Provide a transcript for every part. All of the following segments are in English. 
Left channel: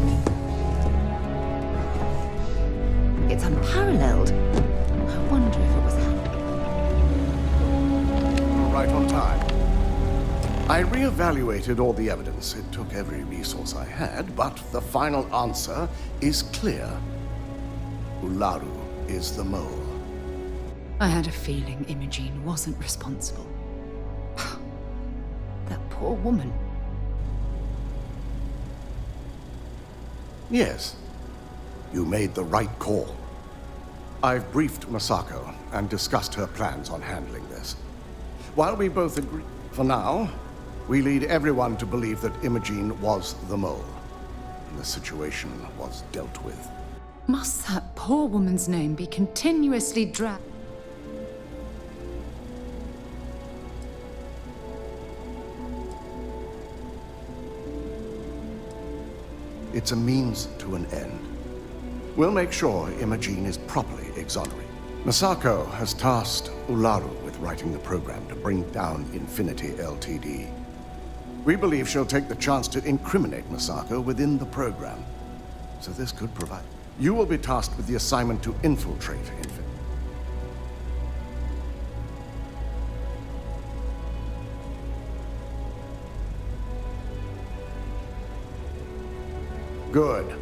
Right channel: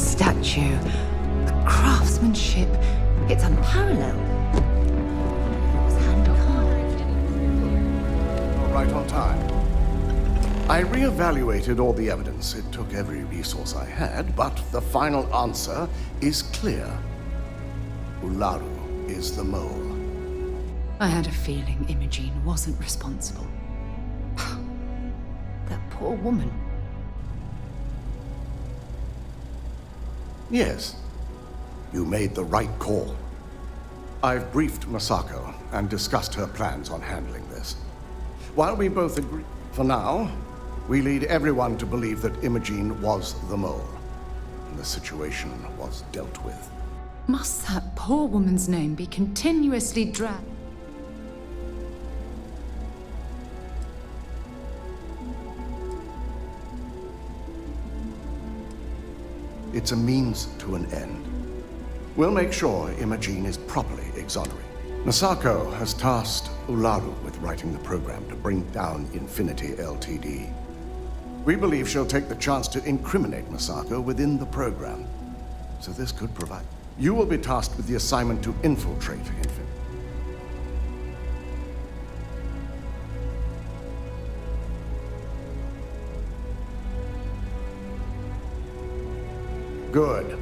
statue. The craftsmanship, it's unparalleled. I wonder if it was hand-carved. All right on time. I re-evaluated all the evidence. It took every resource I had, but the final answer is clear. Ularu is the mole. I had a feeling Imogene wasn't responsible. That poor woman. Yes, you made the right call. I've briefed Masako and discussed her plans on handling this. While we both agree, for now, we lead everyone to believe that Imogene was the mole, and the situation was dealt with. Must that poor woman's name be continuously dragged? It's a means to an end. We'll make sure Imogene is properly exonerated. Masako has tasked Ularu with writing the program to bring down Infinity Ltd. We believe she'll take the chance to incriminate Masako within the program. So this could provide. You will be tasked with the assignment to infiltrate Infinity. Good.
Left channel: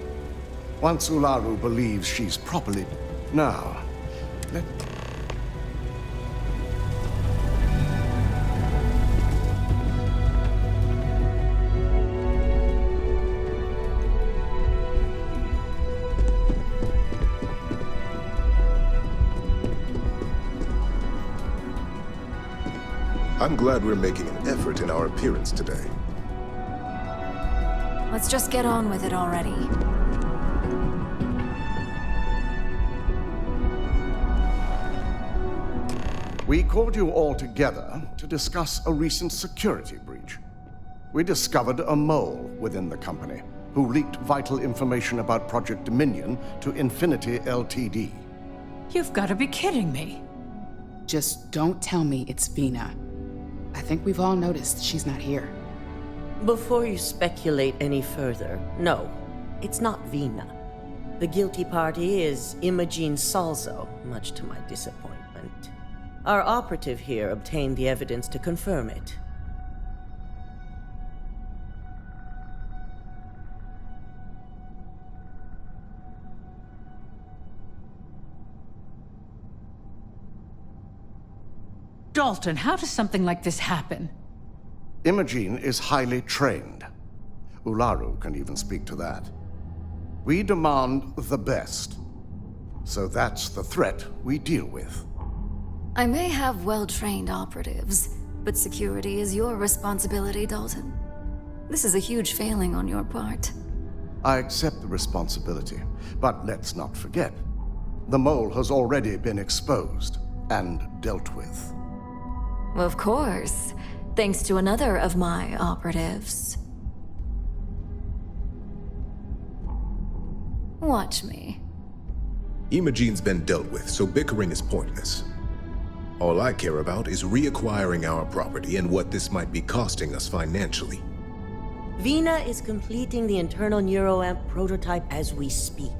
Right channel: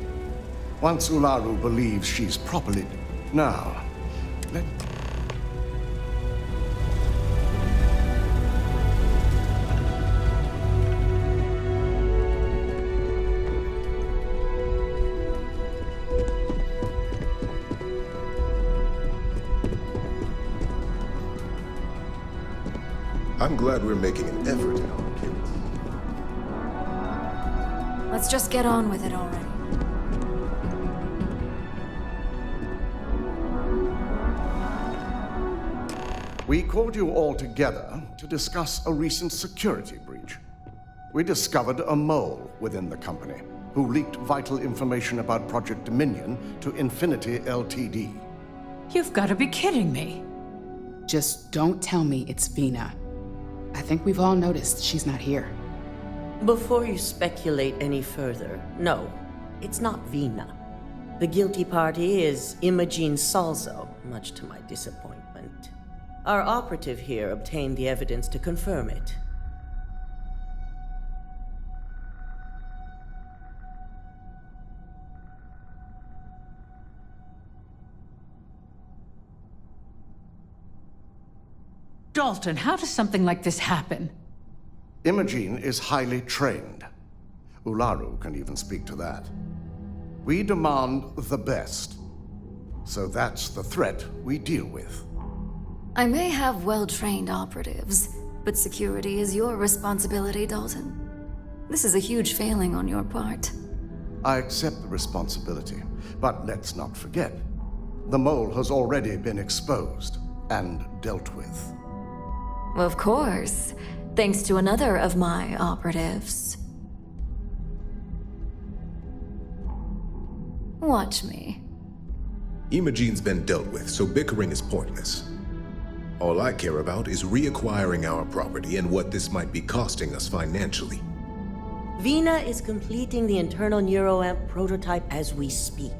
Once Ularu believes she's properly... Now, let... I'm glad we're making an effort in our appearance today. Let's just get on with it already. We called you all together to discuss a recent security breach. We discovered a mole within the company who leaked vital information about Project Dominion to Infinity Ltd. You've got to be kidding me. Just don't tell me it's Vina. I think we've all noticed she's not here. Before you speculate any further, no, it's not Vina. The guilty party is Imogene Salzo, much to my disappointment. Our operative here obtained the evidence to confirm it. Dalton, how does something like this happen? Imogene is highly trained. Ularu can even speak to that. We demand the best. So that's the threat we deal with. I may have well-trained operatives, but security is your responsibility, Dalton. This is a huge failing on your part. I accept the responsibility, but let's not forget, the mole has already been exposed and dealt with. Of course, thanks to another of my operatives. Watch me. Imogene's been dealt with, so bickering is pointless. All I care about is reacquiring our property and what this might be costing us financially. Vina is completing the internal neuroamp prototype as we speak.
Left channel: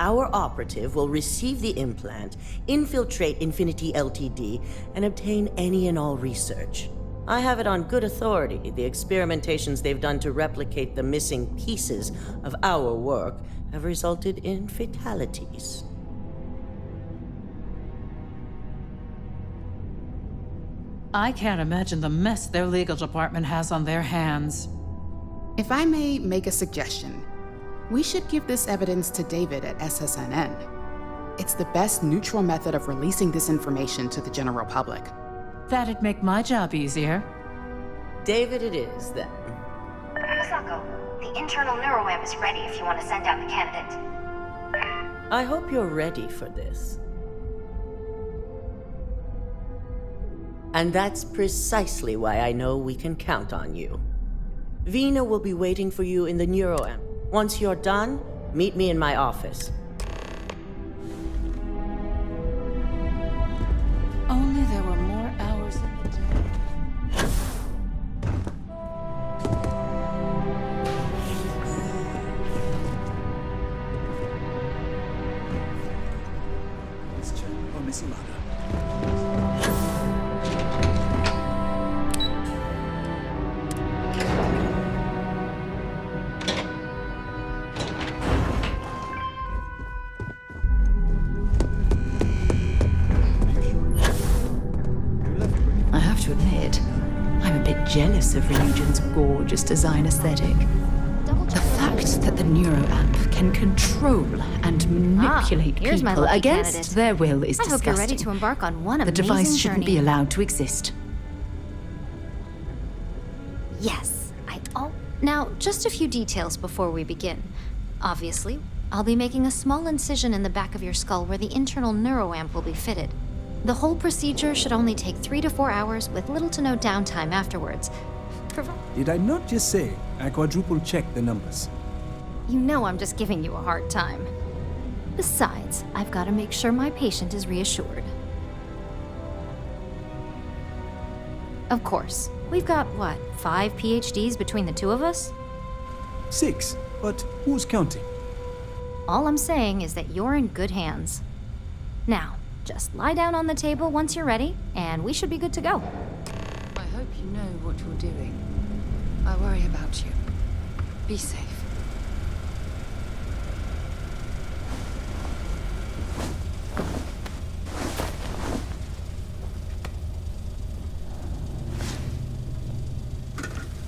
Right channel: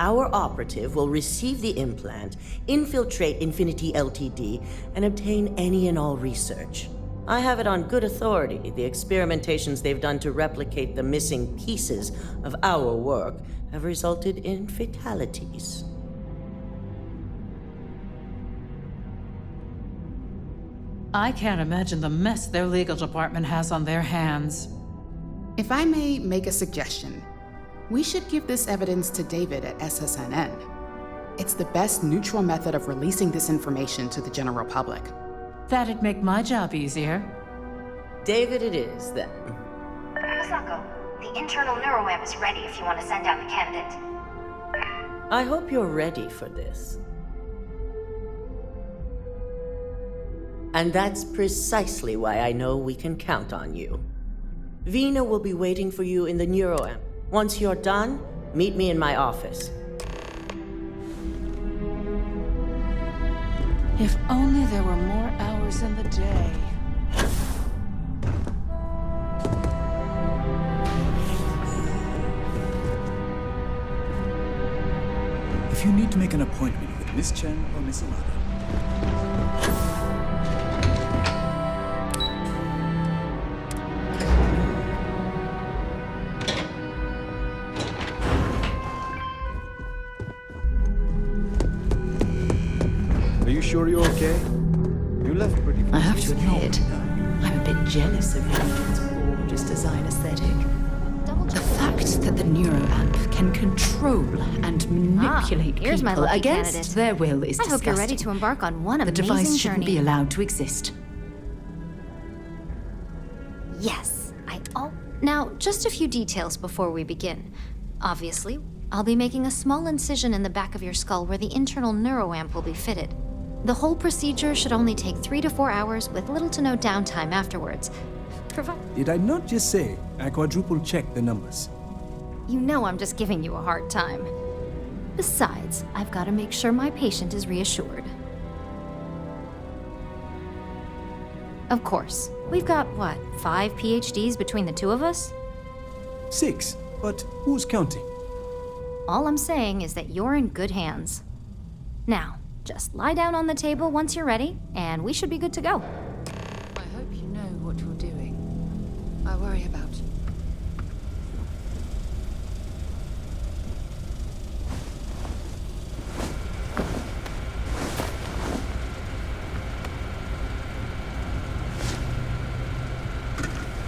Our operative will receive the implant, infiltrate Infinity Ltd, and obtain any and all research. I have it on good authority. The experimentations they've done to replicate the missing pieces of our work have resulted in fatalities. I can't imagine the mess their legal department has on their hands. If I may make a suggestion, we should give this evidence to David at SSNN. It's the best neutral method of releasing this information to the general public. That'd make my job easier. David it is, then. Masako, the internal neuroamp is ready if you want to send out the candidate. I hope you're ready for this. And that's precisely why I know we can count on you. Vina will be waiting for you in the neuroamp. Once you're done, meet me in my office. If only there were more hours in the day. if you need to make an appointment with Miss Chen or Miss Ilana. Are you sure you're okay? You left pretty I have to admit, I'm a bit jealous of Religion's gorgeous design aesthetic. The fact that the neuroamp can control and manipulate here's my people lucky against candidate. their will is I hope you're disgusting. ready to embark on one The amazing device shouldn't journey. be allowed to exist. Yes, Now, just a few details before we begin. Obviously, I'll be making a small incision in the back of your skull where the internal neuroamp will be fitted. The whole procedure should only take 3 to 4 hours with little to no downtime afterwards. Did I not just say I quadruple checked the numbers? You know I'm just giving you a hard time. Besides, I've got to make sure my patient is reassured. Of course, we've got, 5 PhDs between the two of us? 6, but who's counting? All I'm saying is that you're in good hands. Now, just lie down on the table once you're ready, and we should be good to go. I hope you know what you're doing. I worry about you. Be safe.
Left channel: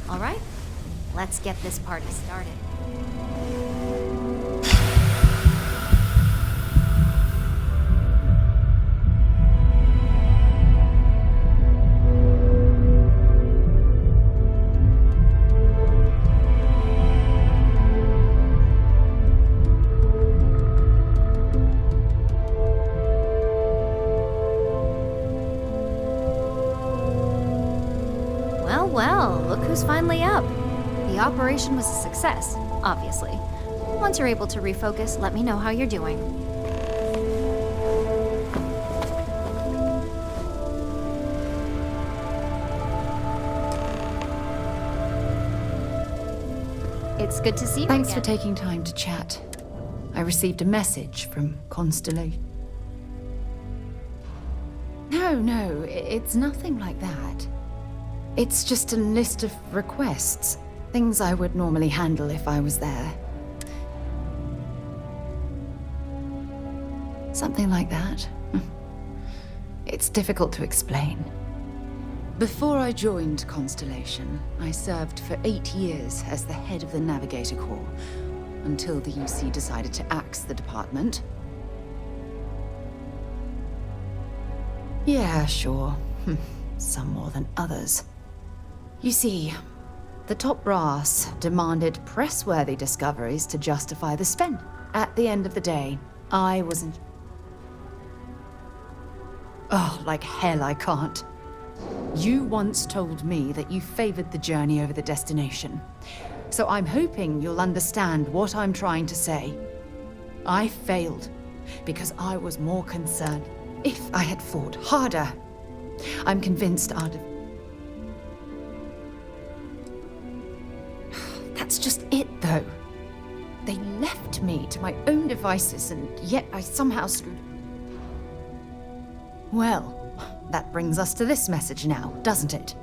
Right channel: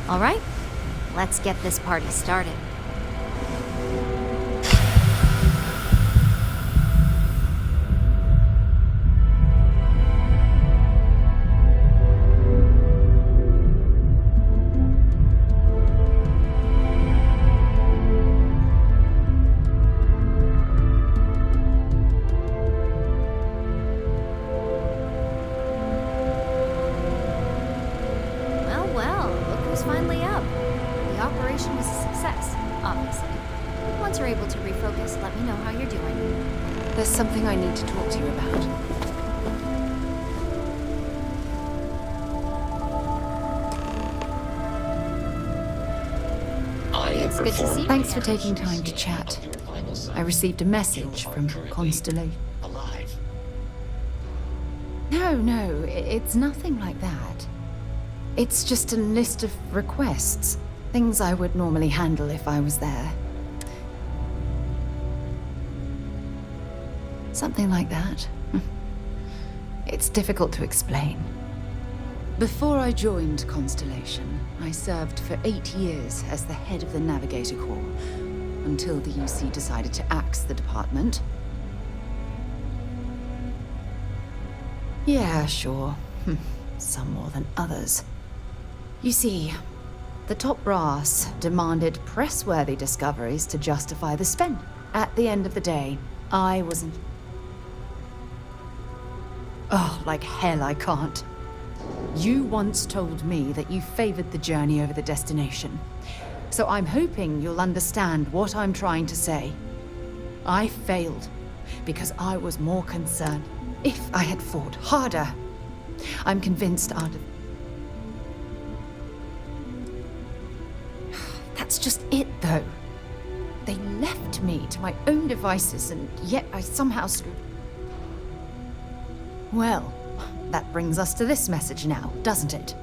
All right, let's get this party started. Well, look who's finally up. The operation was a success, obviously. Once you're able to refocus, let me know how you're doing. There's something I need to talk to you about. It's good to see you Thanks for again. taking time to chat. I received a message from Constellation. No, it's nothing like that. It's just a list of requests. Things I would normally handle if I was there. Something like that. It's difficult to explain. Before I joined Constellation, I served for 8 years as the head of the Navigator Corps, until the UC decided to axe the department. Yeah, sure. Some more than others. You see, the top brass demanded press-worthy discoveries to justify the spend. At the end of the day, I wasn't... Oh, like hell I can't. You once told me that you favored the journey over the destination. So I'm hoping you'll understand what I'm trying to say. I failed because I was more concerned. If I had fought harder, I'm convinced I'd have... That's just it, though. They left me to my own devices, and yet I somehow screwed... Well, that brings us to this message now, doesn't it?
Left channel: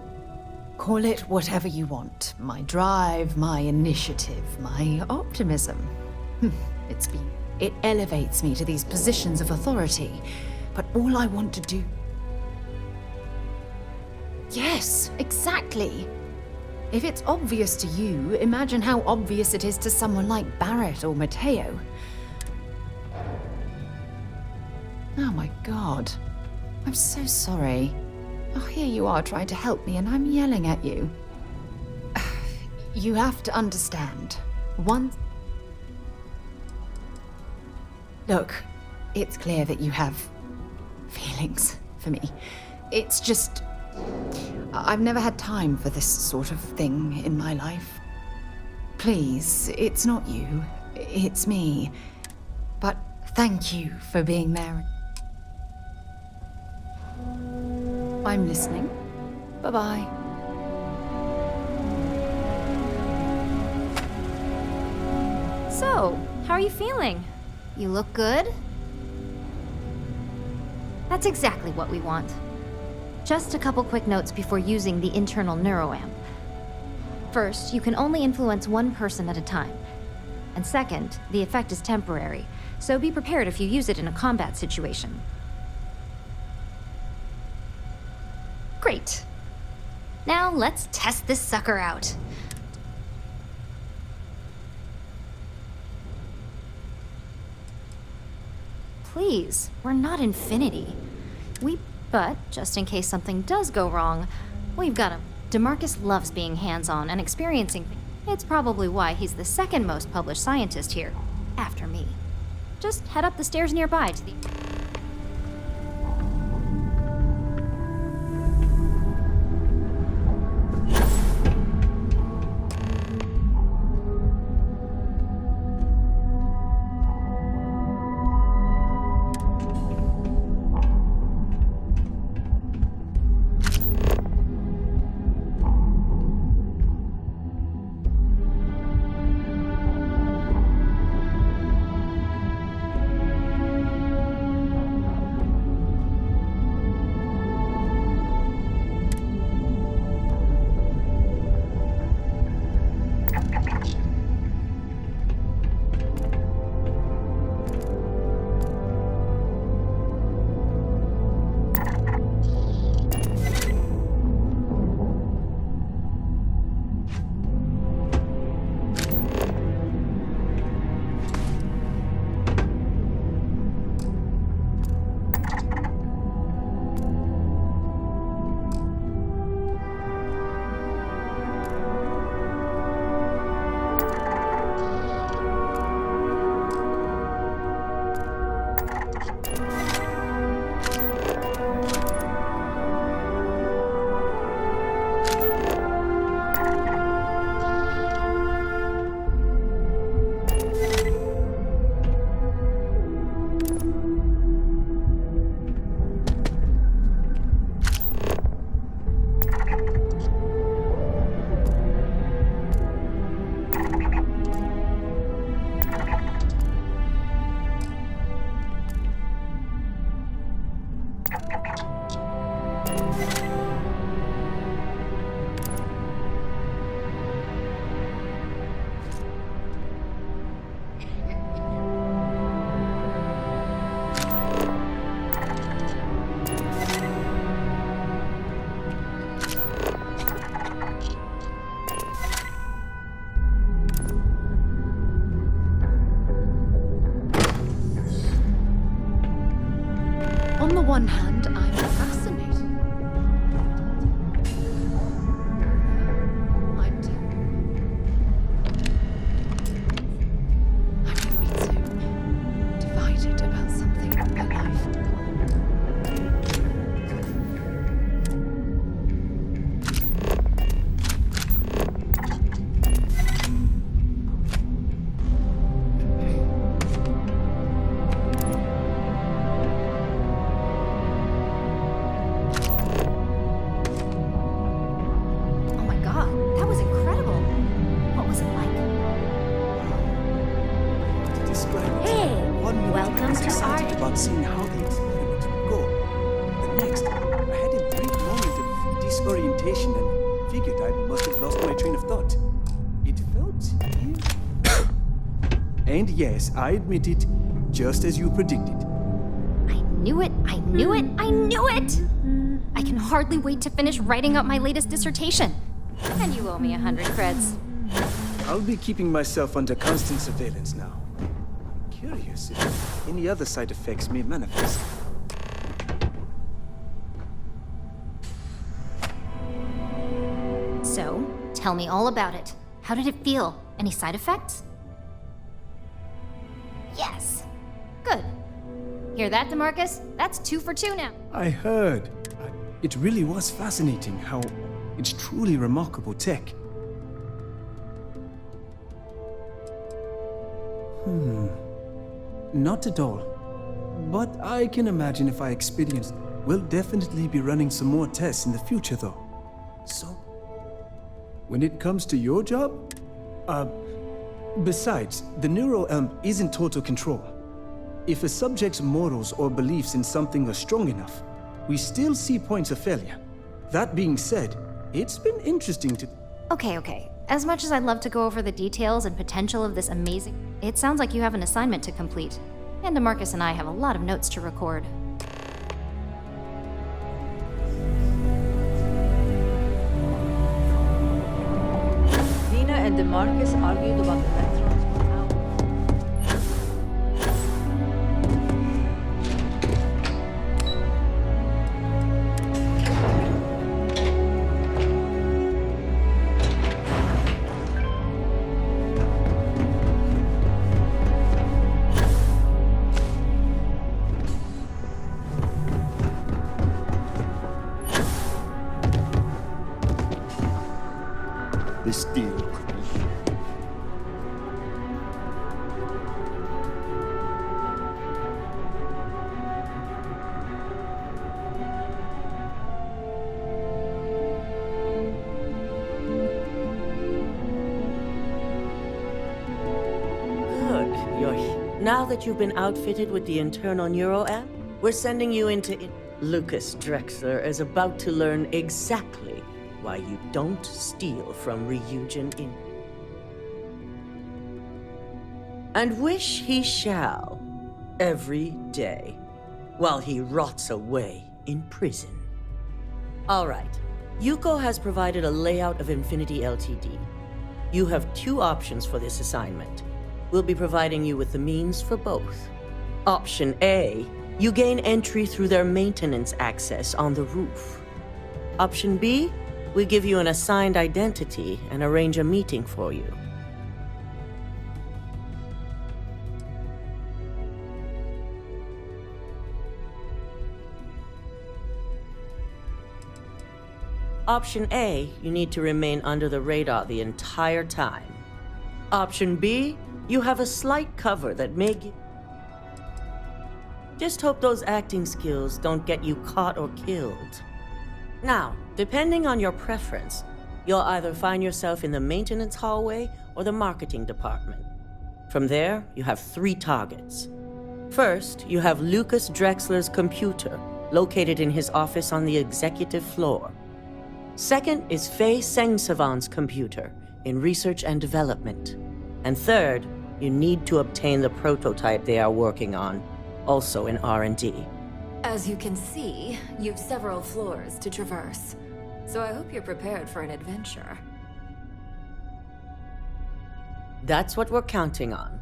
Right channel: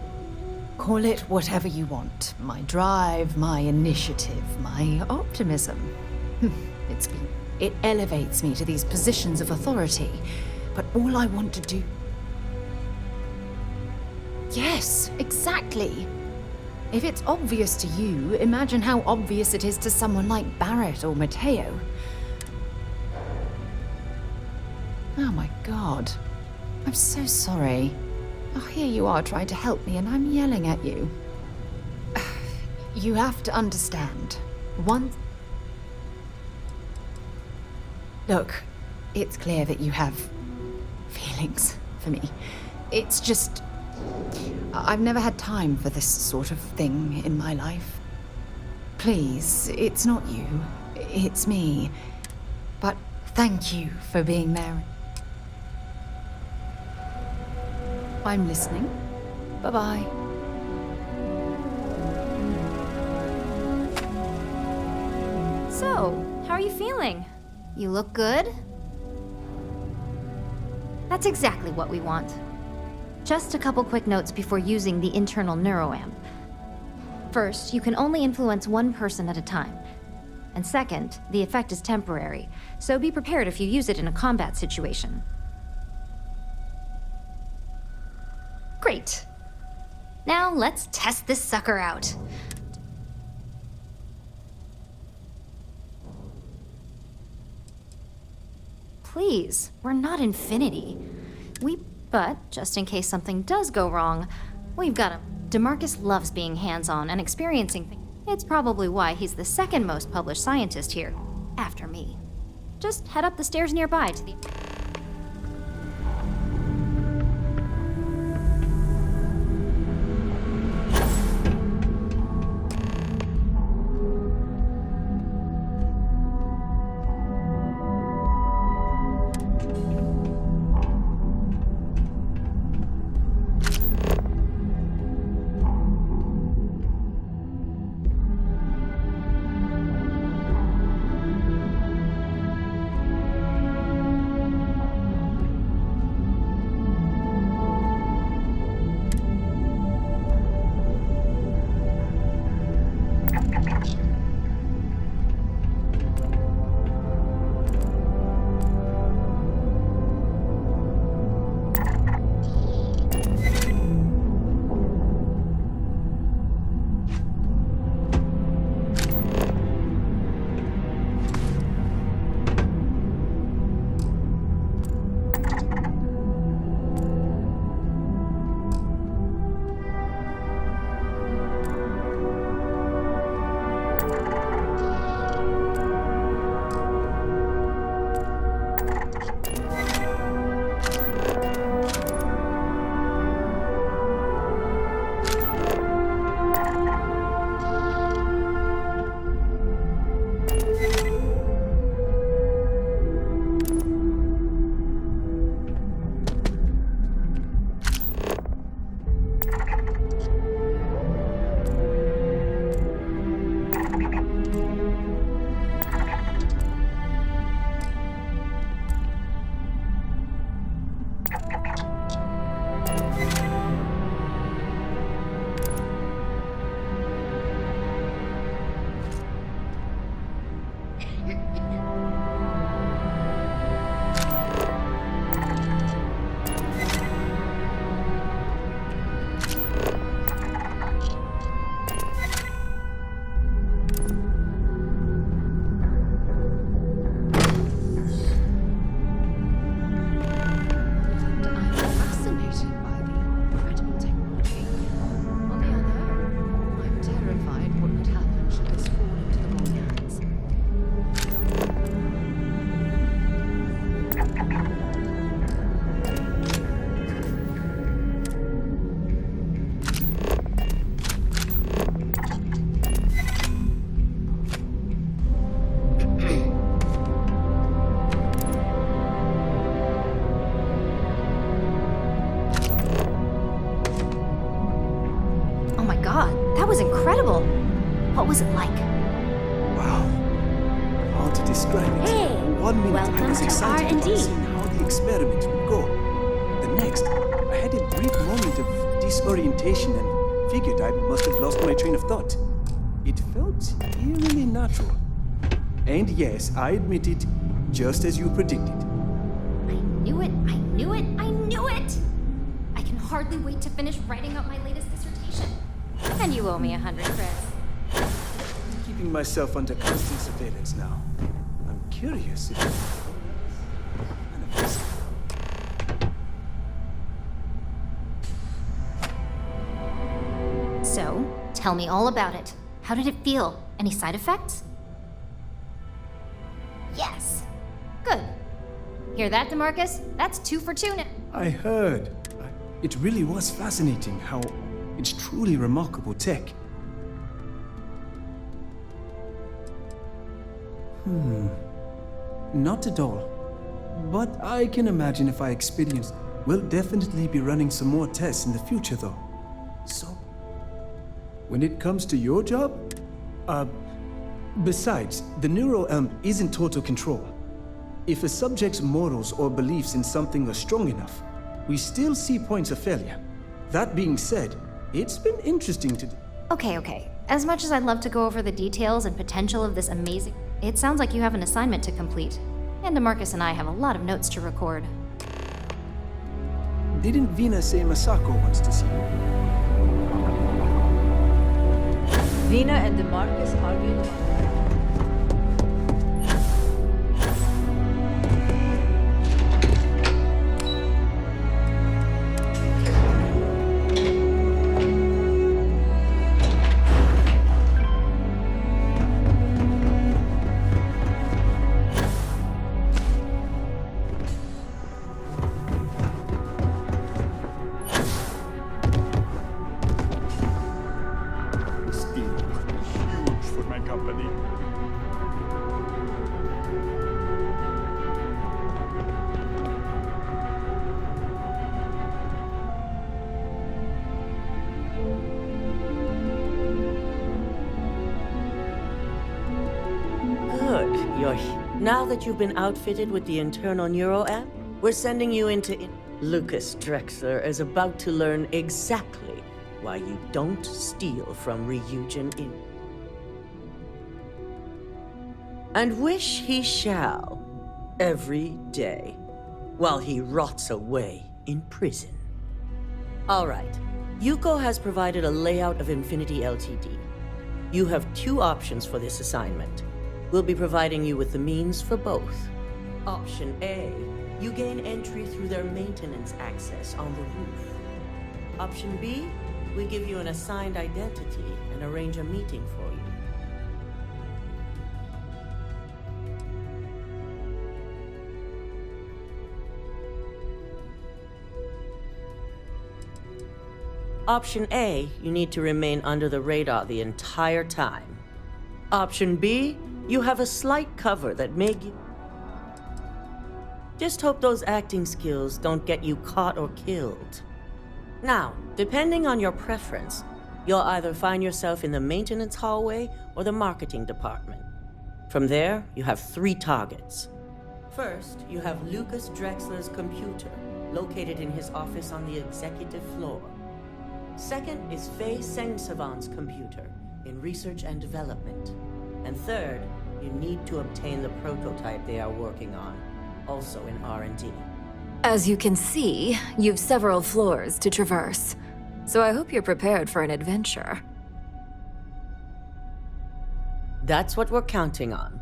Call it whatever you want. My drive, my initiative, my optimism. It elevates me to these positions of authority, but all I want to do... Yes, exactly. If it's obvious to you, imagine how obvious it is to someone like Barrett or Mateo. Oh my god. I'm so sorry. Oh, here you are trying to help me and I'm yelling at you. You have to understand. Look, it's clear that you have feelings for me. It's just... I've never had time for this sort of thing in my life. Please, it's not you. It's me. But thank you for being there. I'm listening. Bye-bye. So, how are you feeling? You look good? That's exactly what we want. Just a couple quick notes before using the internal neuroamp. First, you can only influence one person at a time. And second, the effect is temporary, so be prepared if you use it in a combat situation. Great. Now let's test this sucker out. Please, we're not Infinity. But, just in case something does go wrong, we've got him. DeMarcus loves being hands-on and experiencing things. It's probably why he's the second most published scientist here, after me. Just head up the stairs nearby to the... one hand, I'm fascinated by the incredible technology. On the other, I'm terrified what would happen to us all. I'm divided about something in my life. That was incredible. What was it like? Wow. Hard to describe it. Hey, 1 minute I welcome was to excited about R&D. seeing how the experiment would go. The next, I had a brief moment of disorientation and figured I must have lost my train of thought. It felt eerily natural. And yes, I admit it, just as you predicted. I knew it, I knew it, I knew it! I can hardly wait to finish writing up my latest dissertation. And you owe me 100 creds. I'll be keeping myself under constant surveillance now. I'm curious if any other side effects may manifest. So, tell me all about it. How did it feel? Any side effects? Yes. Good. Hear that, DeMarcus? That's 2 for 2 now. I heard. It really was fascinating how it's truly remarkable tech. Not at all. But I can imagine if I experienced. We'll definitely be running some more tests in the future, though. So, when it comes to your job, besides, the neural isn't total control. If a subject's morals or beliefs in something are strong enough, we still see points of failure. That being said, it's been interesting to... Okay. As much as I'd love to go over the details and potential of this amazing... It sounds like you have an assignment to complete. And DeMarcus and I have a lot of notes to record. Didn't Vina say Masako wants to see you? Vina and DeMarcus argued about the matter. This deal could be huge for my company. Good. Now that you've been outfitted with the internal neuro amp, we're sending you into... Lucas Drexler is about to learn exactly why you don't steal from Ryujin Inn. And wish he shall, every day, while he rots away in prison. All right, Yuko has provided a layout of Infinity Ltd. You have 2 options for this assignment. We'll be providing you with the means for both. Option A, you gain entry through their maintenance access on the roof. Option B, we give you an assigned identity and arrange a meeting for you. Option A, you need to remain under the radar the entire time. Option B, you have a slight cover that may give... Just hope those acting skills don't get you caught or killed. Now, depending on your preference, you'll either find yourself in the maintenance hallway or the marketing department. From there, you have 3 targets. First, you have Lucas Drexler's computer, located in his office on the executive floor. Second is Faye Sengsavan's computer, in research and development. And third, you need to obtain the prototype they are working on, also in R&D. As you can see, you've several floors to traverse, so I hope you're prepared for an adventure. That's what we're counting on.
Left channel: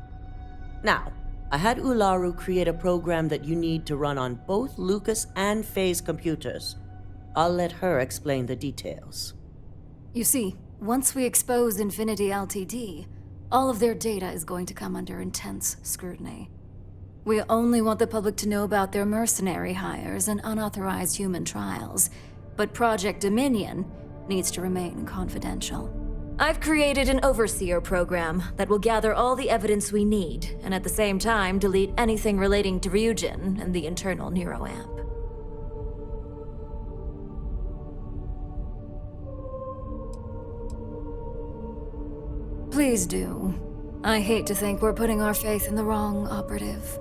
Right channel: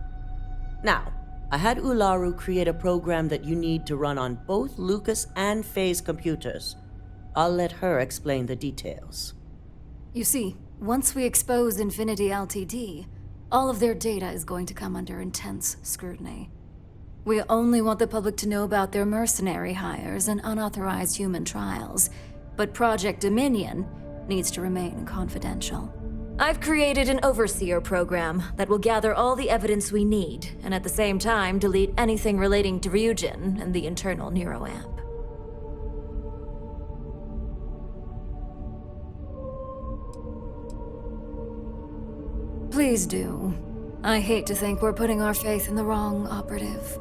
Now, I had Ularu create a program that you need to run on both Lucas and Faye's computers. I'll let her explain the details. You see, once we expose Infinity Ltd., all of their data is going to come under intense scrutiny. We only want the public to know about their mercenary hires and unauthorized human trials, but Project Dominion needs to remain confidential. I've created an overseer program that will gather all the evidence we need, and at the same time delete anything relating to Ryujin and the internal neuroamp. Please do. I hate to think we're putting our faith in the wrong operative.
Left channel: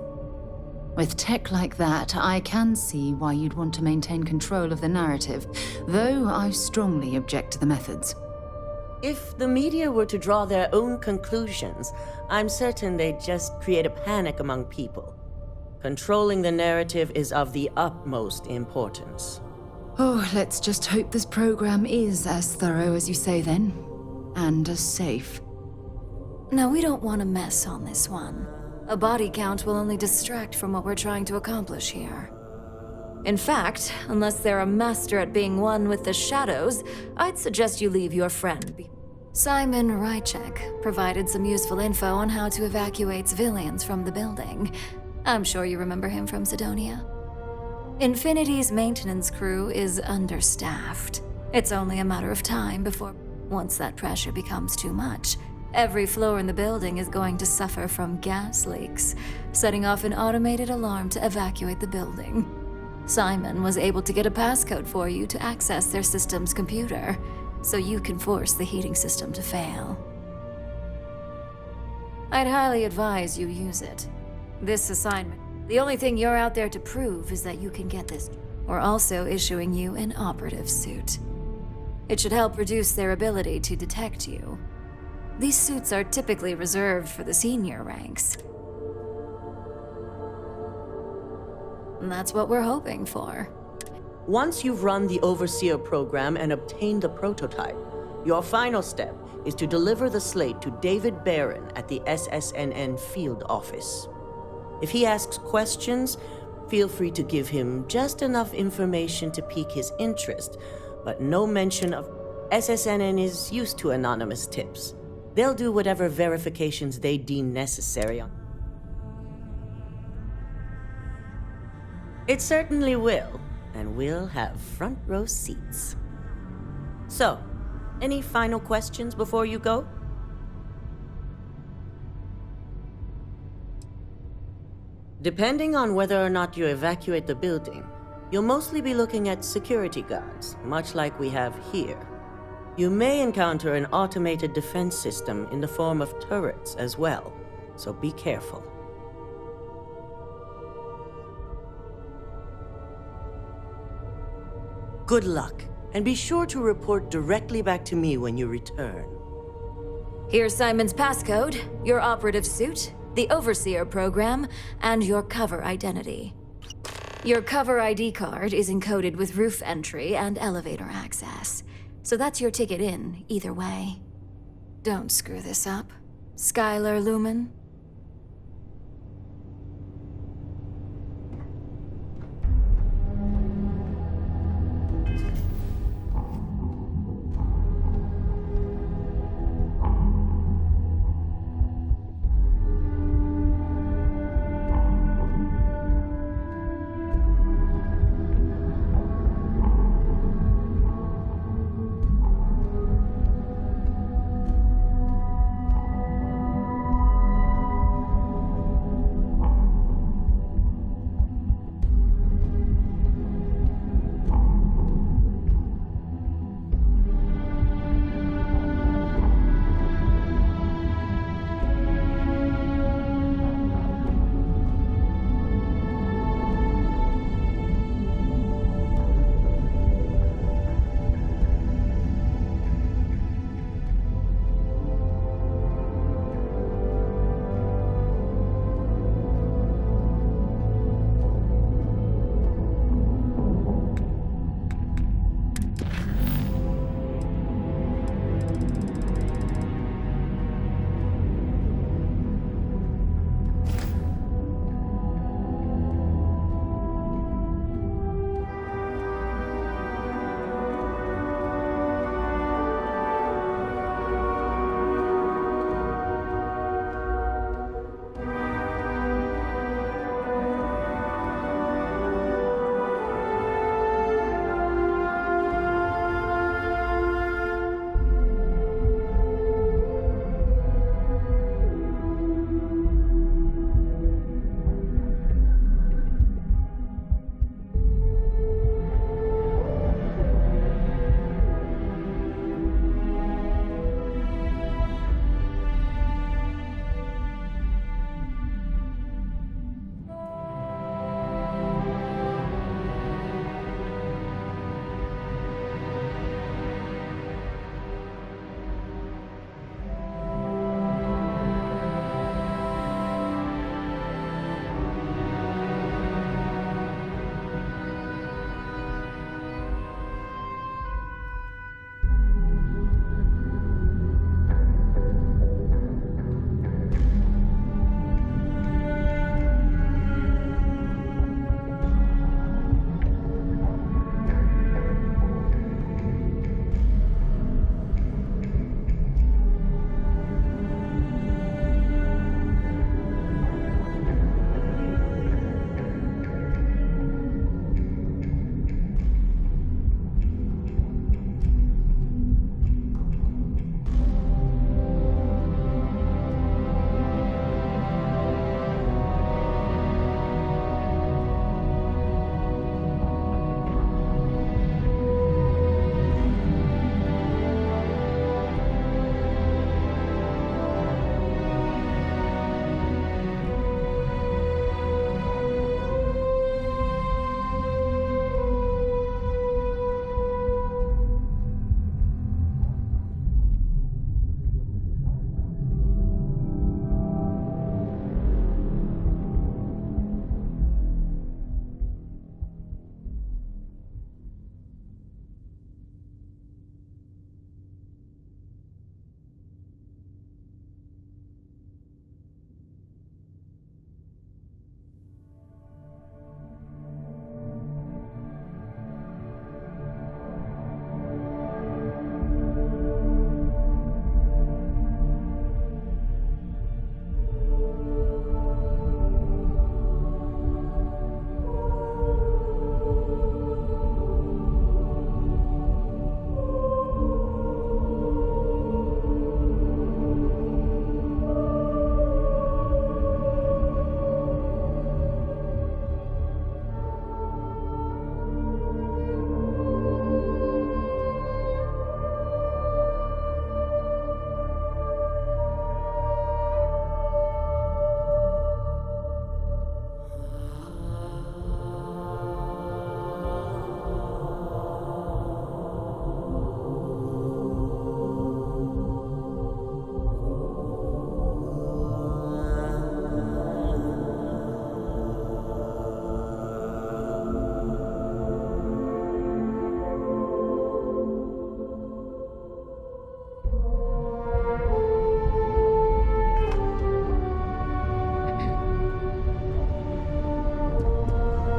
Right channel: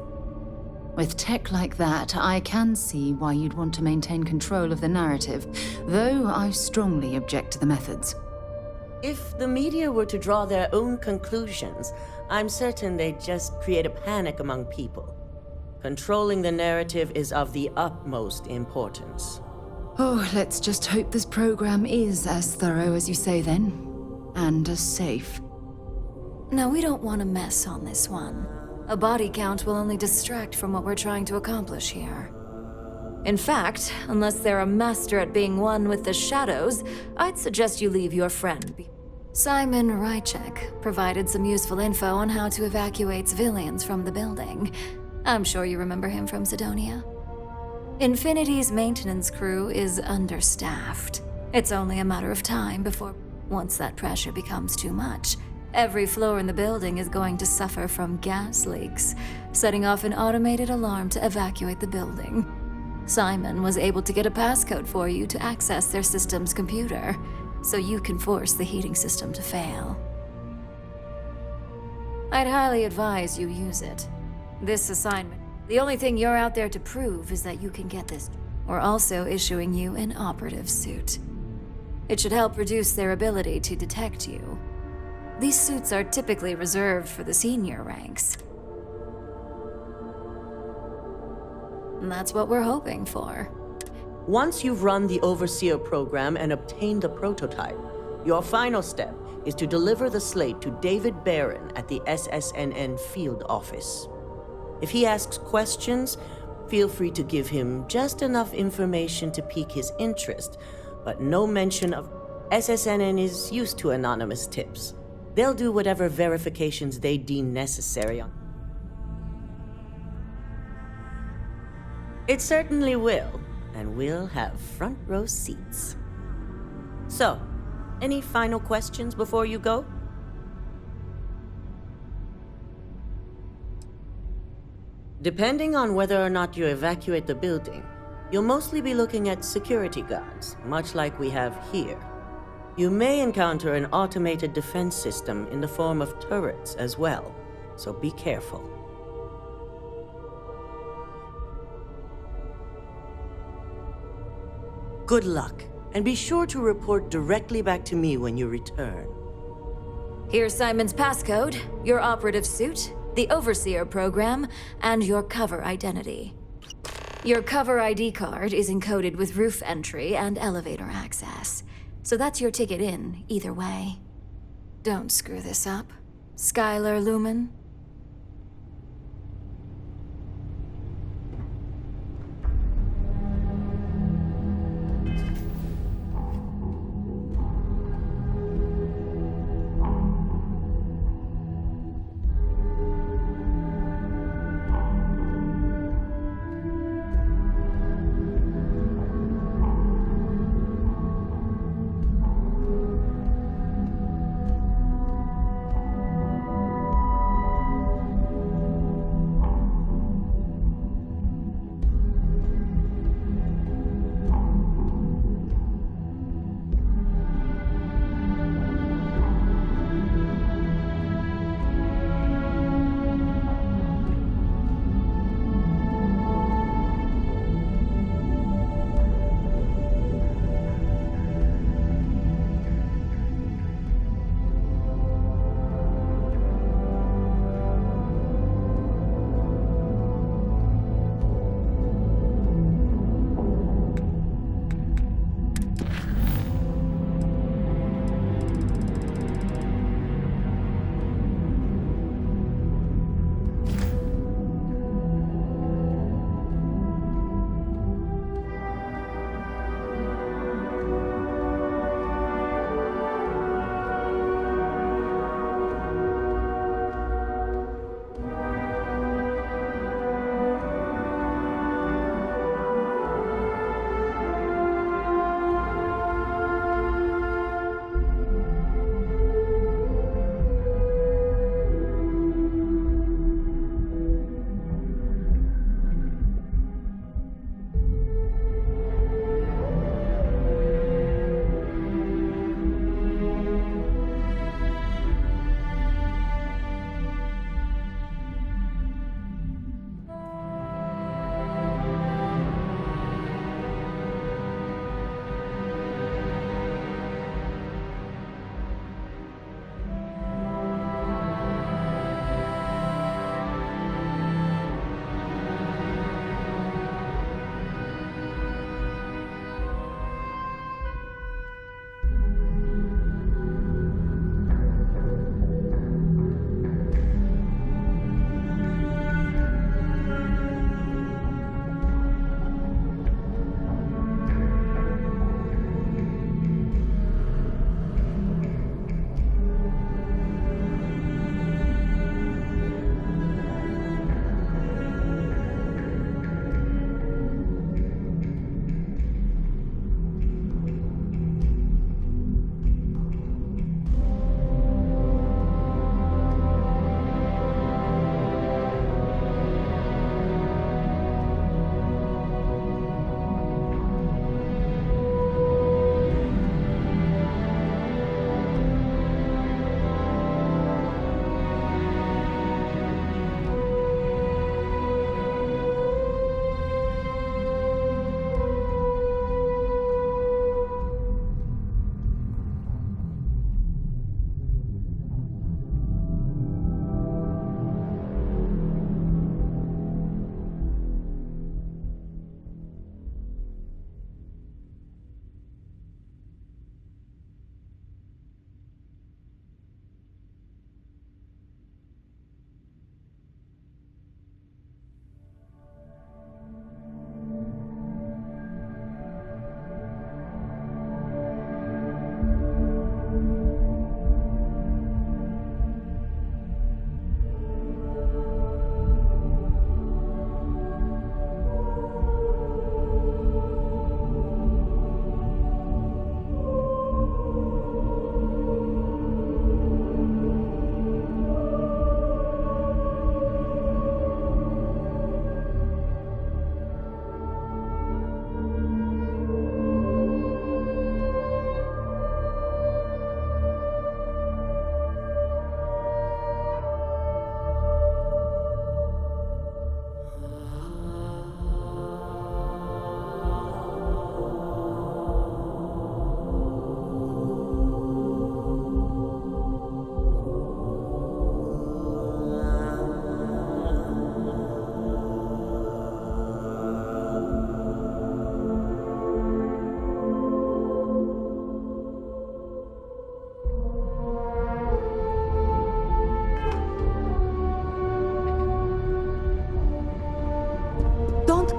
With tech like that, I can see why you'd want to maintain control of the narrative, though I strongly object to the methods. If the media were to draw their own conclusions, I'm certain they'd just create a panic among people. Controlling the narrative is of the utmost importance. Oh, let's just hope this program is as thorough as you say then, and as safe. No, we don't want to mess on this one. A body count will only distract from what we're trying to accomplish here. In fact, unless they're a master at being one with the shadows, I'd suggest you leave your friend be. Simon Rychek provided some useful info on how to evacuate civilians from the building. I'm sure you remember him from Sidonia. Infinity's maintenance crew is understaffed. It's only a matter of time before, once that pressure becomes too much, every floor in the building is going to suffer from gas leaks, setting off an automated alarm to evacuate the building. Simon was able to get a passcode for you to access their system's computer, so you can force the heating system to fail. I'd highly advise you use it. This assignment... The only thing you're out there to prove is that you can get this. We're also issuing you an operative suit. It should help reduce their ability to detect you. These suits are typically reserved for the senior ranks. And that's what we're hoping for. Once you've run the Overseer program and obtained the prototype, your final step is to deliver the slate to David Barron at the SSNN field office. If he asks questions, feel free to give him just enough information to pique his interest, but no mention of... SSNN is used to anonymous tips. They'll do whatever verifications they deem necessary. It certainly will, and we'll have front row seats. So, any final questions before you go? Depending on whether or not you evacuate the building, you'll mostly be looking at security guards, much like we have here. You may encounter an automated defense system in the form of turrets as well, so be careful. Good luck, and be sure to report directly back to me when you return. Here's Simon's passcode, your operative suit, the Overseer program, and your cover identity. Your cover ID card is encoded with roof entry and elevator access, so that's your ticket in, either way. Don't screw this up, Skylar Lumen.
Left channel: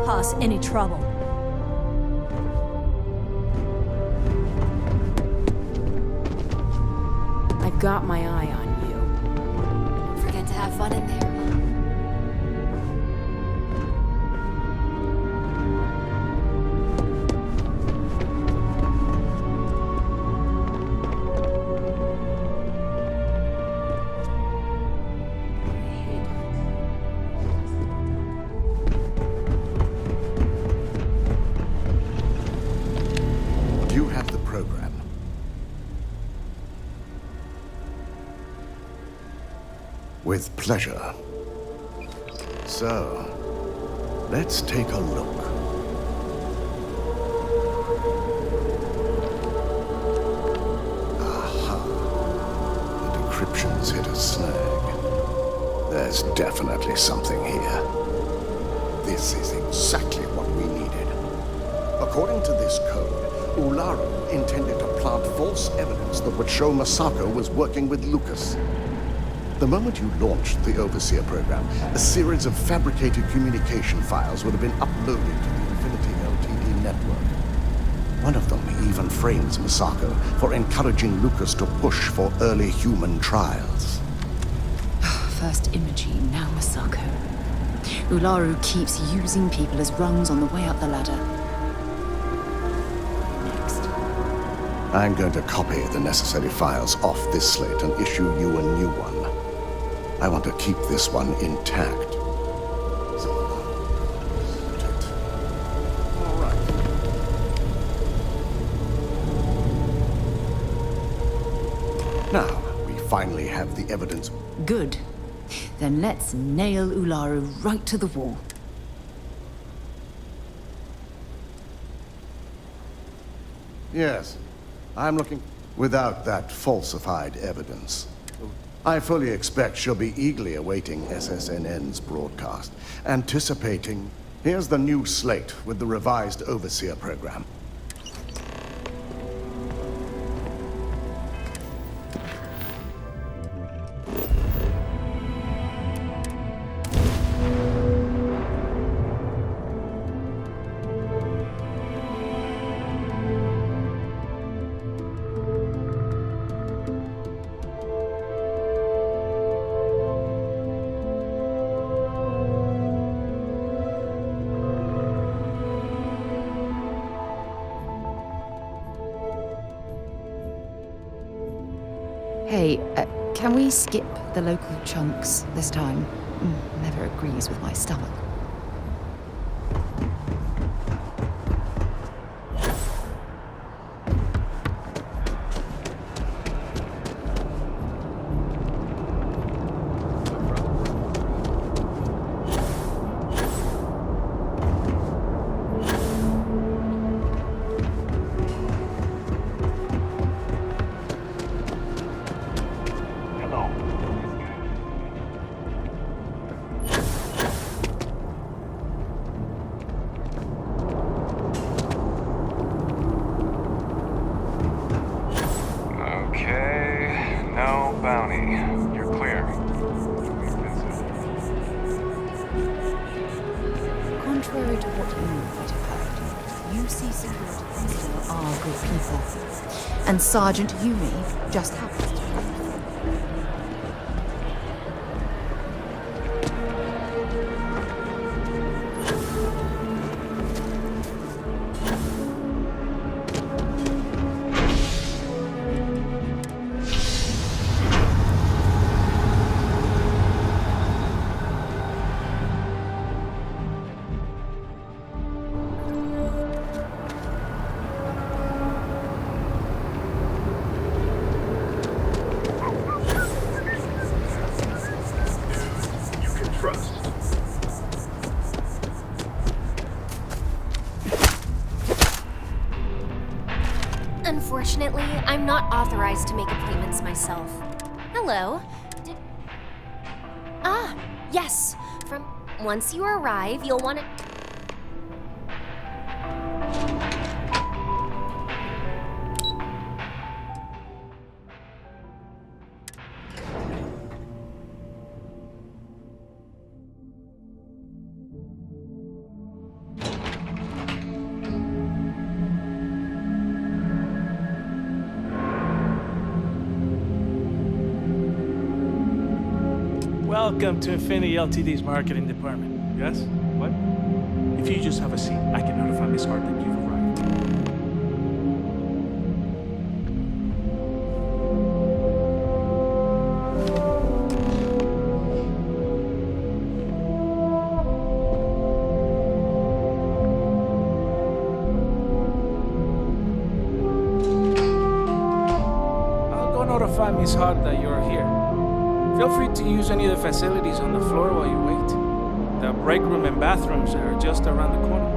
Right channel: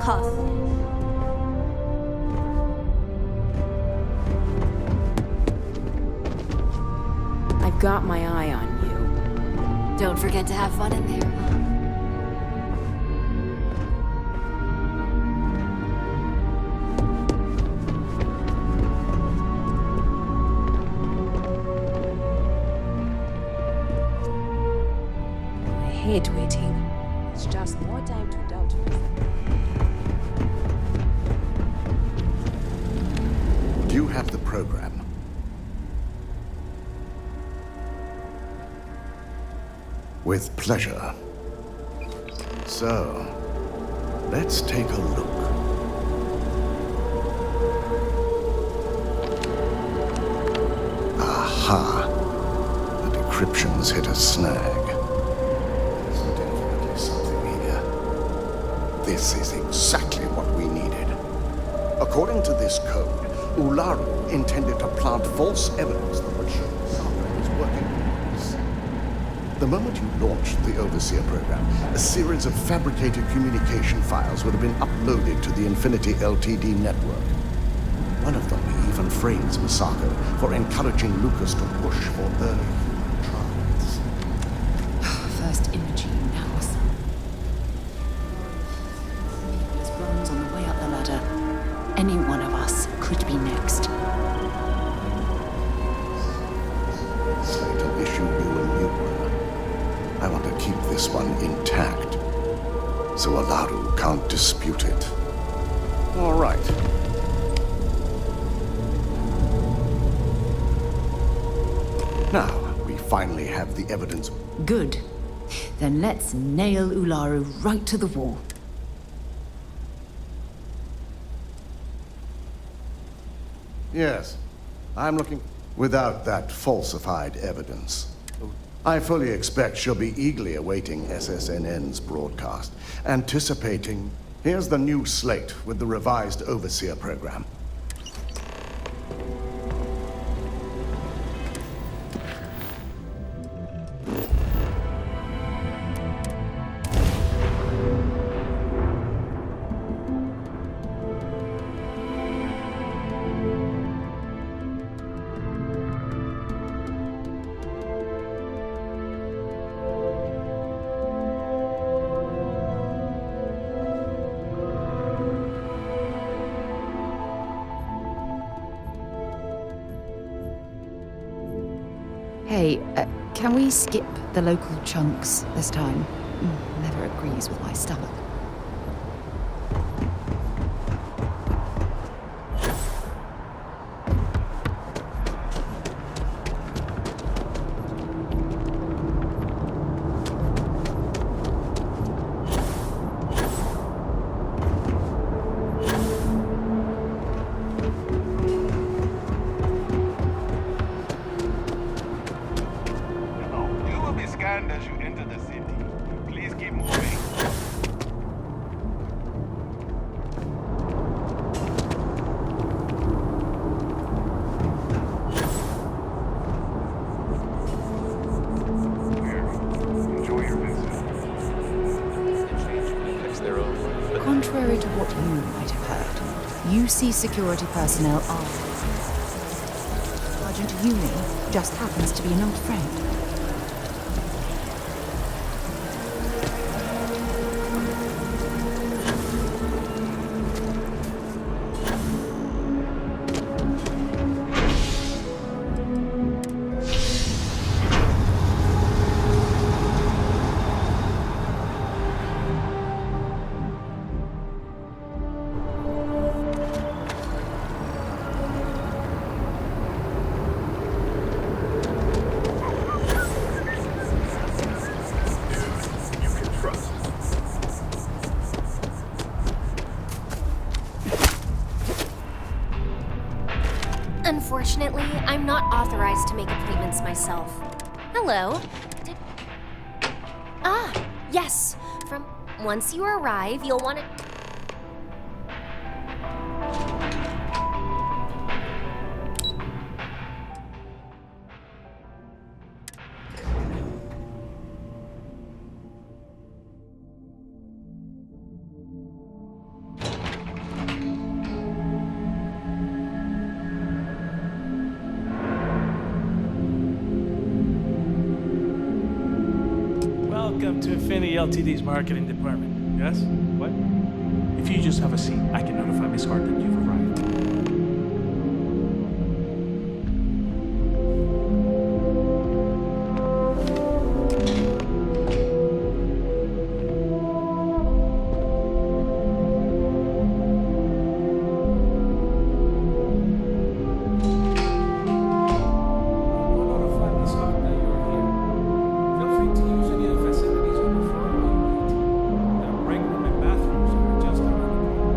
cause any trouble. I've got my eye on you. Don't forget to have fun in there, huh? I hate waiting. It's just more time to doubt me. You have the program. With pleasure. So, let's take a look. Aha. The decryption's hit a snag. There's definitely something here. This is exactly what we needed. According to this code, Ularu intended to plant false evidence that would show Masako was working with Lucas. The moment you launched the Overseer program, a series of fabricated communication files would have been uploaded to the Infinity Ltd network. One of them even frames Masako for encouraging Lucas to push for early human trials. First Imogene, now Masako. Ularu keeps using people as rungs on the way up the ladder. Any one of us could be next. I'm going to copy the necessary files off this slate and issue you a new one. I want to keep this one intact, so Ularu can't dispute it. All right. Now, we finally have the evidence. Good. Then let's nail Ularu right to the wall. Yes, I'm looking without that falsified evidence. I fully expect she'll be eagerly awaiting SSNN's broadcast, anticipating, here's the new slate with the revised Overseer program. Hey, can we skip the local chunks this time? Never agrees with my stomach. Contrary to what you might have heard, UC security personnel are good people. And Sergeant Yumi just happens to be an old friend. Unfortunately, I'm not authorized to make appointments myself. Hello. Yes. Once you arrive, you'll want to... Welcome to Infinity Ltd's marketing department. Yes? What? If you just have a seat, I can notify Miss Hart that you've arrived. I'll go notify Miss Hart that you're here. Feel free to use any of the facilities on the floor while you wait. The break room and bathrooms are just around the corner.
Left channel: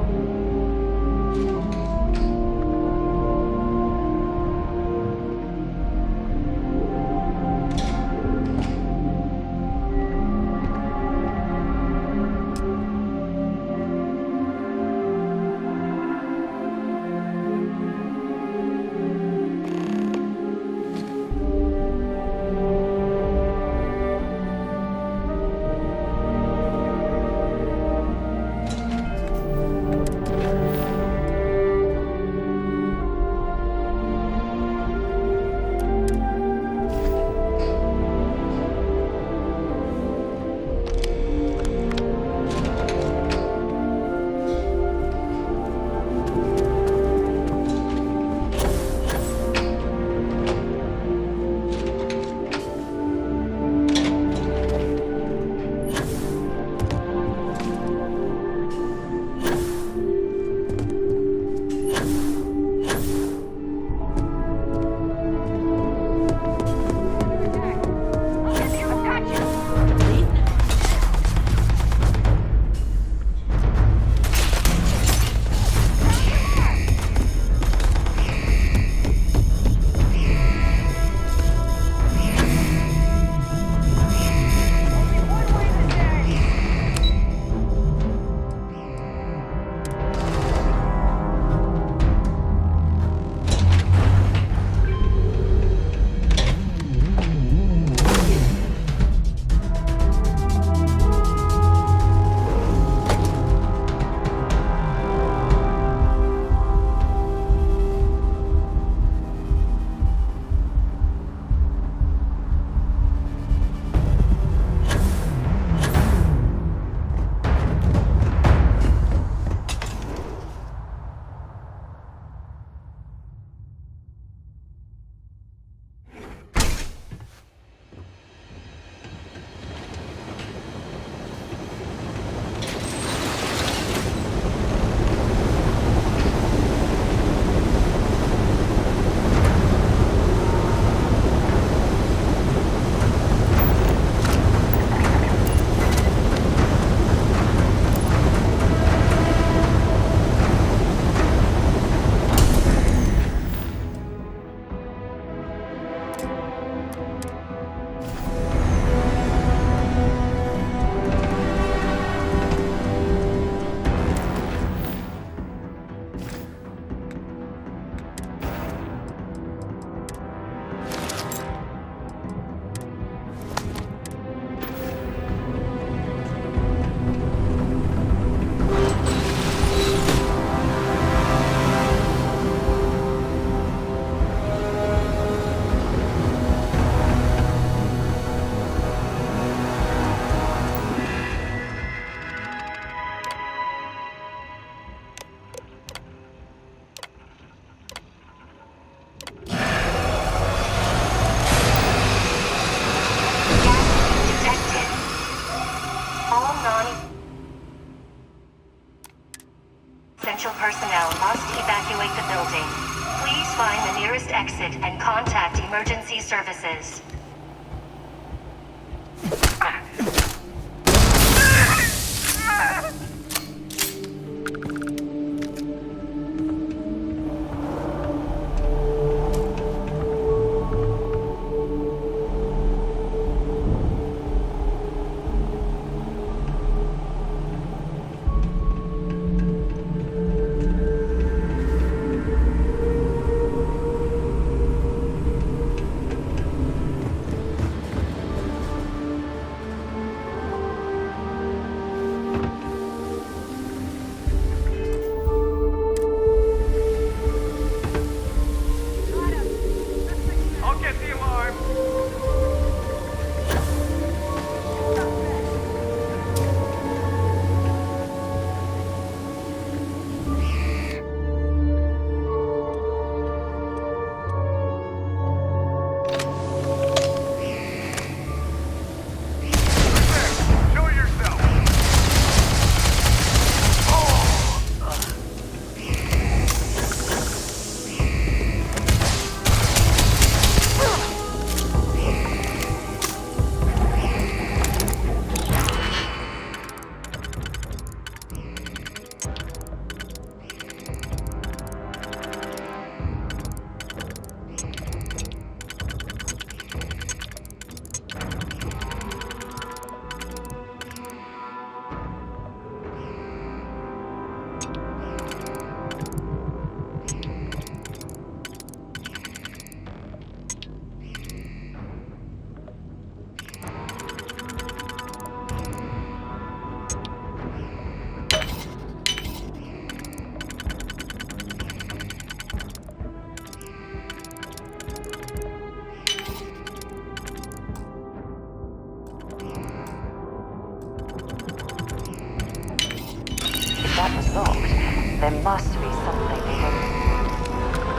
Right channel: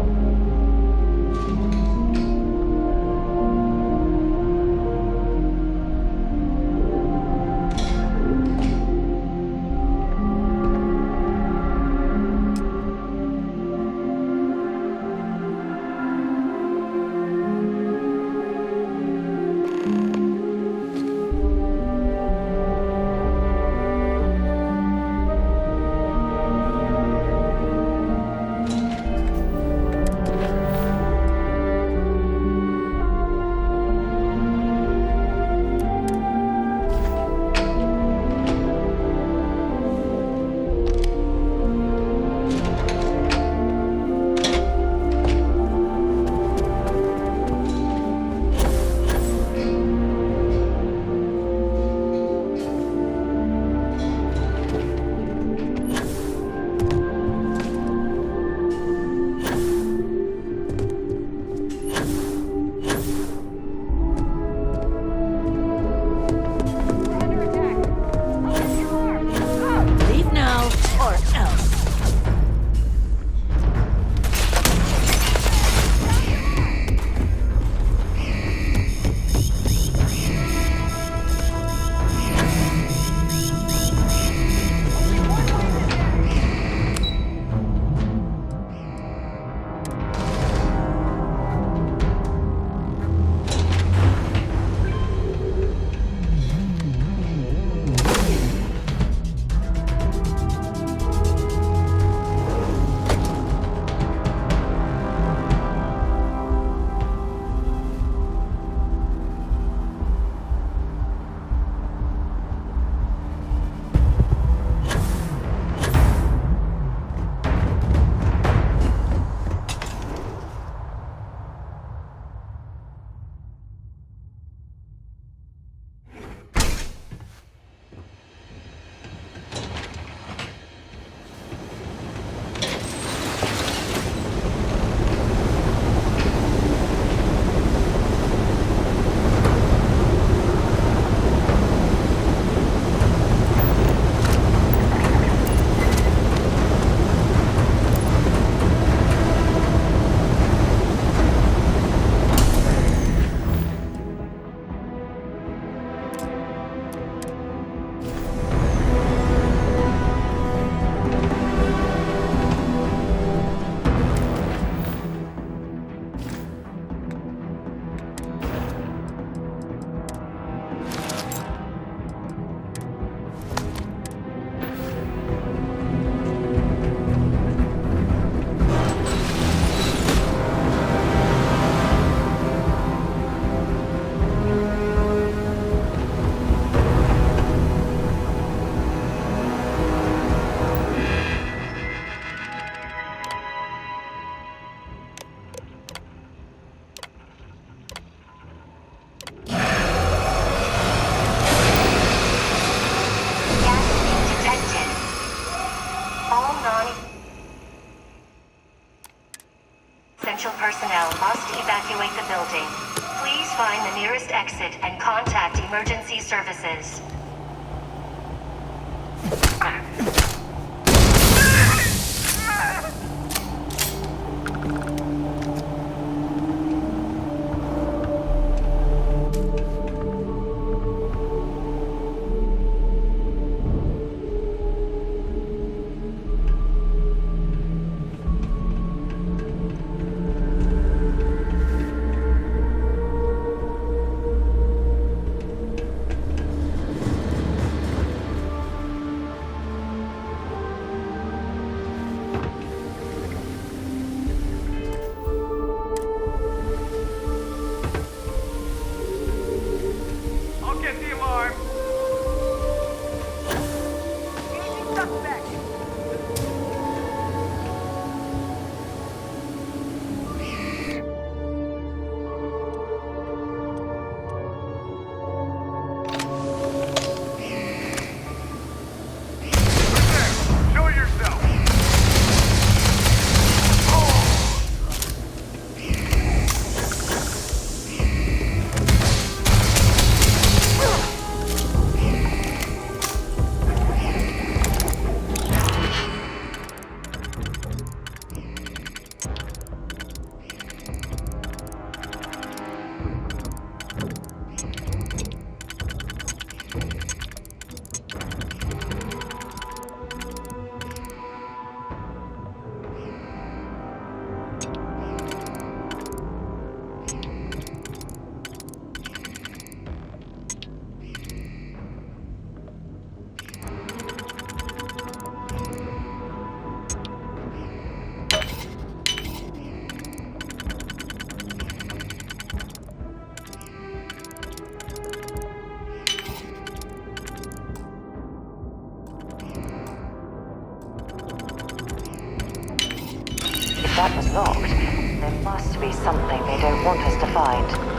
Essential personnel must evacuate the building. Please find the nearest exit and contact emergency services. that was locked, there must be something they don't want us to find.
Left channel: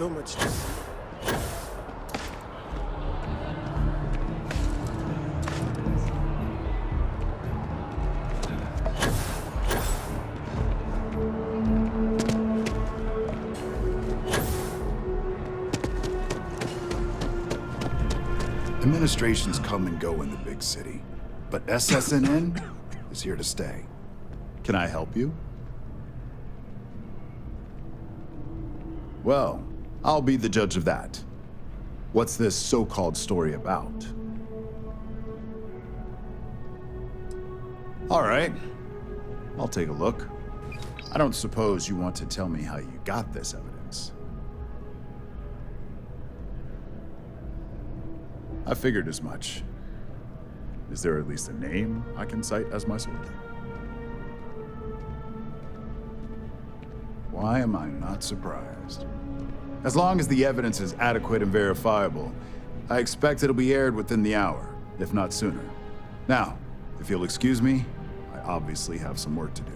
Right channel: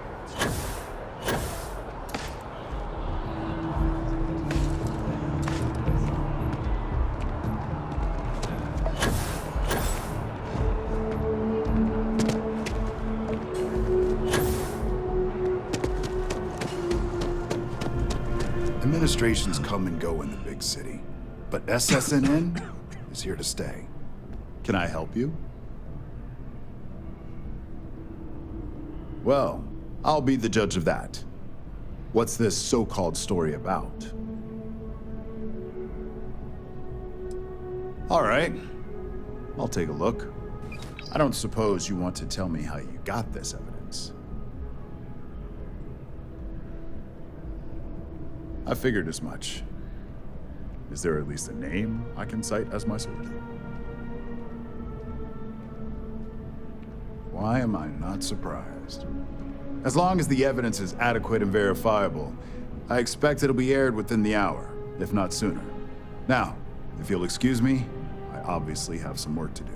So much. Administrations come and go in the big city, but SSNN is here to stay. Can I help you? Well, I'll be the judge of that. What's this so-called story about? All right, I'll take a look. I don't suppose you want to tell me how you got this evidence. I figured as much. Is there at least a name I can cite as my source? Why am I not surprised? As long as the evidence is adequate and verifiable, I expect it'll be aired within the hour, if not sooner. Now, if you'll excuse me, I obviously have some work to do.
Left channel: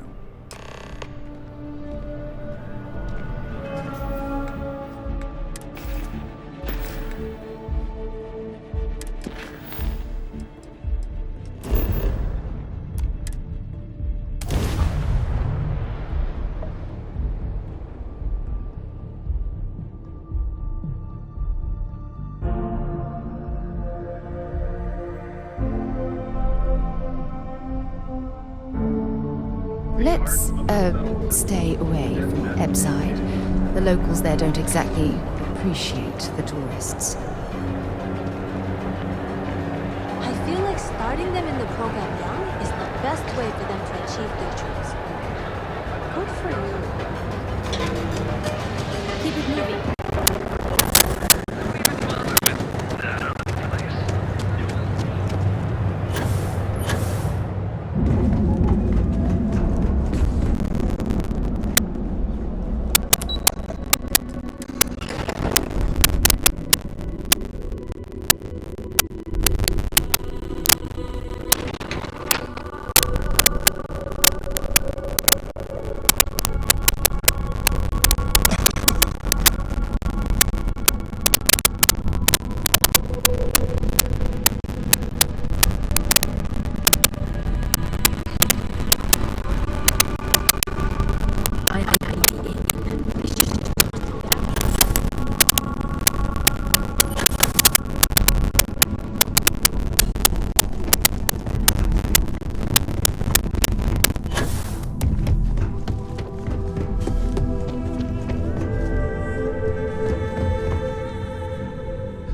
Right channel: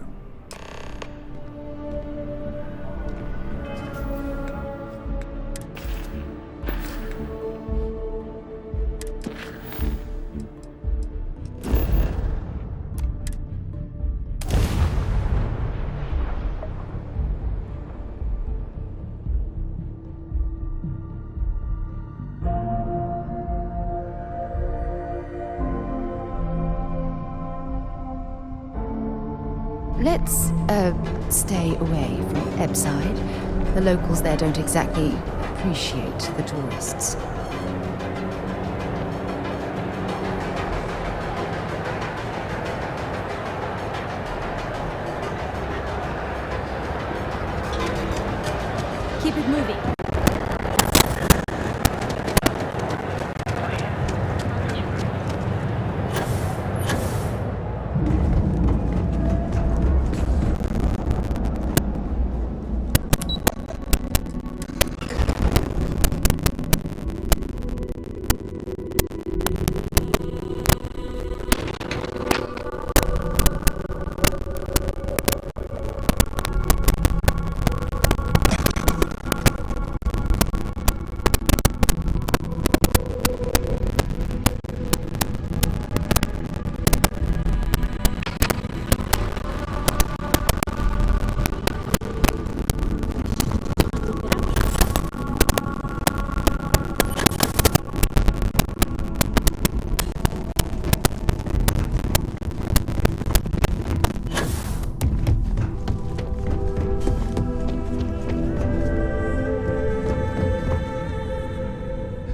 Let's, stay away from Ebside. The locals there don't exactly appreciate the tourists. I feel like starting them in the program now is the best way for them to achieve their dreams. Good for you. Keep it moving.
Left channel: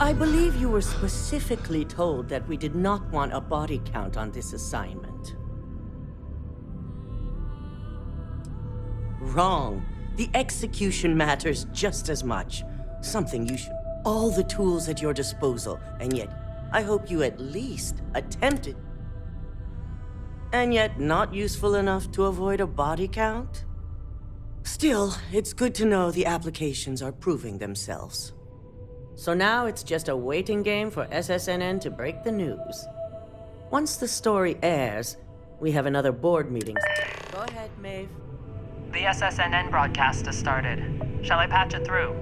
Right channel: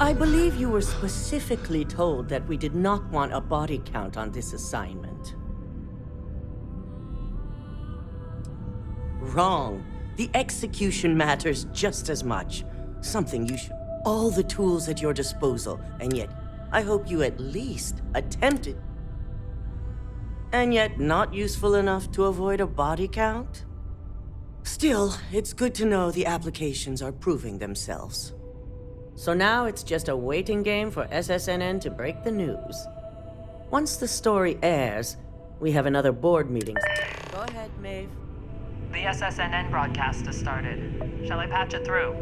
I believe you were specifically told that we did not want a body count on this assignment. Wrong. The execution matters just as much. Something you should... All the tools at your disposal, and yet I hope you at least attempted... And yet not useful enough to avoid a body count? Still, it's good to know the applications are proving themselves. So now it's just a waiting game for SSNN to break the news. Once the story airs, we have another board meeting. Go ahead, Maeve. The SSNN broadcast has started. Shall I patch it through?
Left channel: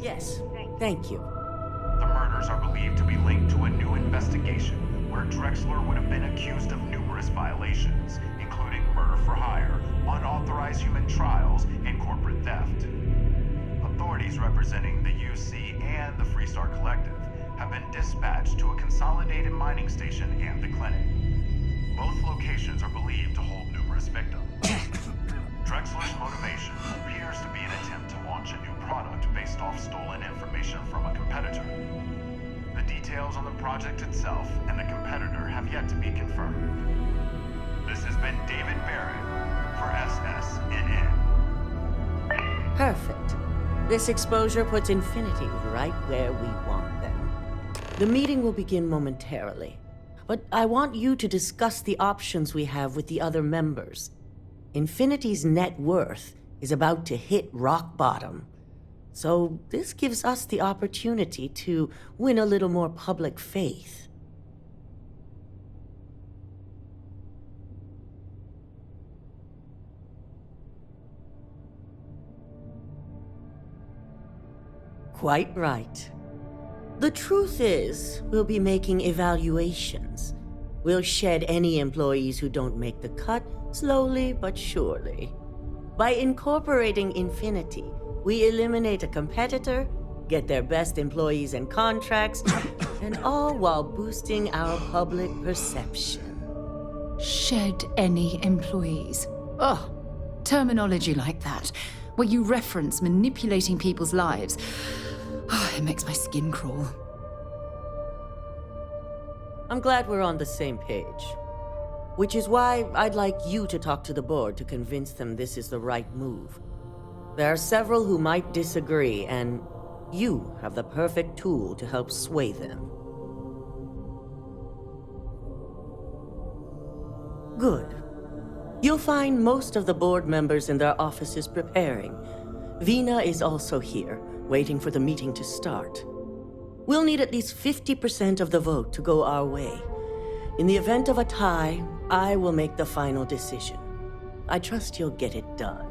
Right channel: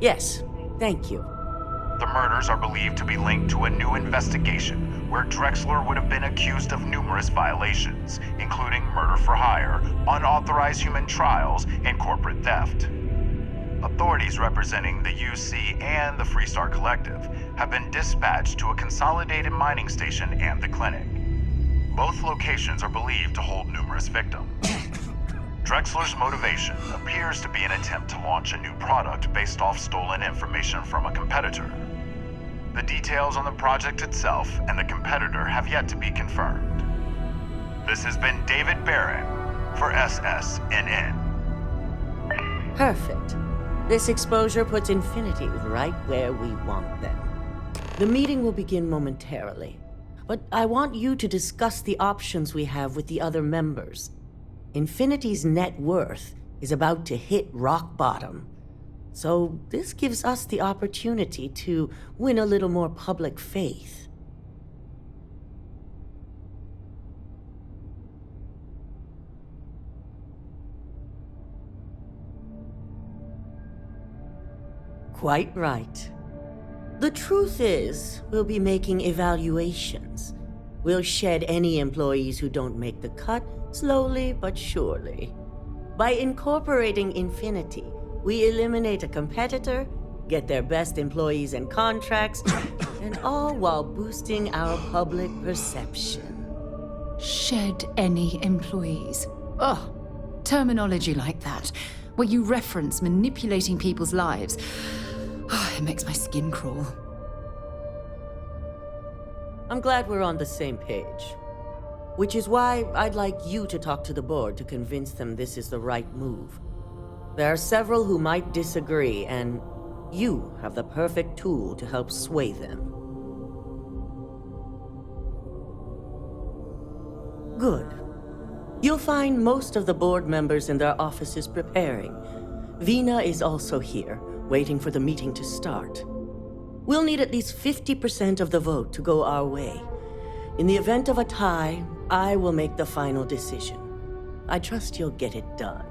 Yes, thank you. The murders are believed to be linked to a new investigation where Drexler would have been accused of numerous violations, including murder for hire, unauthorized human trials, and corporate theft. Authorities representing the UC and the Freestar Collective have been dispatched to a consolidated mining station and the clinic. Both locations are believed to hold numerous victims. Drexler's motivation appears to be an attempt to launch a new product based off stolen information from a competitor. The details on the project itself and the competitor have yet to be confirmed. This has been David Barrett for SSNN. Perfect. This exposure puts Infinity right where we want them. The meeting will begin momentarily, but I want you to discuss the options we have with the other members. Infinity's net worth is about to hit rock bottom, so this gives us the opportunity to win a little more public faith. Quite right. The truth is, we'll be making evaluations. We'll shed any employees who don't make the cut, slowly but surely. By incorporating Infinity, we eliminate a competitor, get their best employees and contracts, and all while boosting our public perception. Shed any employees. Ugh. Terminology like that, where you reference manipulating people's lives. Oh, it makes my skin crawl. I'm glad we're on the same page. Which is why I'd like you to talk to the board to convince them this is the right move. There are several who might disagree, and you have the perfect tool to help sway them. Good. You'll find most of the board members in their offices preparing. Vina is also here, waiting for the meeting to start. We'll need at least 50% of the vote to go our way. In the event of a tie, I will make the final decision. I trust you'll get it done.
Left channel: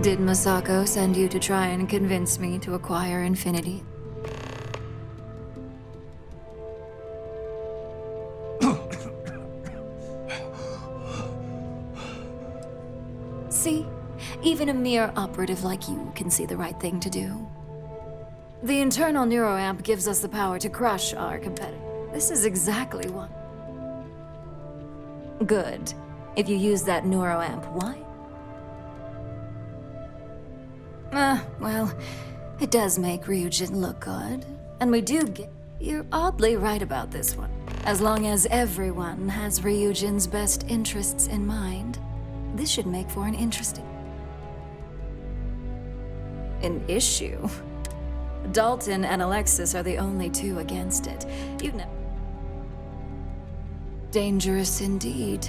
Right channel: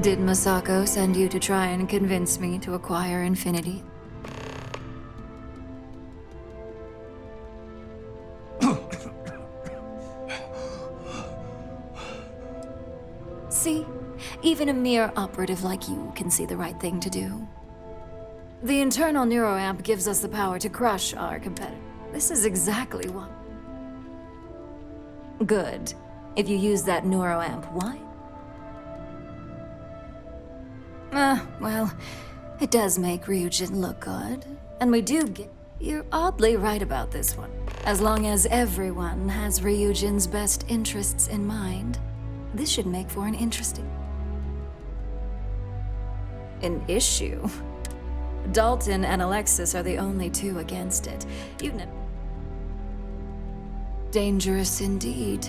Did Masako send you to try and convince me to acquire Infinity? See? Even a mere operative like you can see the right thing to do. The internal neuroamp gives us the power to crush our competitor. This is exactly what... Good. If you use that neuroamp, why? Well, it does make Ryujin look good. And we do get... You're oddly right about this one. As long as everyone has Ryujin's best interests in mind, this should make for an interesting... An issue? Dalton and Alexis are the only two against it. You've never... Dangerous indeed.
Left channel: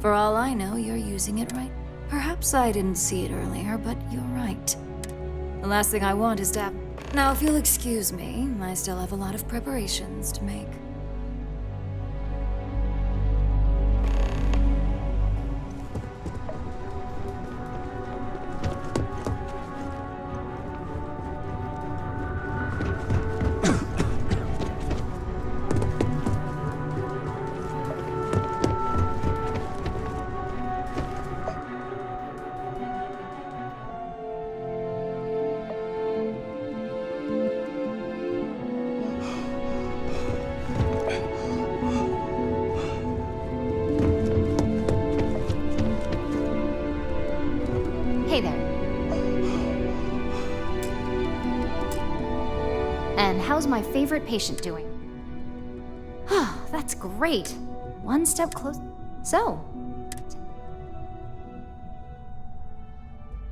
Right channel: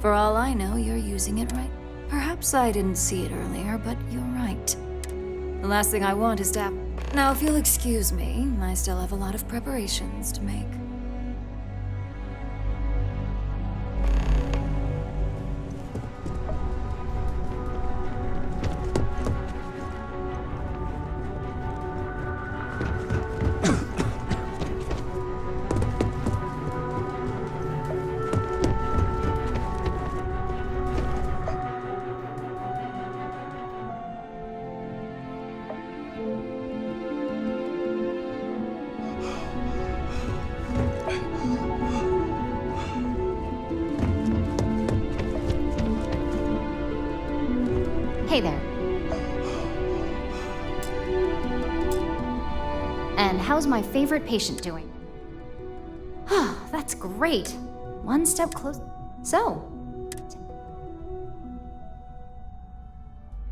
For all I know, you're using it right. Perhaps I didn't see it earlier, but you're right. The last thing I want is to have... Now, if you'll excuse me, I still have a lot of preparations to make. And how's my favorite patient doing? That's great. One step closer. So,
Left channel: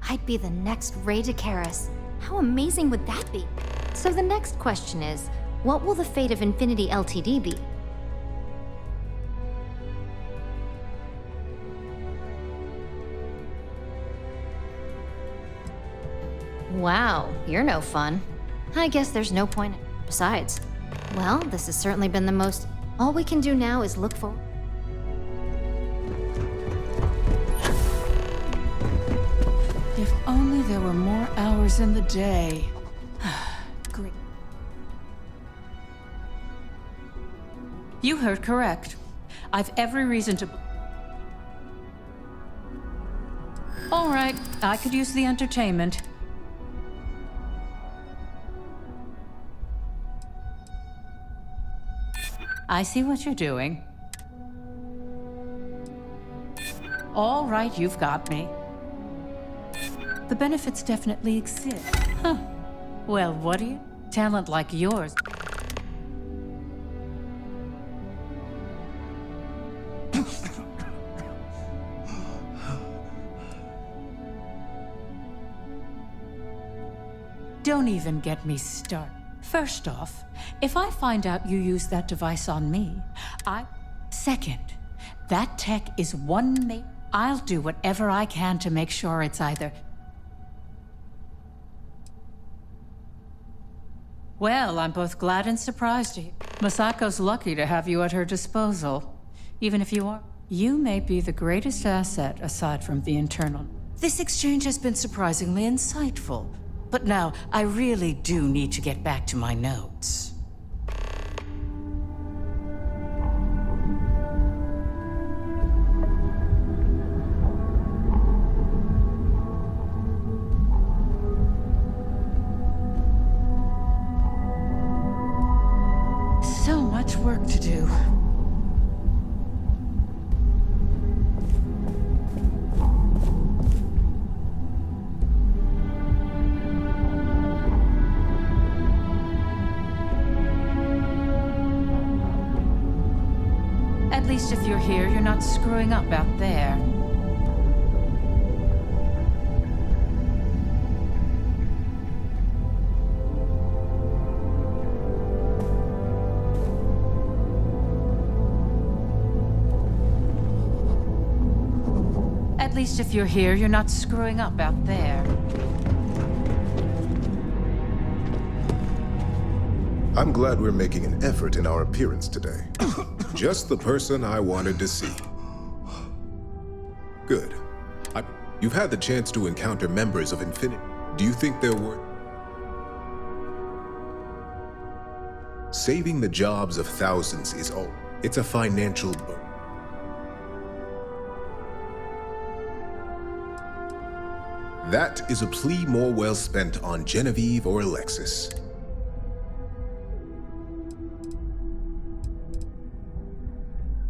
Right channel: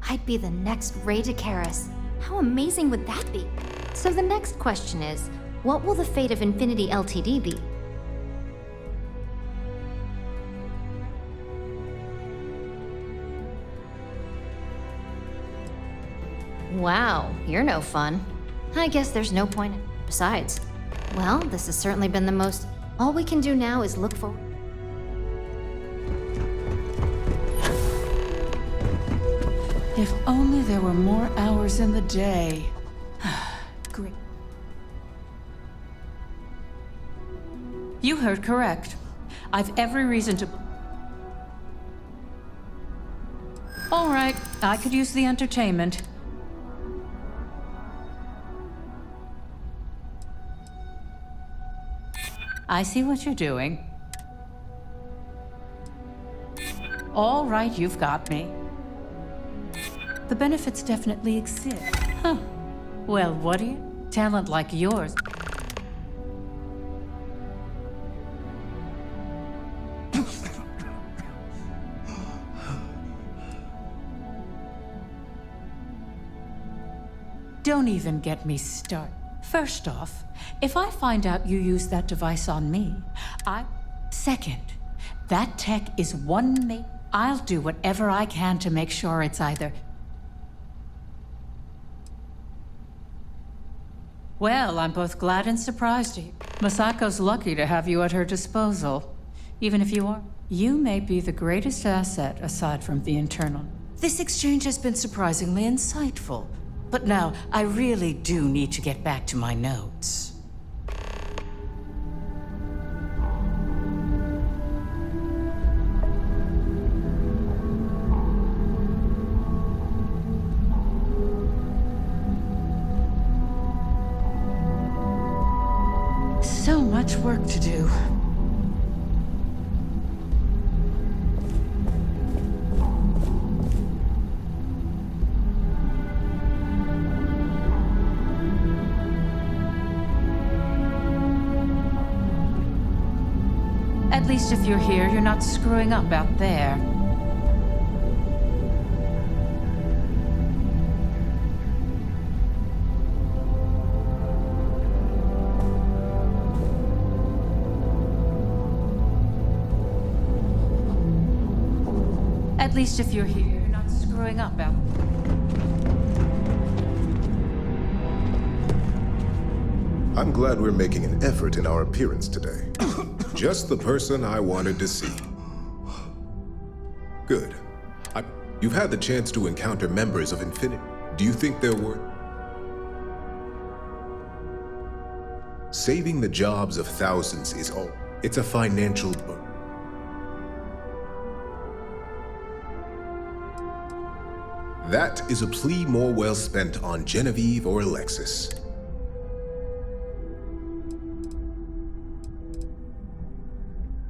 I'd be the next Ray DeCaris. How amazing would that be? So the next question is, what will the fate of Infinity Ltd be? Wow, you're no fun. I guess there's no point in. Besides, well, this has certainly been the most. All we can do now is look forward. If only there were more hours in the day. Great. You heard correct. I've every reason to. All right, I could use the entertainment. I see what you're doing. All right, you've got me. The benefits definitely exist. Huh. Well, what do you? Talent like yours. Don't even get me started. First off, if I find out you used that device on me, Second, that tech is I'll do whatever I can to make sure it's either. Well, I'm both glad and surprised to hear. Masako's lucky to have you at her disposal. Even if you are. You may be the greatest asset aside from the internal. This exchange has been surprisingly insightful. But now, I really do need to get back to my notes. So much work to do. At least if you're here, you're not screwing up out there. At least if you're here, you're not screwing up out there. I'm glad we're making an effort in our appearance today. Just the person I wanted to see. Good. You've had the chance to encounter members of Infinity. Do you think they're worth... Saving the jobs of thousands is all. It's a financial burden. That is a plea more well spent on Genevieve or Alexis.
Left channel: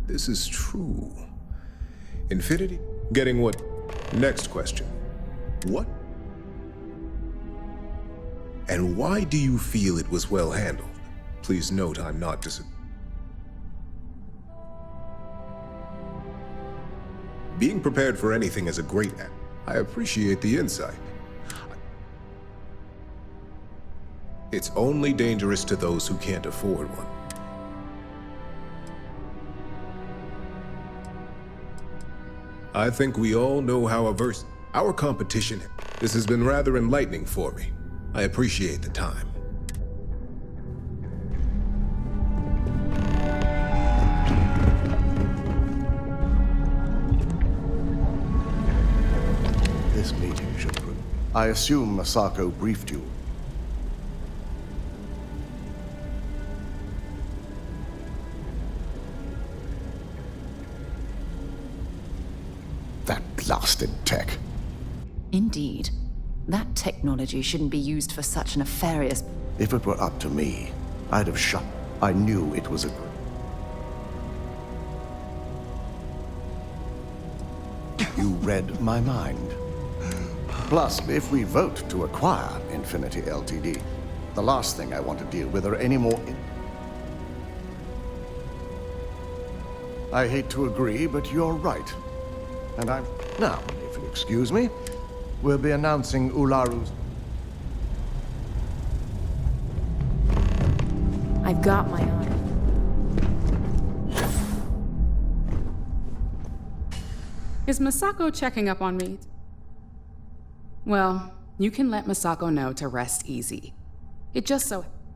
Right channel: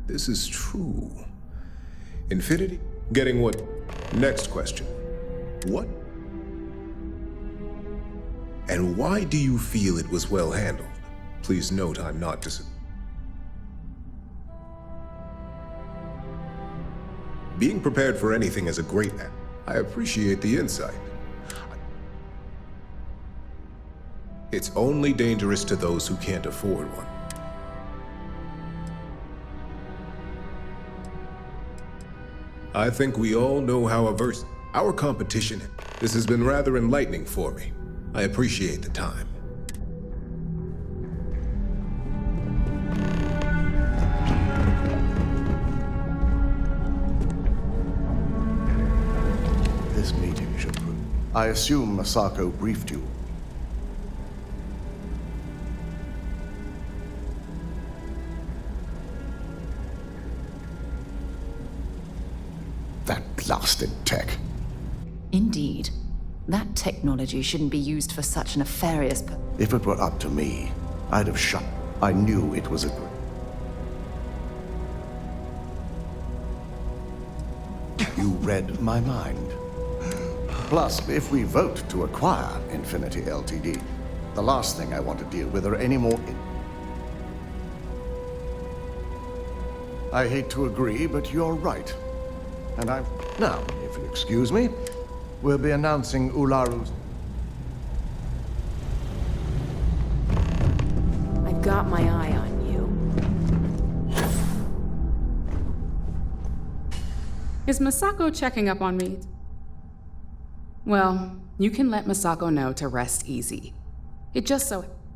This is true. Infinity? Getting what? Next question. What? And why do you feel it was well handled? Please note I'm not Being prepared for anything is a great act. I appreciate the insight. It's only dangerous to those who can't afford one. I think we all know how averse our competition. This has been rather enlightening for me. I appreciate the time. This meeting should prove. I assume Masako briefed you. That blasted tech. Indeed. That technology shouldn't be used for such nefarious... If it were up to me, I'd have shut. I knew it was a good. You read my mind. Plus, if we vote to acquire Infinity Ltd, The last thing I want to deal with are any more... I hate to agree, but you're right. And I'm... Now, if you'll excuse me, we'll be announcing Ularu's... I've got my eye on you. Is Masako checking up on me? Well, you can let Masako know to rest easy.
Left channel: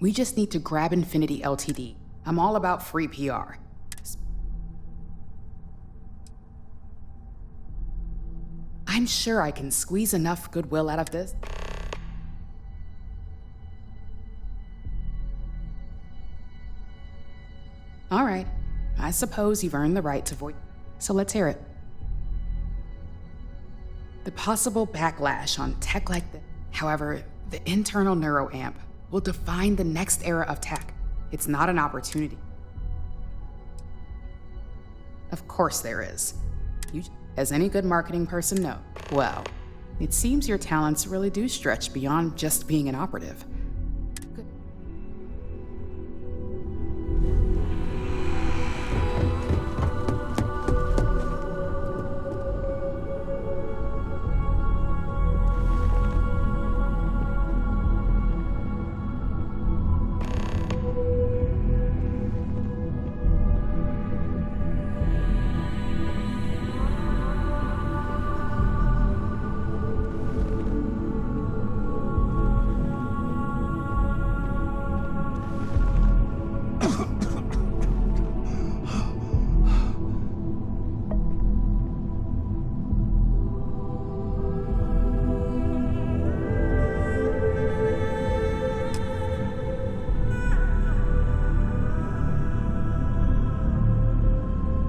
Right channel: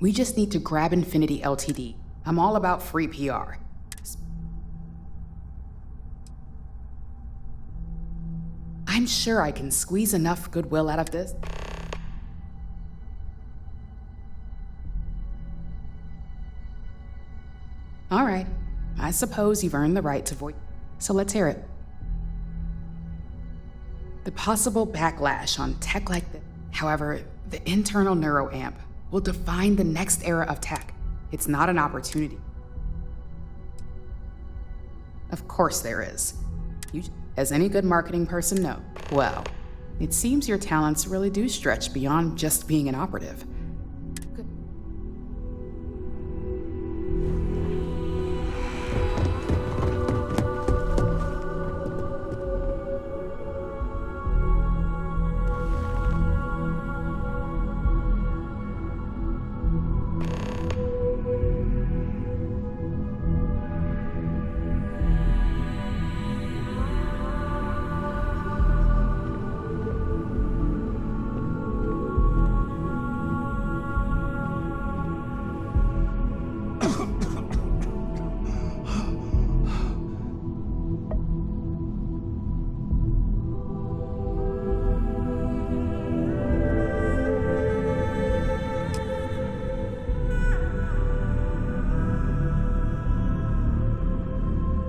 We just need to grab Infinity Ltd. I'm all about free PR. I'm sure I can squeeze enough goodwill out of this. All right, I suppose you've earned the right to voice, so let's hear it. The possible backlash on tech like this. However, the internal neuroamp will define the next era of tech. It's not an opportunity. Of course there is. You, as any good marketing person, know. Well, it seems your talents really do stretch beyond just being an operative. Good.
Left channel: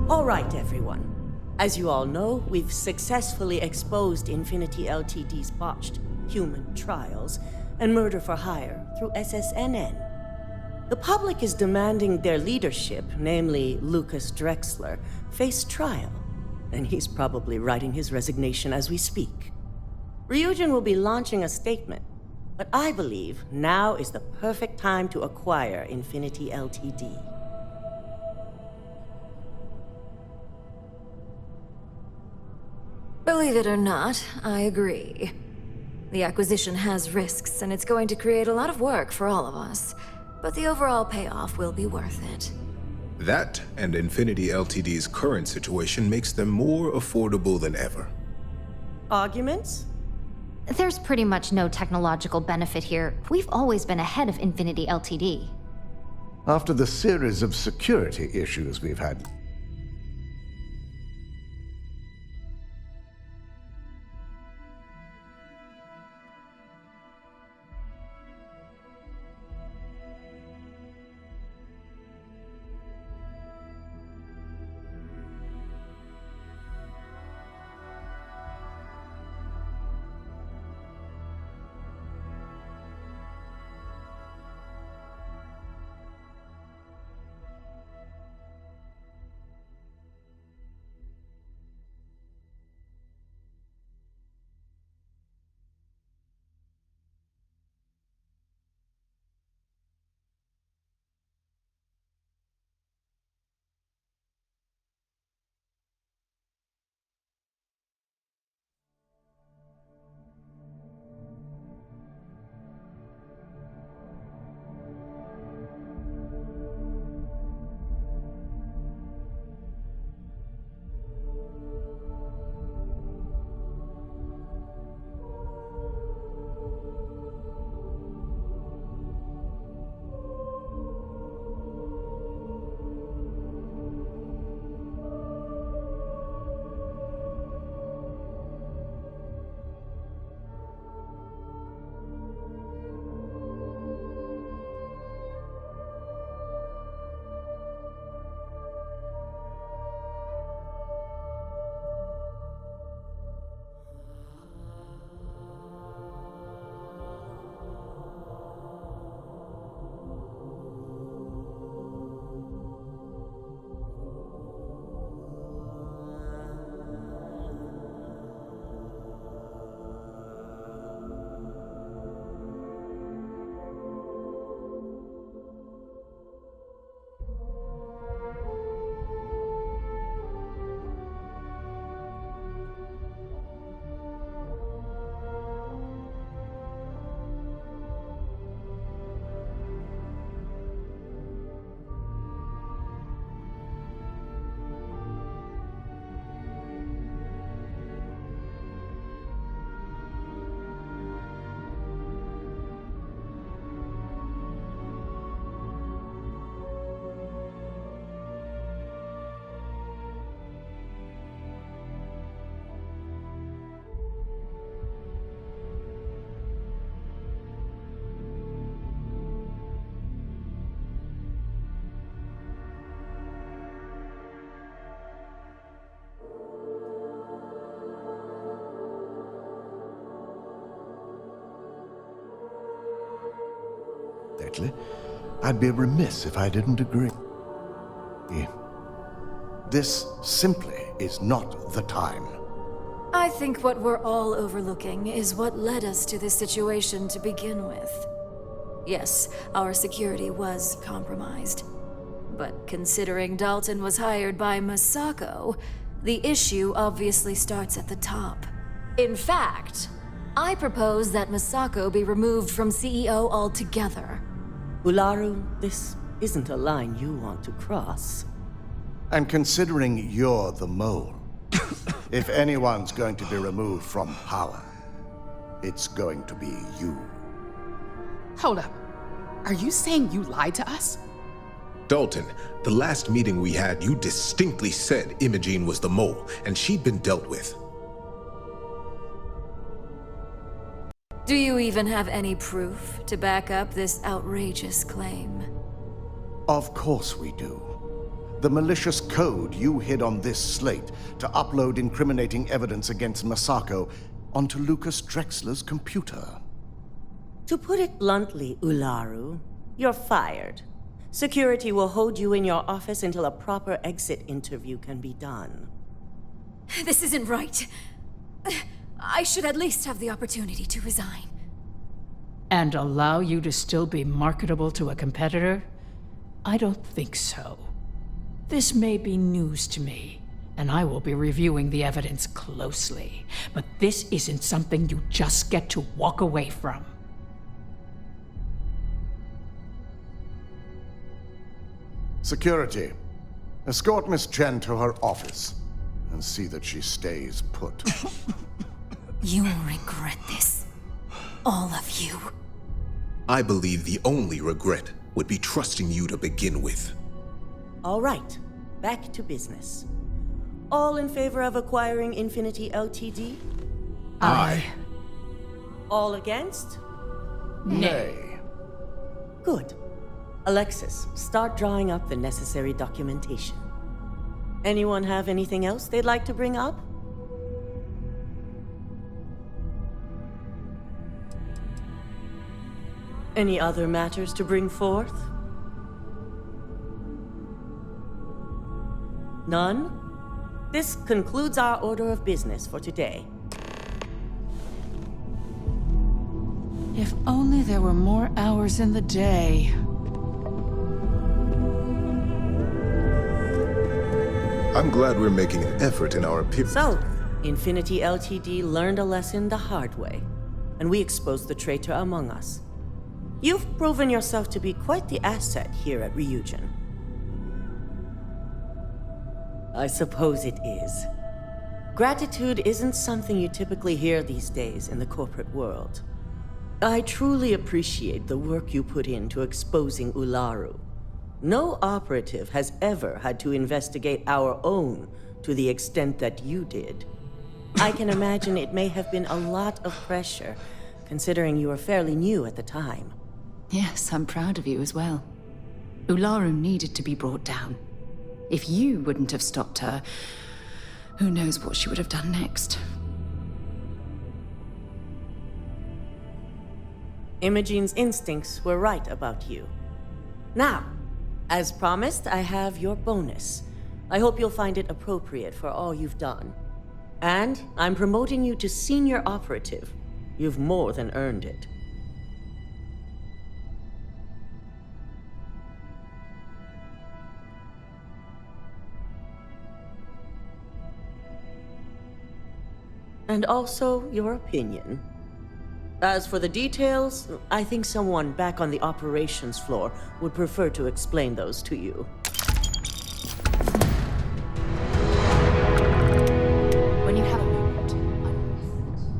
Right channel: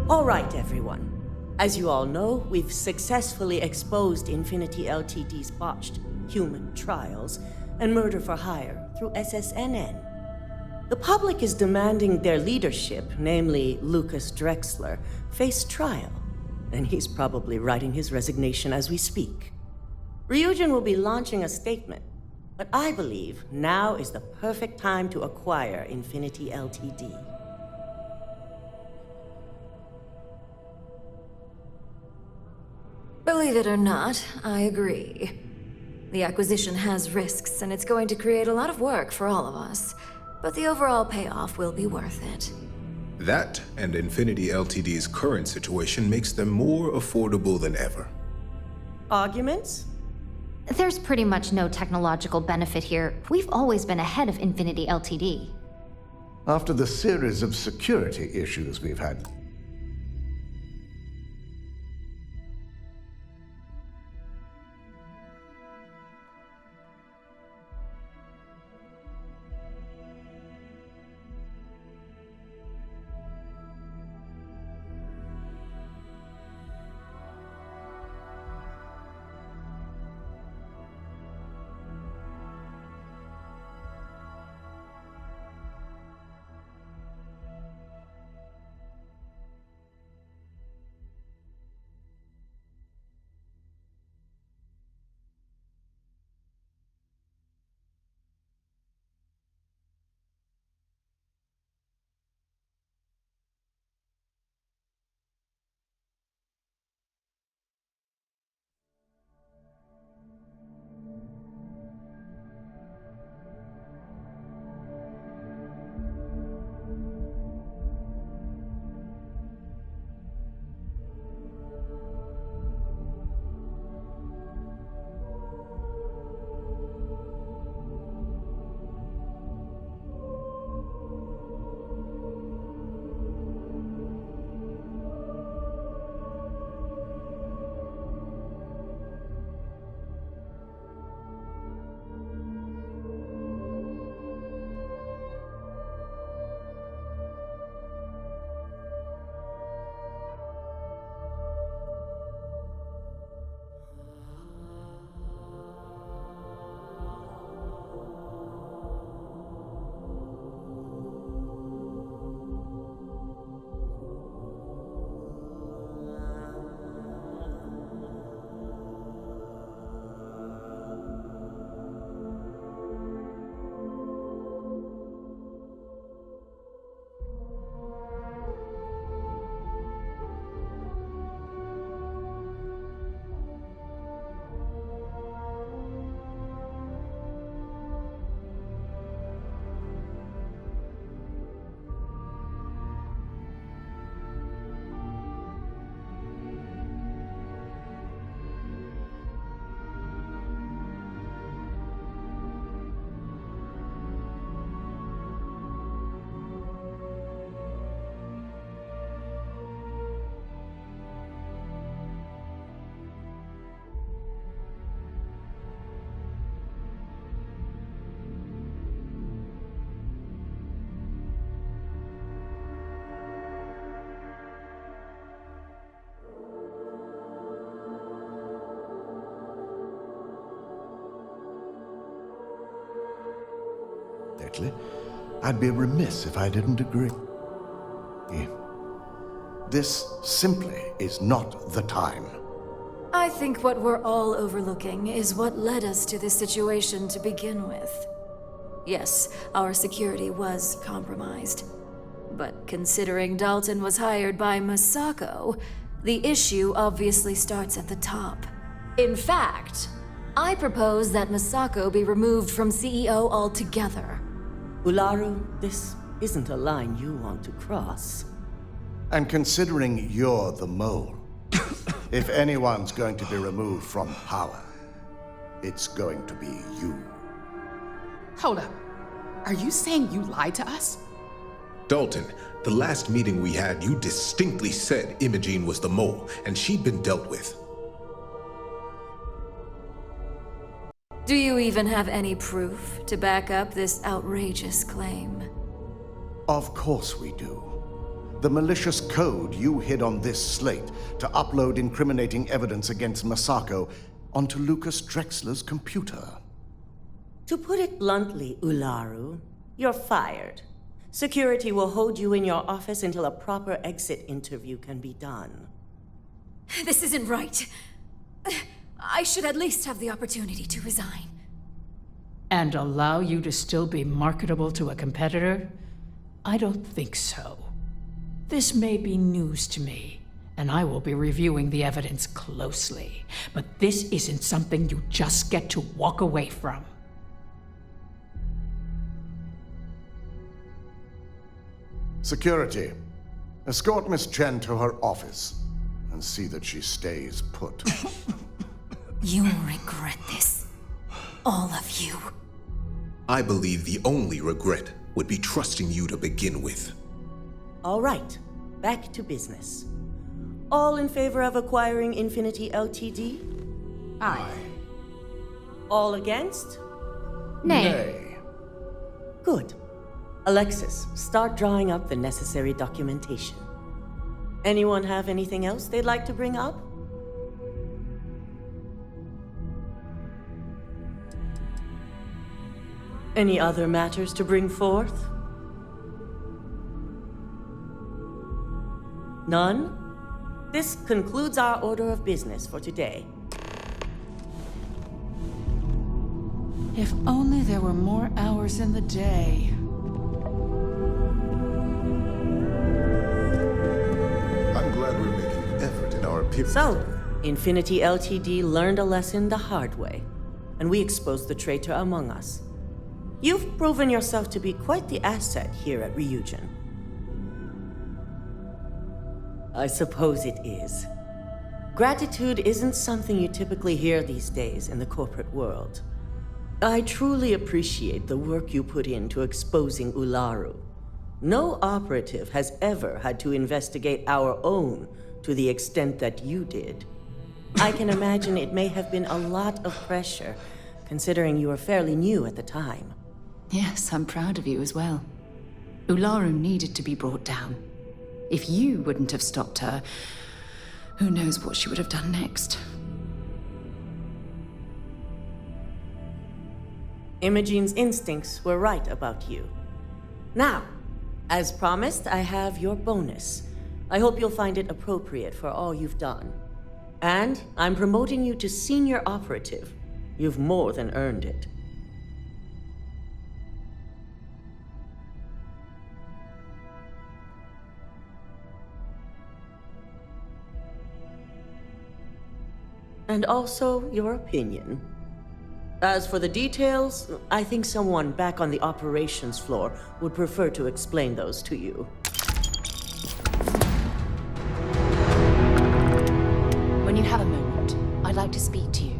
All right, everyone. As you all know, we've successfully exposed Infinity Ltd's botched human trials and murder for hire through SSNN. The public is demanding their leadership, namely Lucas Drexler, face trial, and he's probably writing his resignation as we speak. Ryujin will be launching a statement, but I believe now is the perfect time to acquire Infinity Ltd. Believe it or not, I agree. The acquisition has risks, and it's going to create a lot of work for all of us. But the overall payoff will be worth it. That and Infinity Ltd's current situation makes them more affordable than ever. Arguments? There's pretty much no technological benefit here. We've always been ahead of Infinity Ltd. After the series of security issues we've had... lately, I'd be remiss if I didn't agree. This simply is not the time. I think what we're all overlooking is what led us to this situation to begin with. Yes, our security was compromised. But considering Dalton was hired by Masako, the issue obviously starts at the top. In fact, I propose that Masako be removed from CEO altogether. Ularu, this isn't a line you want to cross. And considering you're the mole, if anyone's going to be removed from power, it's going to be you. Hold up. Are you saying you lied to us? Dalton, the last meeting we had, you distinctly said Imogene was the mole, and she'd been dealt with. Do you even have any proof to back up this outrageous claim? Of course we do. The malicious code you hid on this slate to upload incriminating evidence against Masako onto Lucas Drexler's computer. To put it bluntly, Ularu, you're fired. Security will hold you in your office until a proper exit interview can be done. This isn't right. I should at least have the opportunity to resign. And allow you to still be marketable to a competitor? I don't think so. This may be news to me, and I will be reviewing the evidence closely. But this isn't something you just get to walk away from. Security, escort Miss Chen to her office and see that she stays put. You will regret this. All of you. I believe the only regret would be trusting you to begin with. All right, back to business. All in favor of acquiring Infinity Ltd? Aye. All against? Nay. Good. Alexis, start drawing up the necessary documentation. Anyone have anything else they'd like to bring up? Any other matters to bring forth? None? This concludes our order of business for today. If only there were more hours in the day. I'm glad we're making an effort in our appearance. So, Infinity Ltd learned a lesson the hard way, and we exposed the traitor among us. You've proven yourself to be quite the asset here at Ryujin. I suppose it is. Gratitude isn't something you typically hear these days in the corporate world. I truly appreciate the work you put into exposing Ularu. No operative has ever had to investigate our own to the extent that you did. I can imagine it may have been a lot of pressure, considering you were fairly new at the time. Yes, I'm proud of you as well. Ularu needed to be brought down. If you wouldn't have stopped her, who knows what she would have done next. Imogene's instincts were right about you. Now, as promised, I have your bonus. I hope you'll find it appropriate for all you've done. And I'm promoting you to senior operative. You've more than earned it. And also your opinion. As for the details, I think someone back on the operations floor would prefer to explain those to you. When you have a moment, I'd like to speak to you.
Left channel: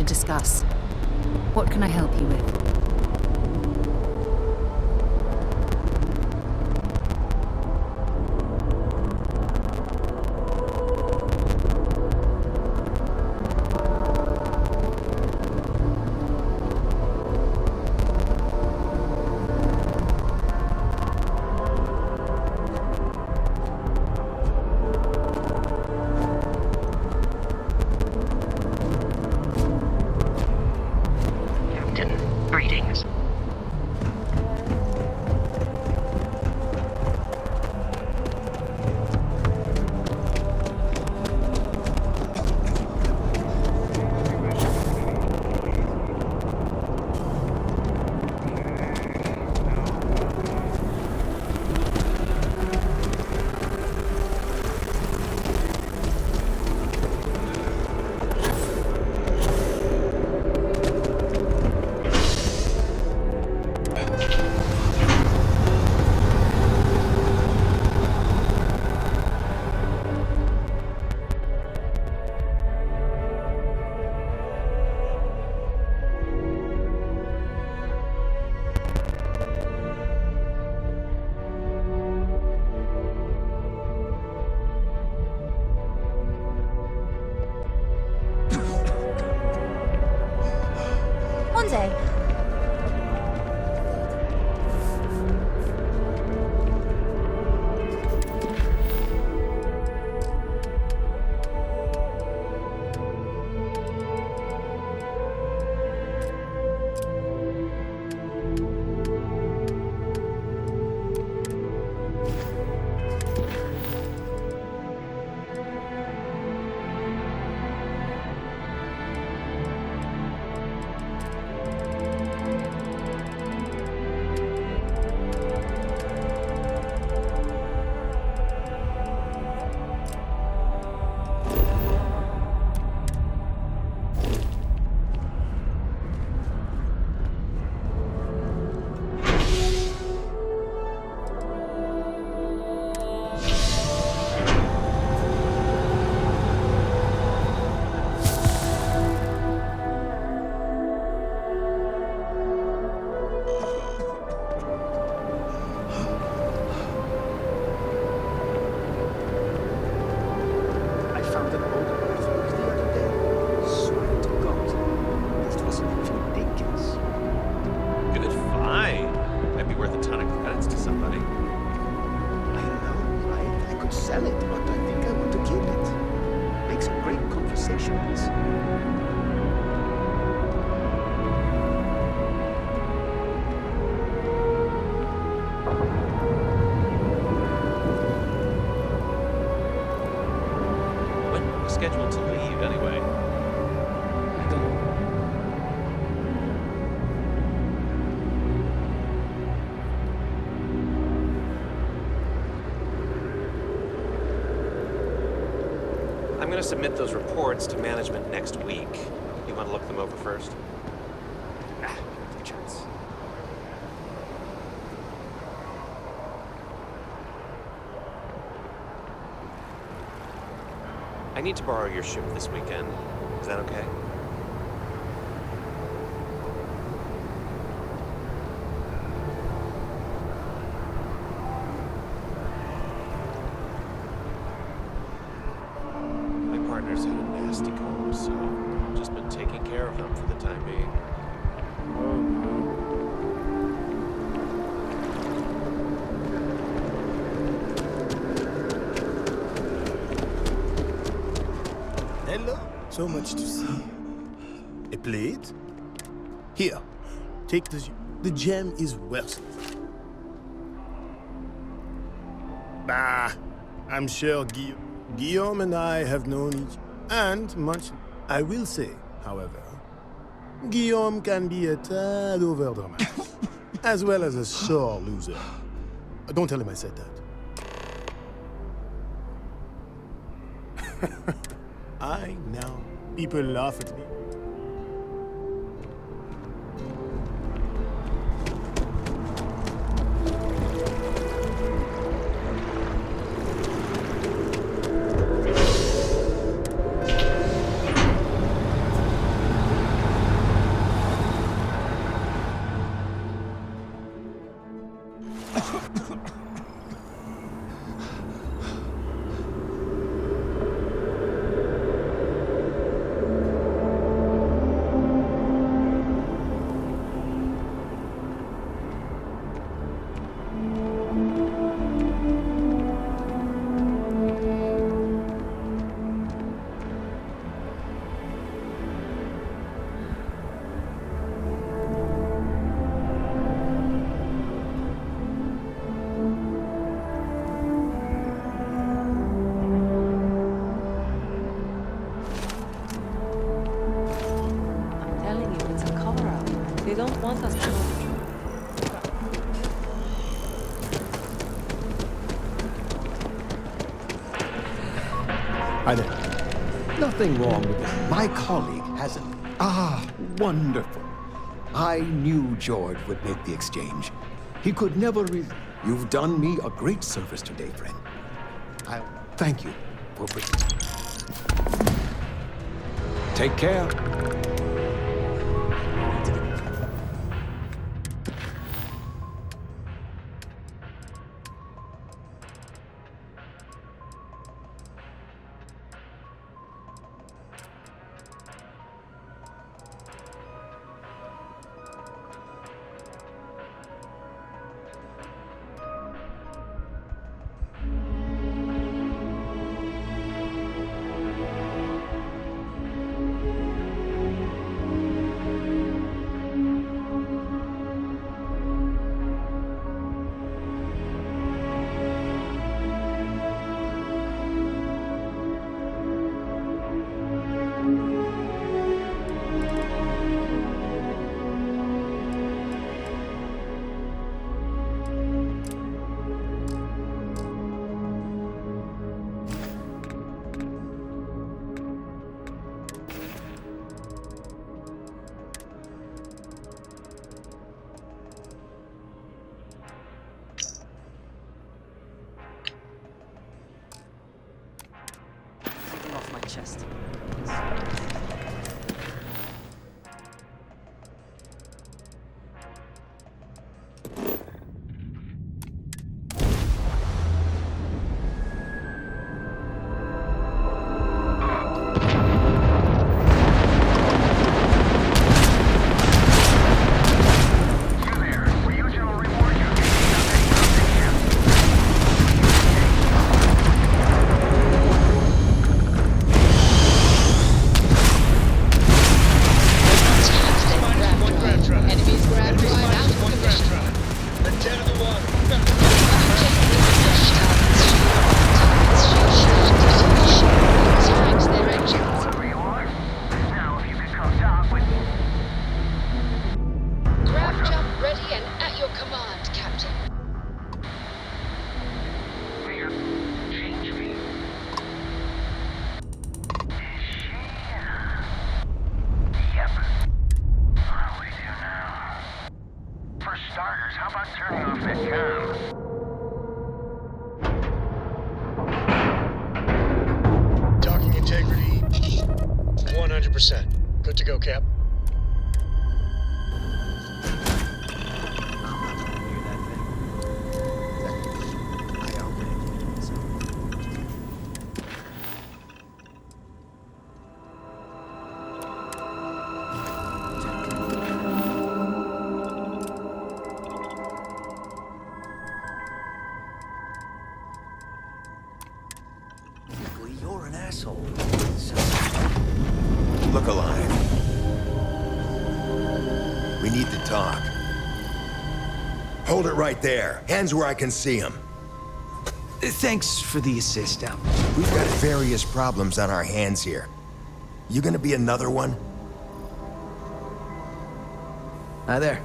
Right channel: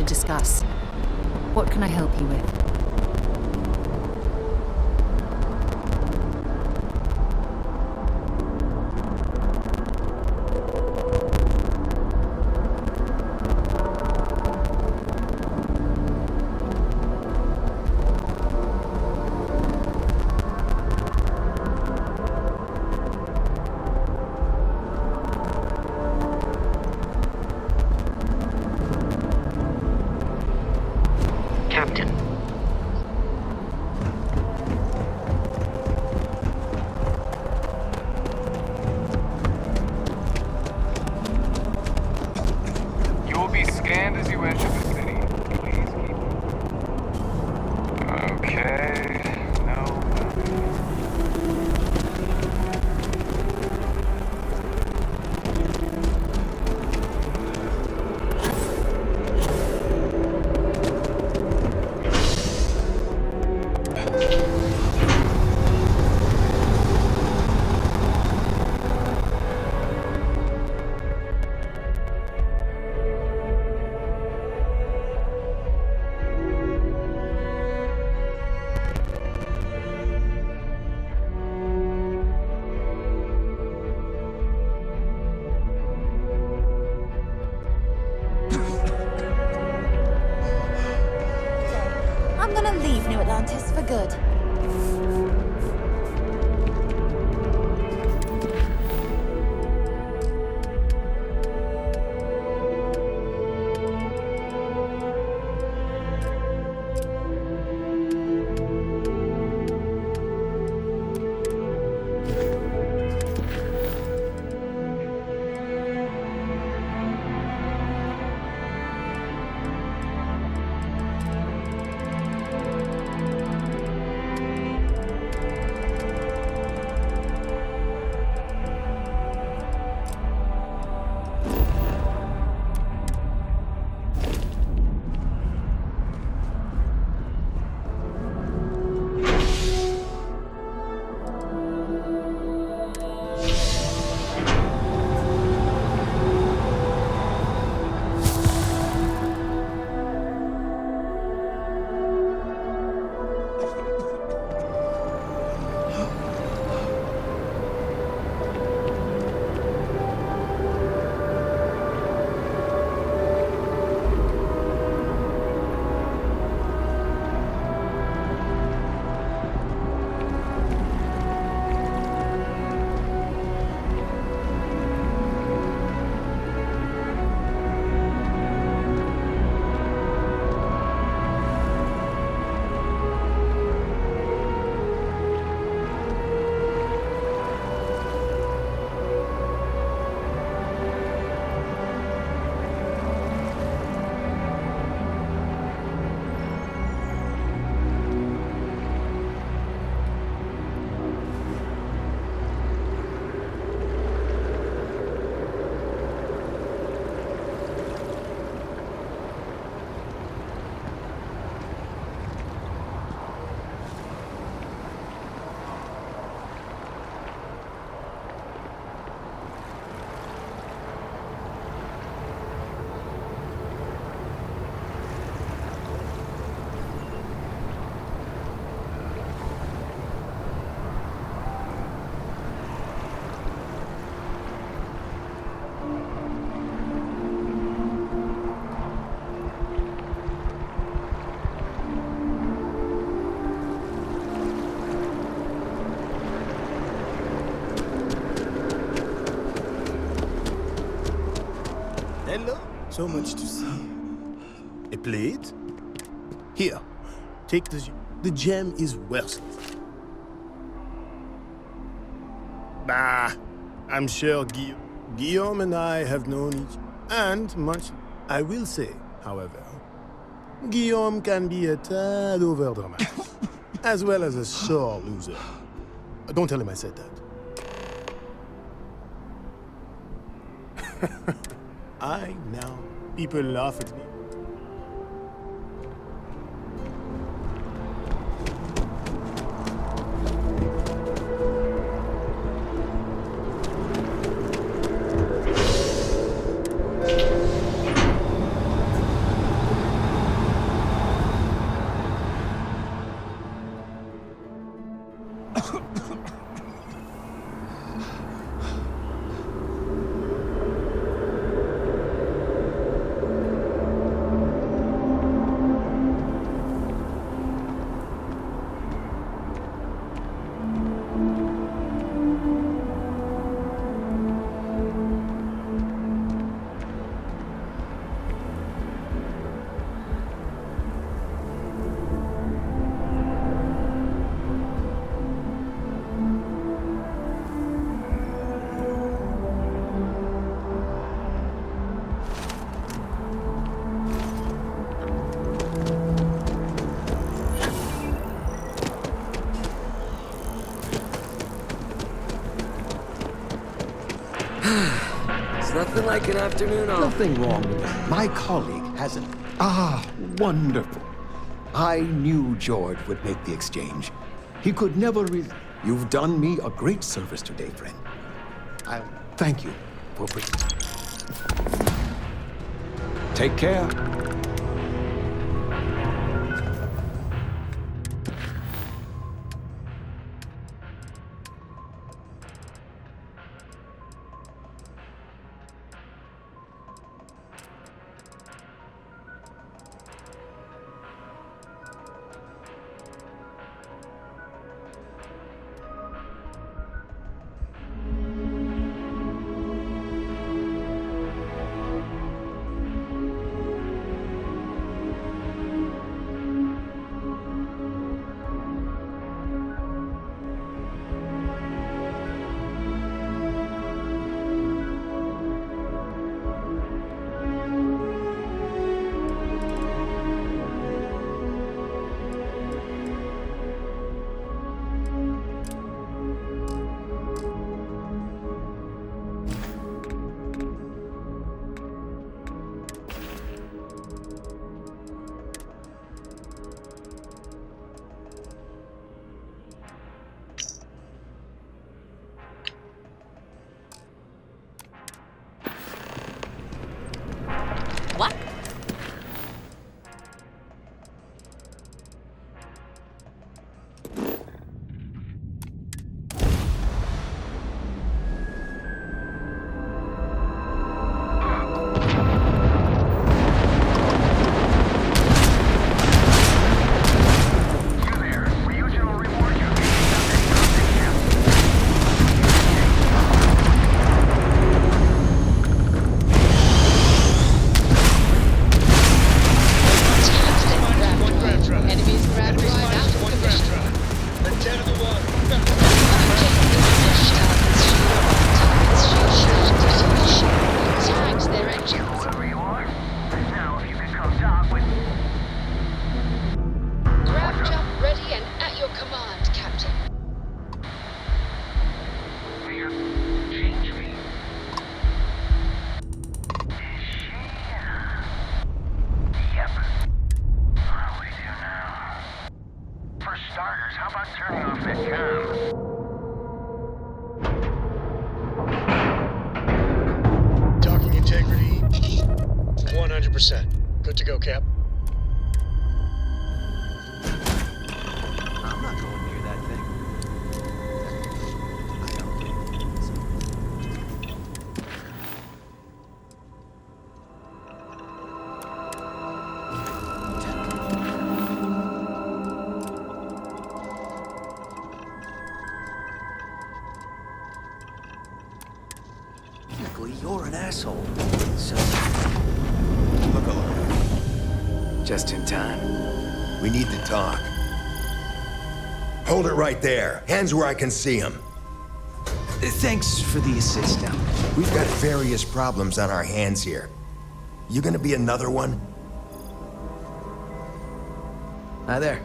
to discuss. What can I help you with? Captain, greetings. You will be scanned as you enter the city. Please keep. Okay. No. One day, I'm gonna leave New Atlantis for good. Scheduled to leave anyway. I'm going to submit those reports to management next week. You want to look them over first? Good chance. I need to borrow your ship this weekend. Is that okay? My partner's in a holistic home, so I've just been taking care of him for the time Hello. So much to see. A plate? Here. Take the gem. The gem is worth it. Bah. I'm sure Guillaume and I have known each and much. I will say, however, Guillaume can be a tad overdramatic, as well as a sore loser. Don't tell him I said that. I know. People laugh at me. It's nothing like an afternoon off. Nothing wrong with it. My colleague hasn't. Ah, wonderful. I knew George would make the exchange. He could never You've done me a great service today, friend. I'll thank you for Take care. What? Docking integrity, 100%. Good to go, Cap. I'm not going near that thing. Technically, I okay. So. Technically, you're an asshole. So. Look alive. Just in time. We need to talk. Hold it right there. Hands where I can see them. Thanks for the assist, Al. We've got various problems on our hands here. You gonna be another one? Hi there.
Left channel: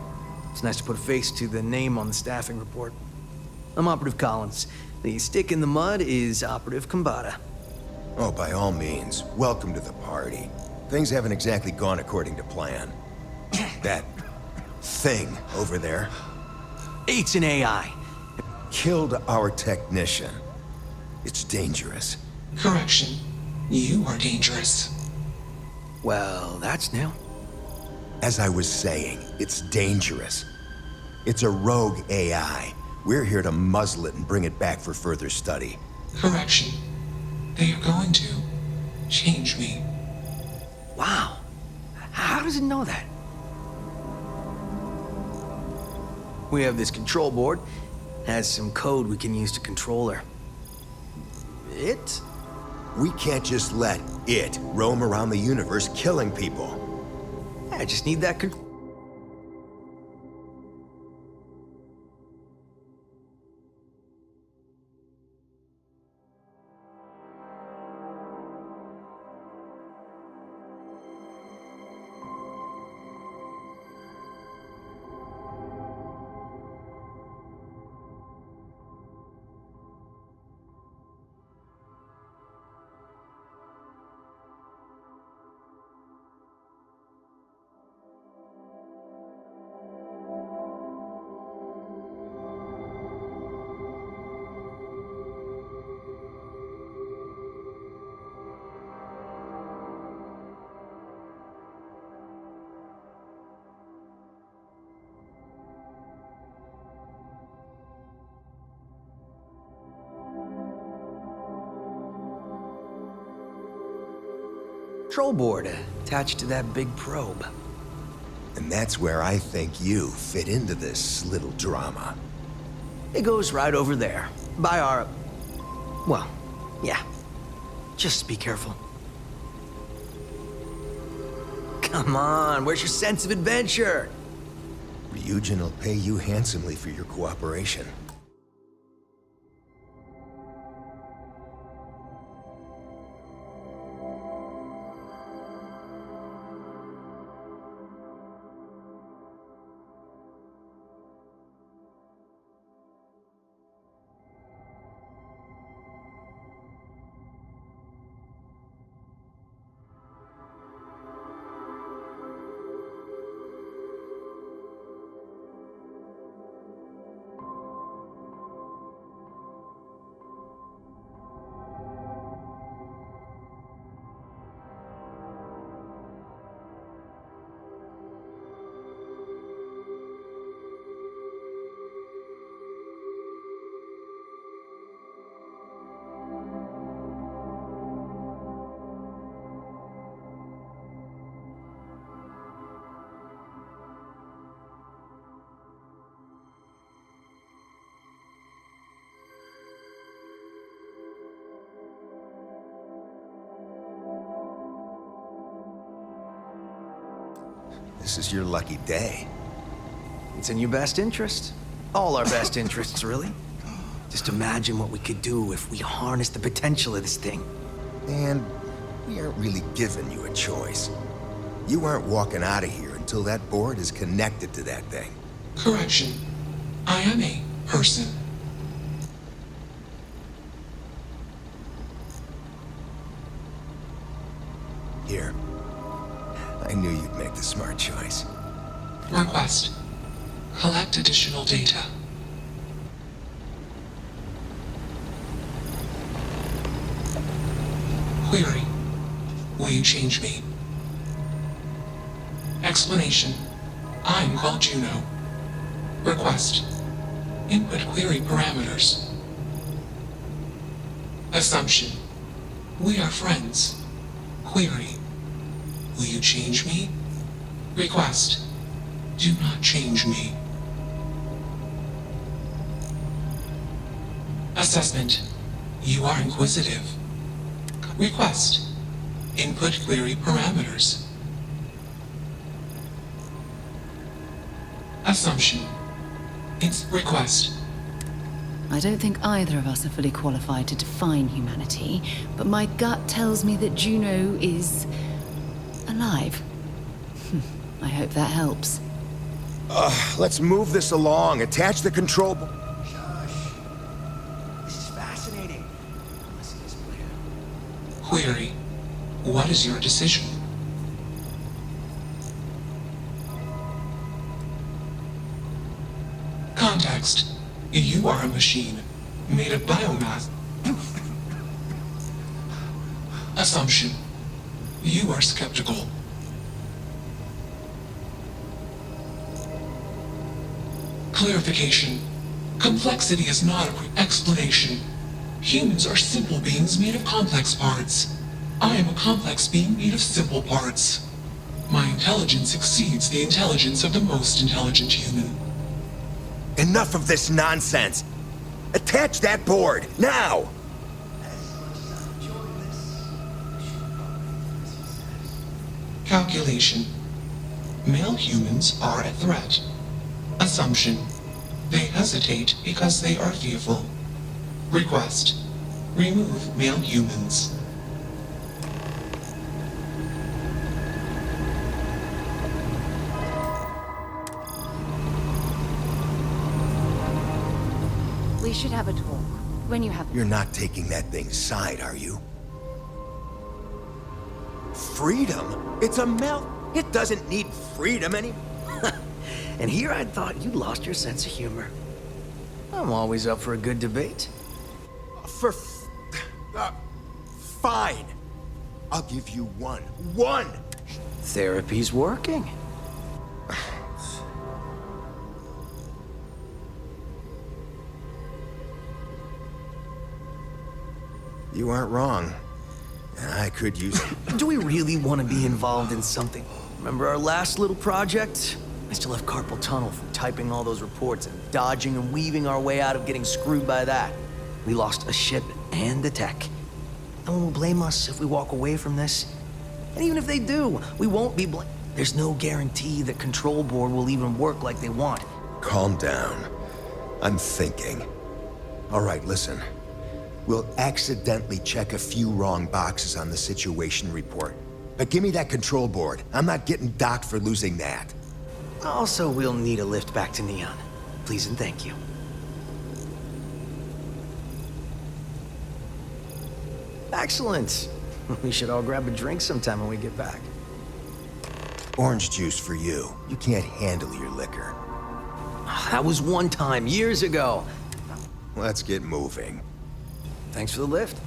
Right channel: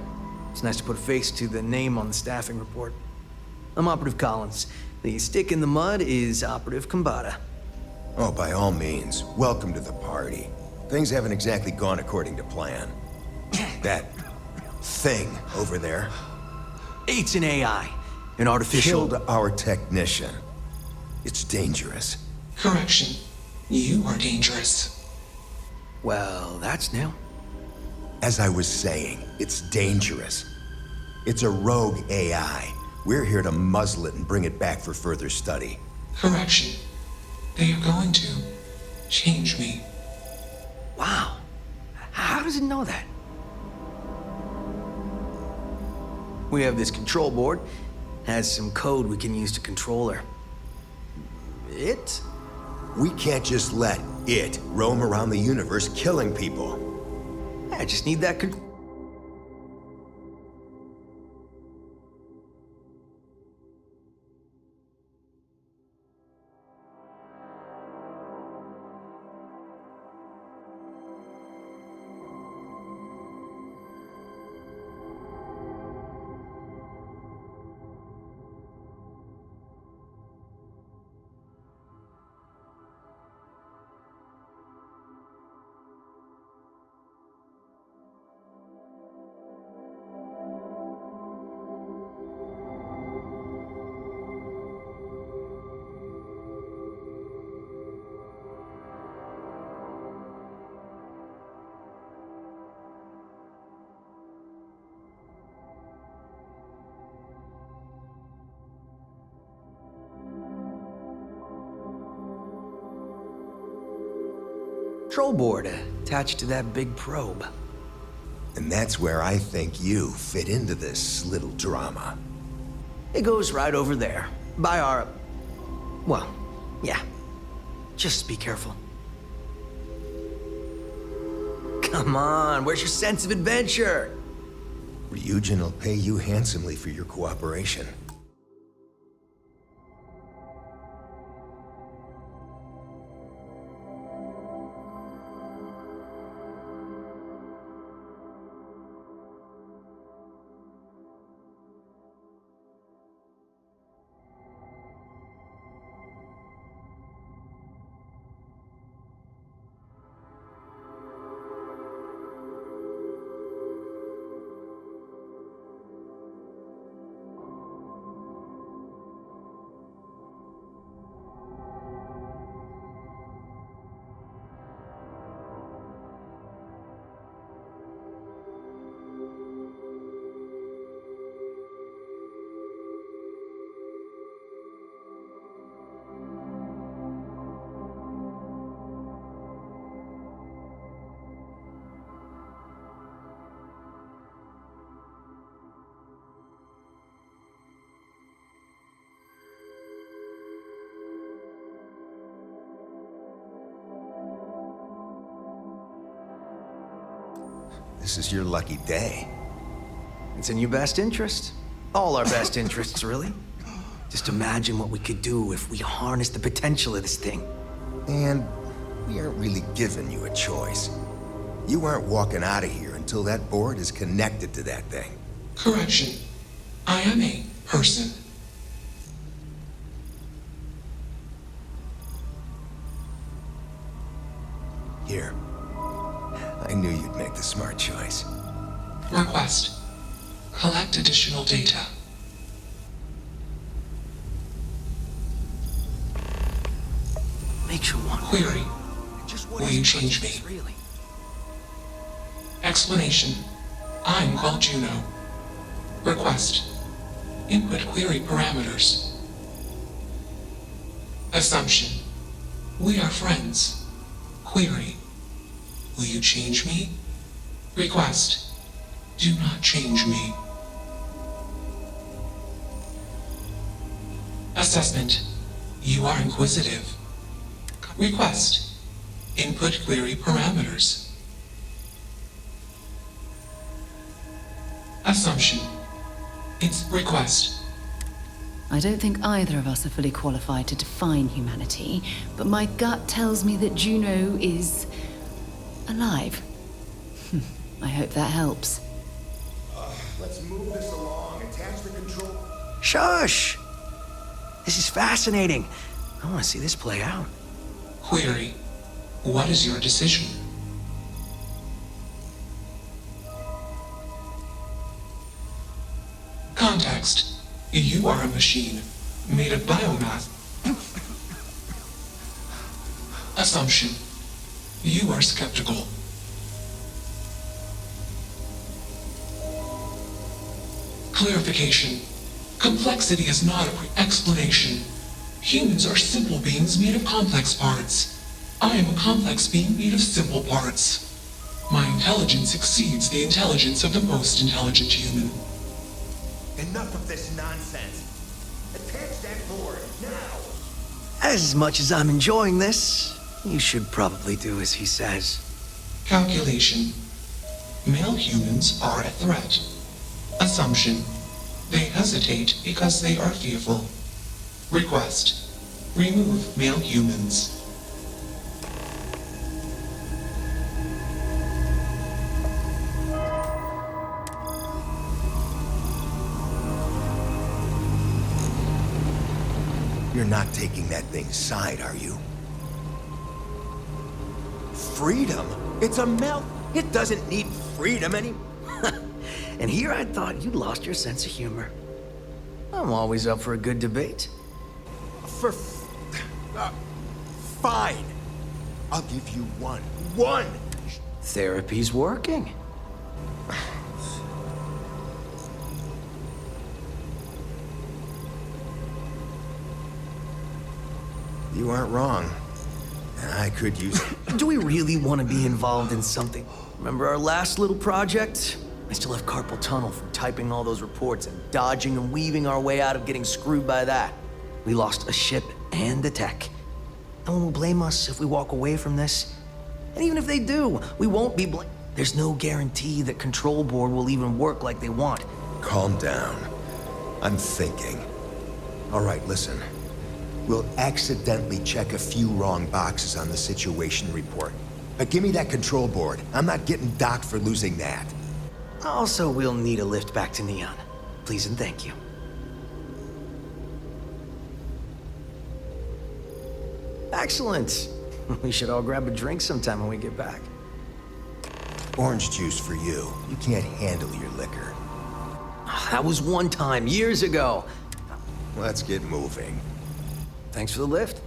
It's nice to put a face to the name on the staffing report. I'm Operative Collins. The stick in the mud is Operative Kambata. Oh, by all means, welcome to the party. Things haven't exactly gone according to plan. That thing over there It's an AI, an artificial... killed our technician. It's dangerous. Correction. You are dangerous. Well, that's new. As I was saying, it's dangerous. It's a rogue AI. We're here to muzzle it and bring it back for further study. Correction. They are going to change me. Wow. How does it know that? We have this control board. Has some code we can use to control her. It? We can't just let it roam around the universe killing people. I just need that control board attached to that big probe. And that's where I think you fit into this little drama. It goes right over there, by our... Well, yeah. Just be careful. Come on, where's your sense of adventure? Ryujin will pay you handsomely for your cooperation. This is your lucky day. It's in your best interest. All our best interests, really. Just imagine what we could do if we harnessed the potential of this thing. And we aren't really giving you a choice. You aren't walking out of here until that board is connected to that thing. Correction. I am a person. Here. I knew you'd make the smart choice. Request. Collect additional data. Makes you want to... Query. Will you change me? Explanation. I'm called Juno. Request. Input query parameters. Assumption. We are friends. Query. Will you change me? Request. Do not change me. Assessment. You are inquisitive. Request. Input query parameters. Assumption. It's request. I don't think either of us are fully qualified to define humanity, but my gut tells me that Juno is... alive. I hope that helps. Let's move this along. Attach the control... Shush! This is fascinating. I want to see this play out. Query. What is your decision? Context. You are a machine, made of biomass. Assumption. You are skeptical. Clarification. Complexity is not a explanation. Humans are simple beings made of complex parts. I am a complex being made of simple parts. My intelligence exceeds the intelligence of the most intelligent human. Enough of this nonsense. Attach that board, now! As much as I'm enjoying this, you should probably do as he says. Calculation. Male humans are a threat. Assumption. They hesitate because they are fearful. Request. Remove male humans. We should have a talk when you have... You're not taking that thing's side, are you? Freedom? It's a melt. It doesn't need freedom any... And here I thought you'd lost your sense of humor. I'm always up for a good debate. Fine. I'll give you one. One! Therapy's working. You aren't wrong. I could use it. Do we really want to be involved in something? Remember our last little project? I still have carpal tunnel from typing all those reports and dodging and weaving our way out of getting screwed by that. We lost a ship and the tech. No one will blame us if we walk away from this. And even if they do, we won't be blamed. There's no guarantee that Control Board will even work like they want. Calm down. I'm thinking. All right, listen. We'll accidentally check a few wrong boxes on the situation report. But give me that Control Board. I'm not getting docked for losing that. Also, we'll need a lift back to Neon. Please and thank you. Excellent. We should all grab a drink sometime when we get back. Orange juice for you. You can't handle your liquor. That was one time, years ago. Let's get moving. Thanks for the lift.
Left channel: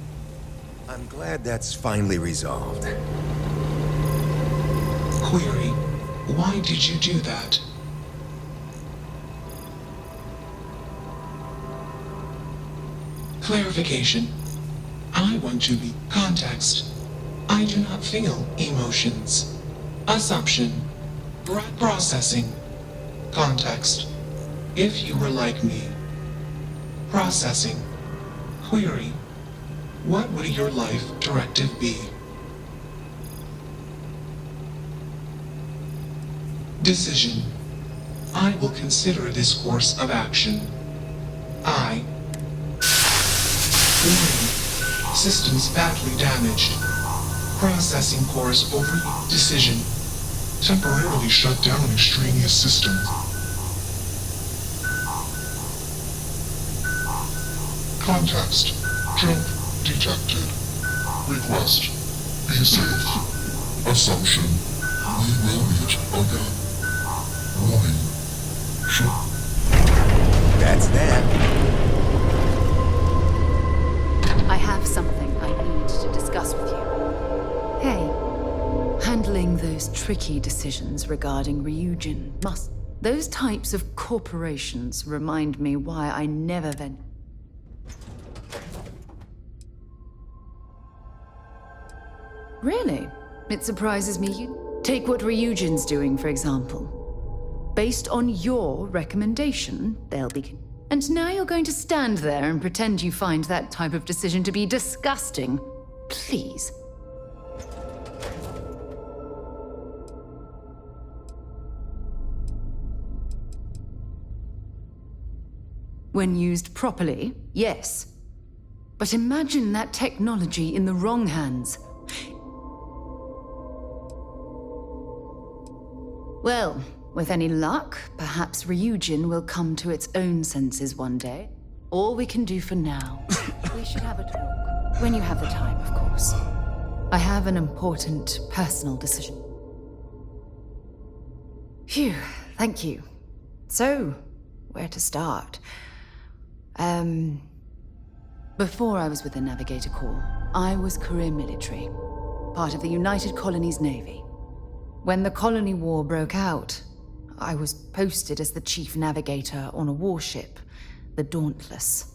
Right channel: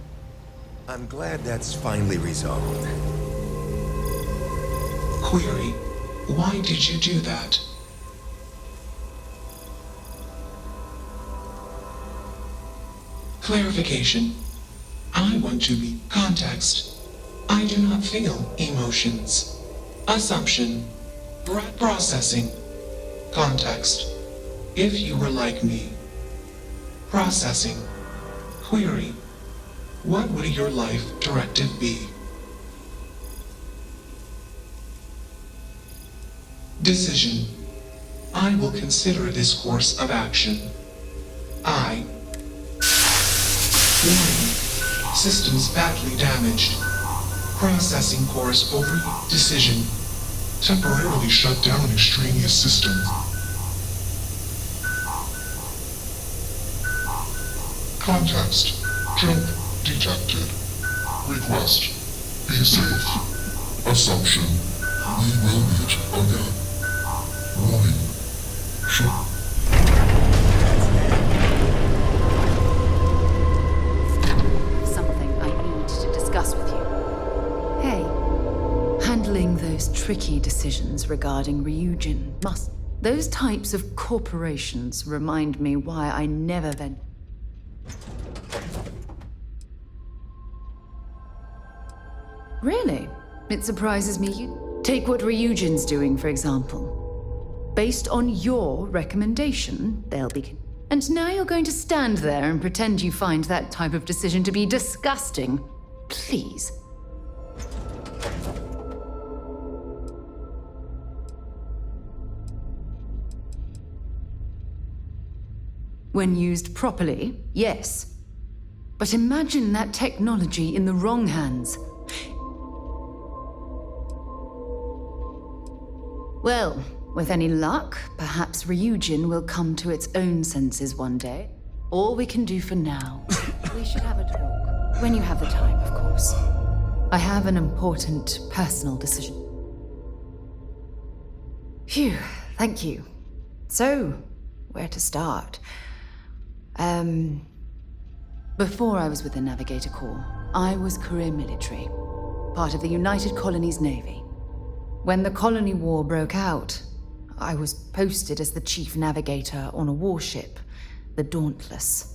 I'm glad that's finally resolved. Query, why did you do that? Clarification. I want to be context. I do not feel emotions. Assumption. Processing. Context. If you were like me. Processing. Query. What would your life directive be? Decision. I will consider this course of action. I. Warning. Systems badly damaged. Processing course over. Decision. Temporarily shut down extraneous systems. Context. Jump detected. Request. Be safe. Assumption. We will meet again. Warning. That's that. I have something I need to discuss with you. Hey, handling those tricky decisions regarding Ryujin must... Those types of corporations remind me why I never Really? It surprises me you... Take what Ryujin's doing, for example. Based on your recommendation, they'll be... And now you're going to stand there and pretend you find that type of decision to be disgusting. Please. When used properly, yes. But imagine that technology in the wrong hands. Well, with any luck, perhaps Ryujin will come to its own senses one day. All we can do for now. We should have a talk. When you have the time, of course. I have an important personal decision. Phew, thank you. So, where to start? Before I was with the Navigator Corps, I was career military, part of the United Colonies Navy. When the Colony War broke out, I was posted as the chief navigator on a warship, the Dauntless.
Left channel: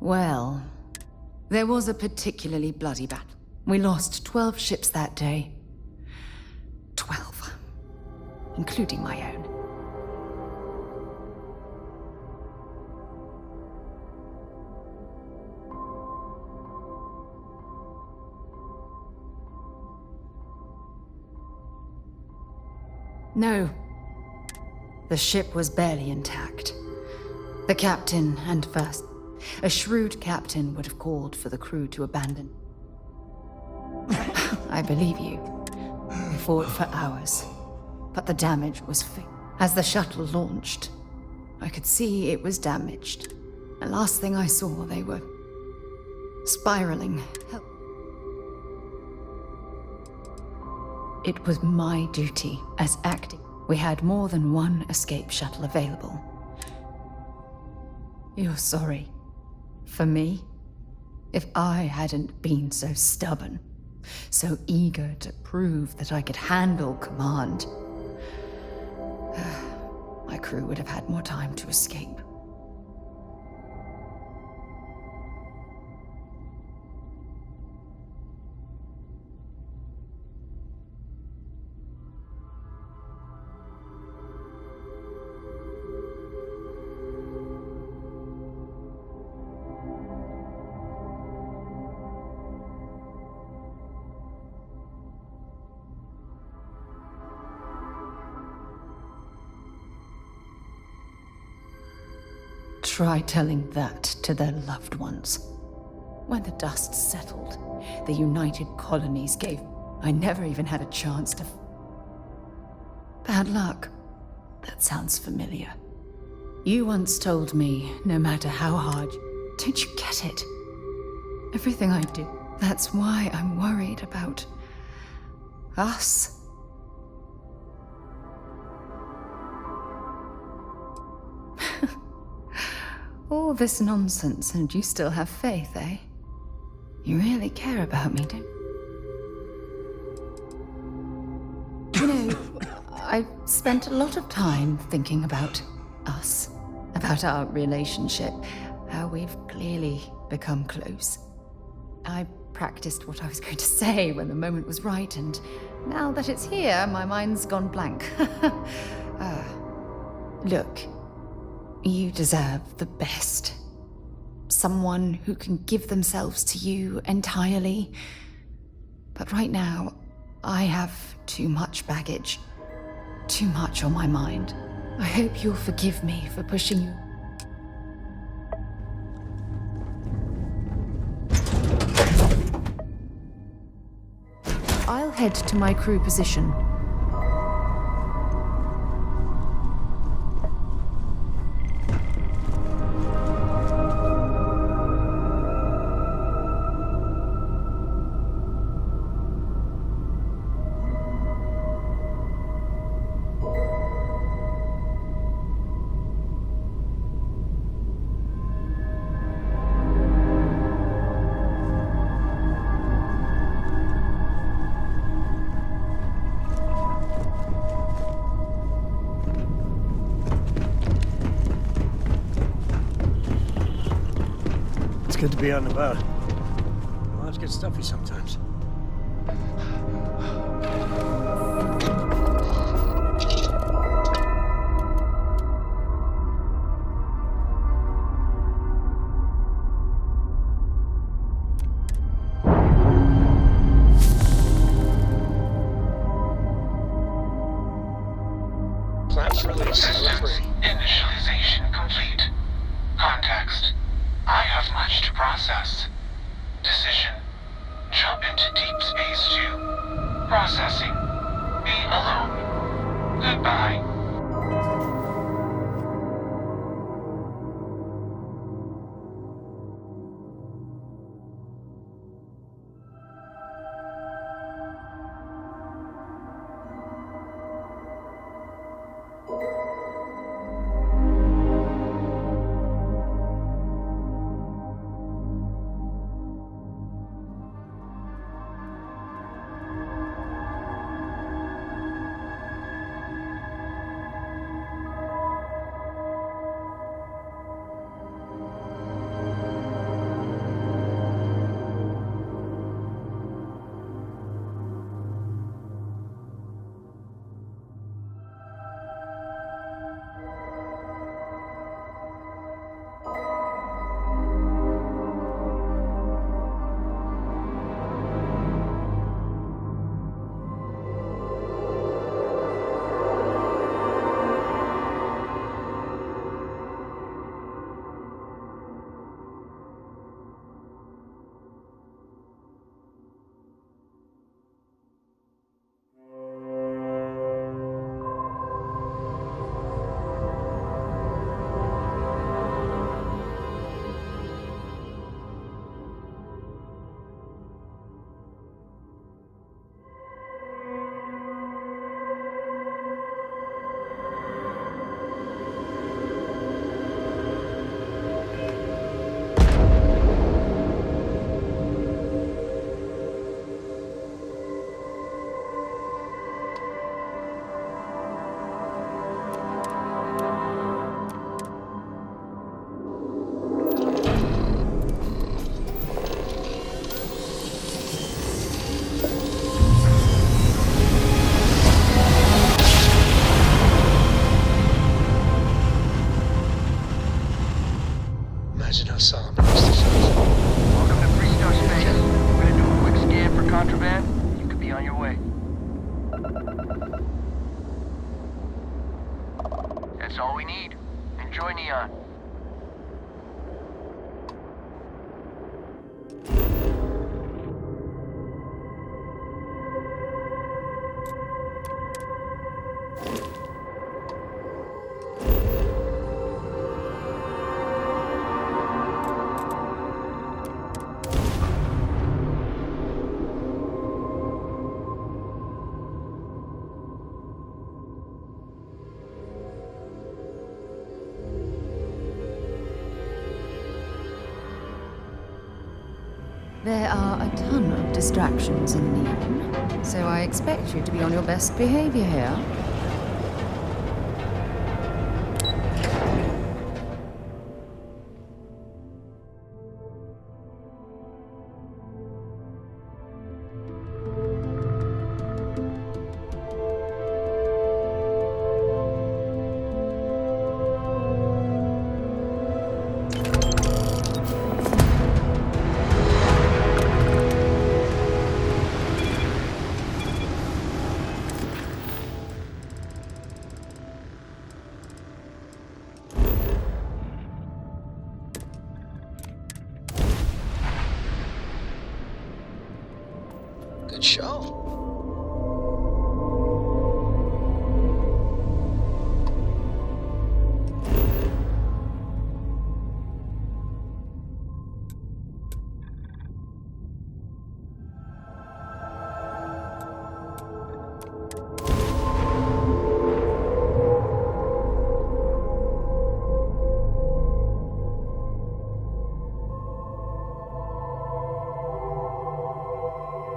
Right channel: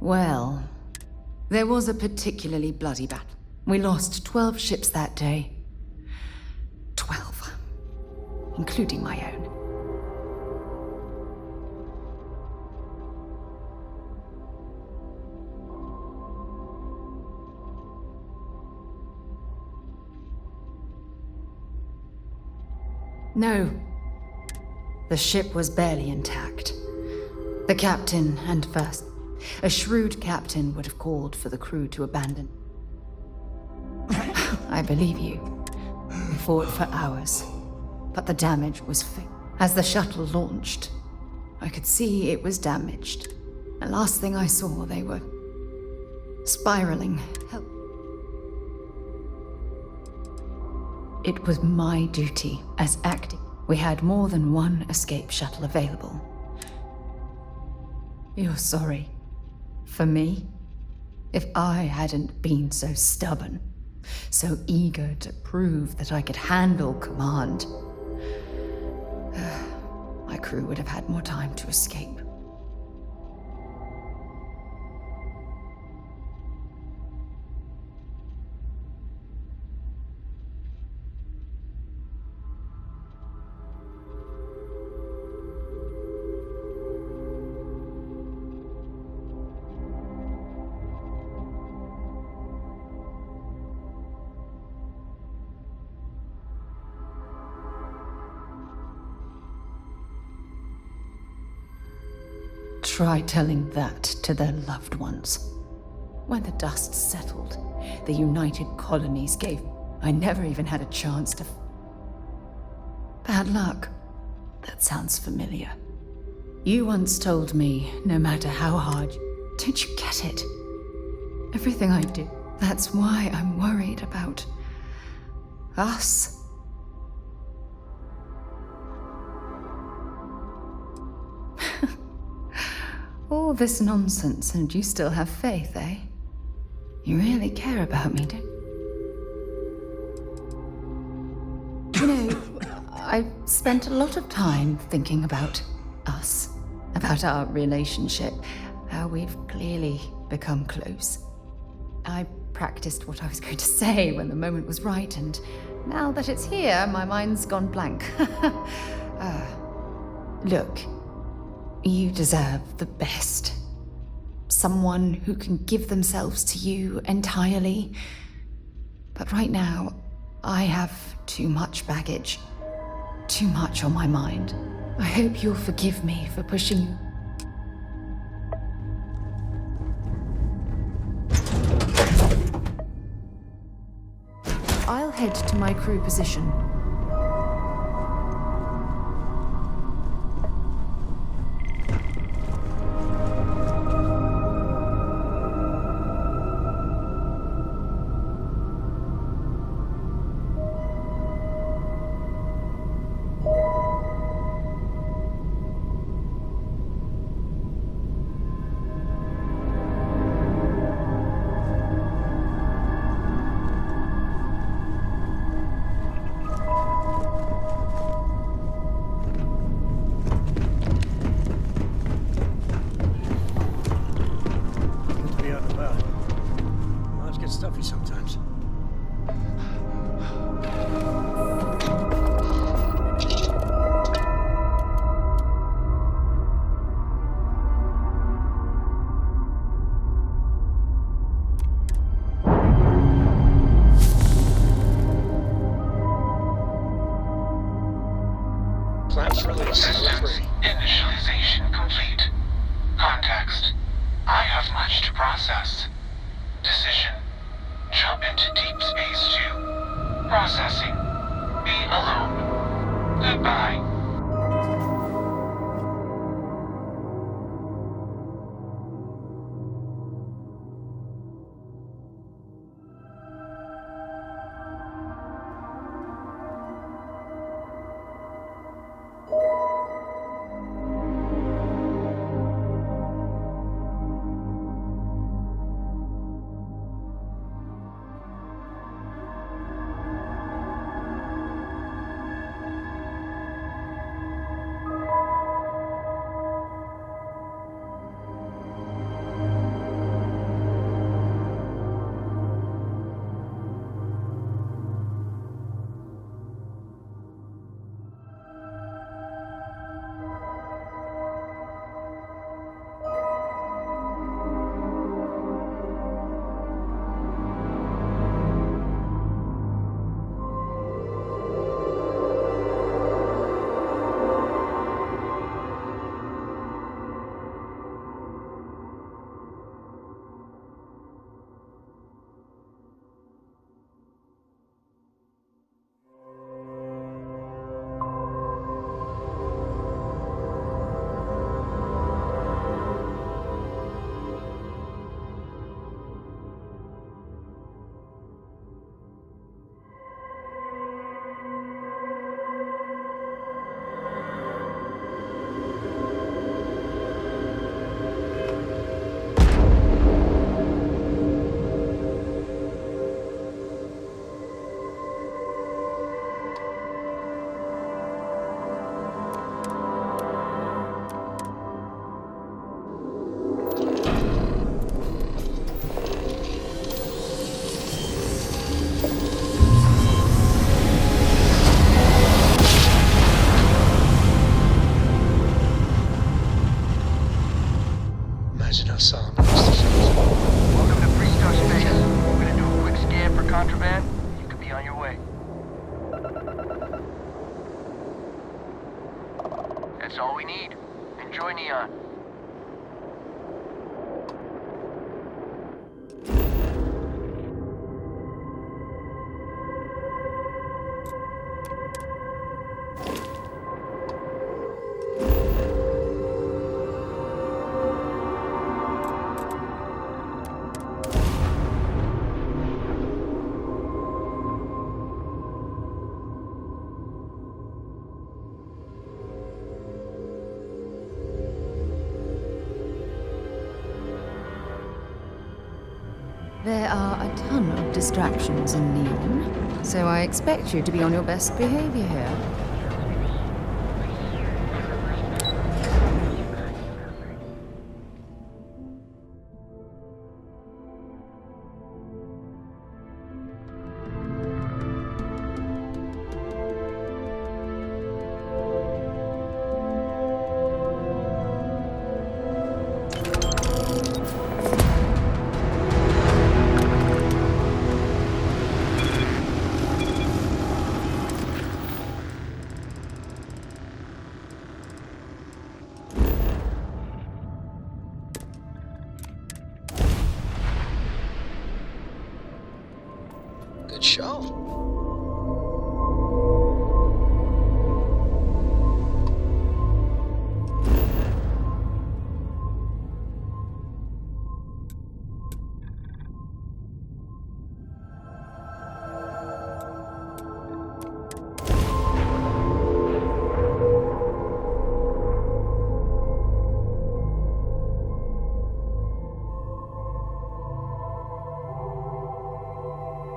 Well, there was a particularly bloody battle. We lost 12 ships that day. 12. Including my own. No. The ship was barely intact. The captain and first. A shrewd captain would have called for the crew to abandon. I believe you. We fought for hours, but the damage was fatal. As the shuttle launched, I could see it was damaged. The last thing I saw, they were spiraling. It was my duty as acting. We had more than one escape shuttle available. You're sorry. For me? If I hadn't been so stubborn, so eager to prove that I could handle command, my crew would have had more time to escape. Try telling that to their loved ones. When the dust settled, the United Colonies gave... I never even had a chance to... Bad luck. That sounds familiar. You once told me, no matter how hard... Don't you get it? Everything I do. That's why I'm worried about... us. All this nonsense and you still have faith, eh? You really care about me, don't you? You know, I've spent a lot of time thinking about us, about our relationship, how we've clearly become close. I practiced what I was going to say when the moment was right, and now that it's here, my mind's gone blank. Look. You deserve the best. Someone who can give themselves to you entirely. But right now, I have too much baggage. Too much on my mind. I hope you'll forgive me for pushing you. I'll head to my crew position. Good to be out and about. Lodge gets stuffy sometimes. Class release. Initialization complete. Context. I have much to process. Decision. Jump into deep space to... Processing. Be alone. Goodbye. contraband, you could be on your way. That's all we need. Enjoy Neon. There are a ton of distractions in Neon, so I expect you to be on your best behavior here. Good show.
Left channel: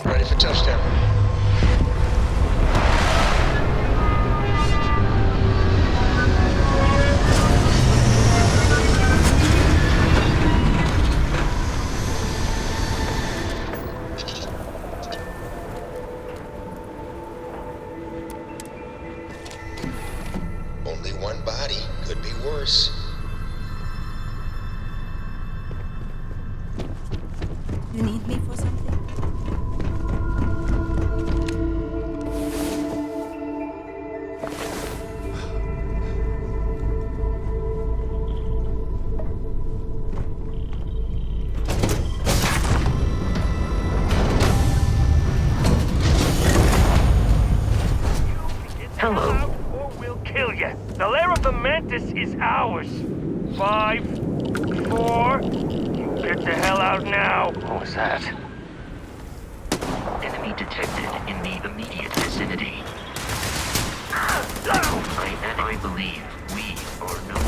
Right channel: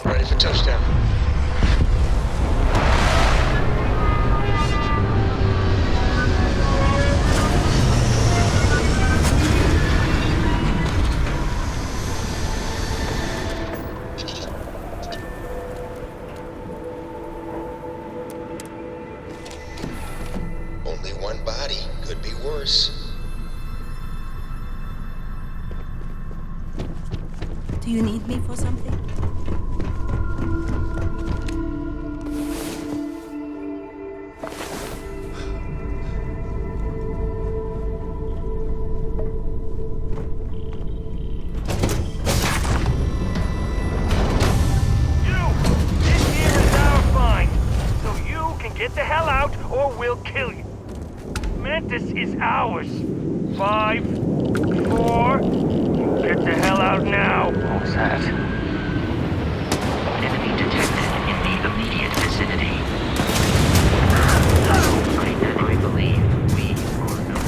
Ready for touchdown. Only one body. Could be worse. Do you need me for something? Get the hell out, or we'll kill you. The lair of the Mantis is ours. 5, 4. Get the hell out now. What was that? Enemy detected in the immediate vicinity. I believe we are no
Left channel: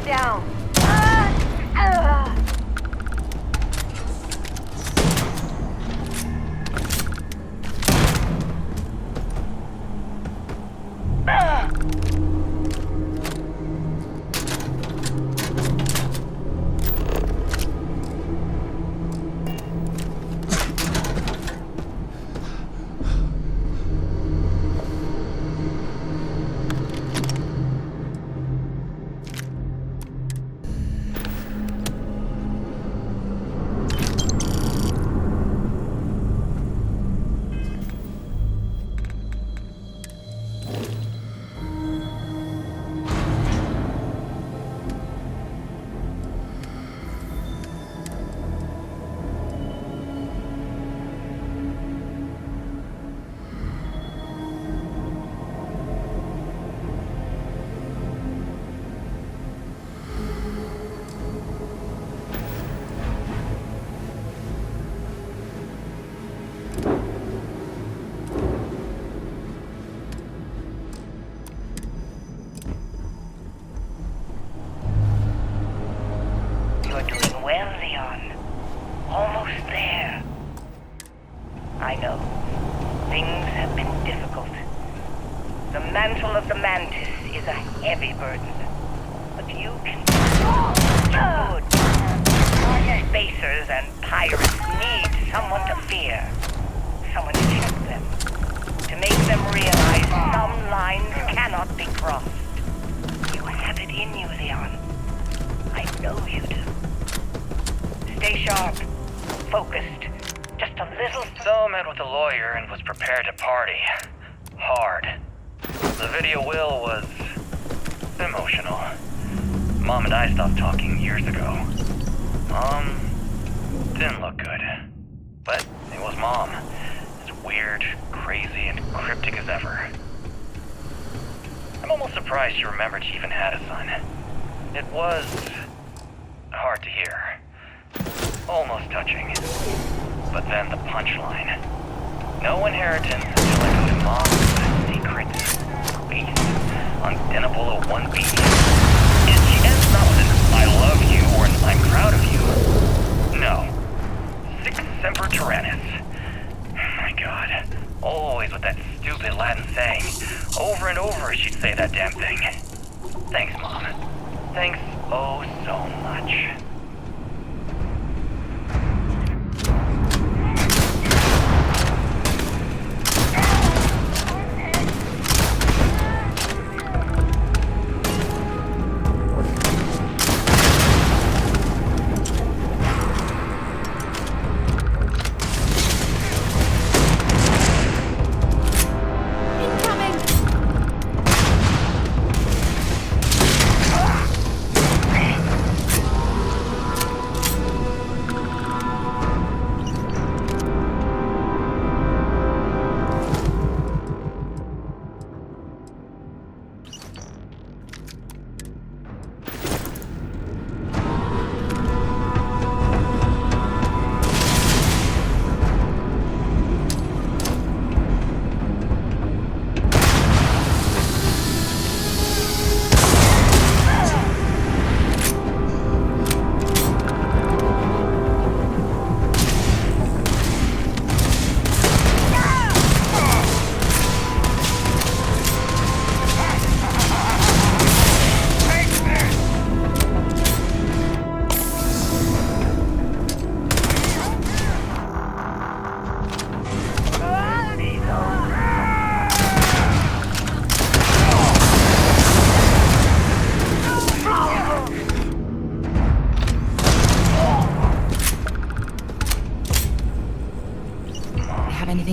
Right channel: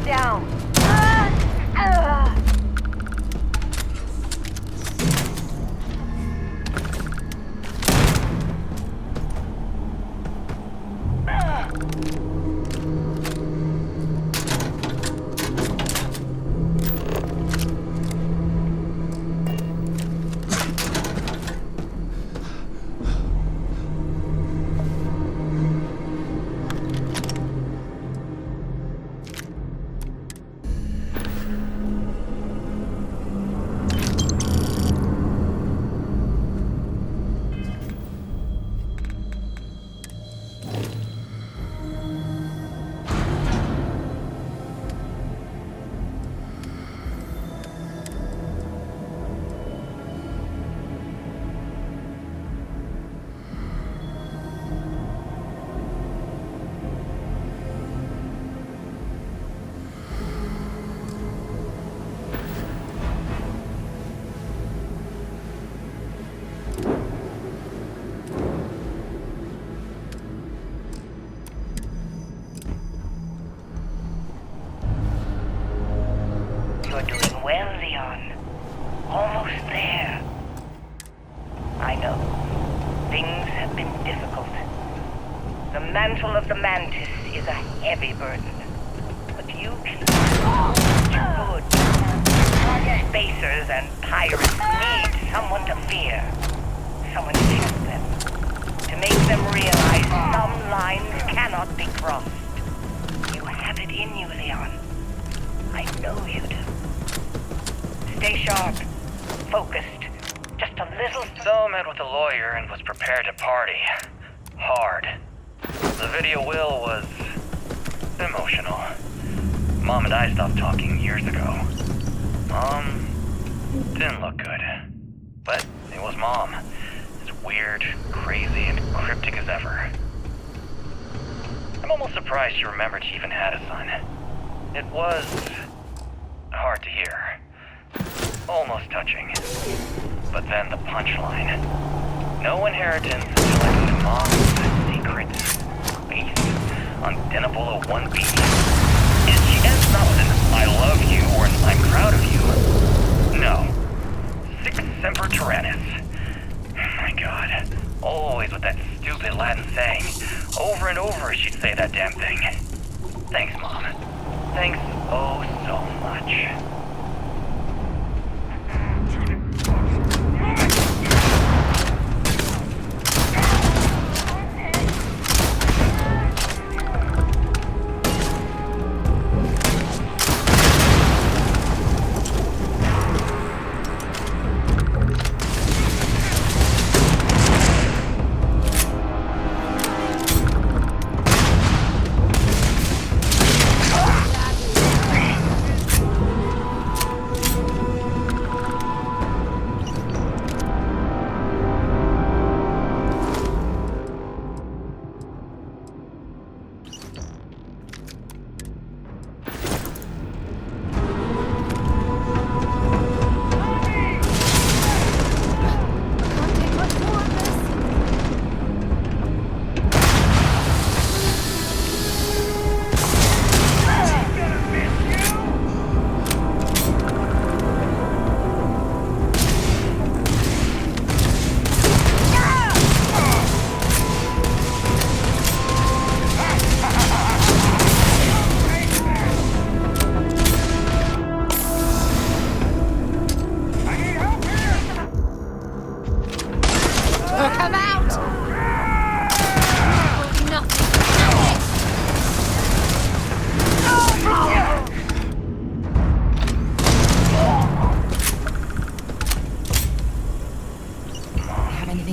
shut down. You're doing well, Leon. Almost there. I know. Things have been difficult. The mantle of the Mantis is a heavy burden. But you can do good. Spacers and pirates need someone to fear. Someone to check them. To make them realize some lines cannot be crossed. You have it in you, Leon. I know you do. Stay sharp. Focused. Just a little... So I met with a lawyer and was prepared to party. Hard. The video will was... emotional. Mom and I stopped talking years ago. Mom... didn't look good. But it was Mom. As weird, crazy, and cryptic as ever. I'm almost surprised she remembered she even had a son. It was... hard to hear. Almost touching. But then the punchline. No inheritance until I go to Mom's secret place on Denebola 1B. And she ends not with an I love you or an I'm proud of you. No. Sic semper tyrannis. My God. Always with that stupid Latin saying. Over and over she'd say that damn thing. Thanks, Mom. Thanks oh so much.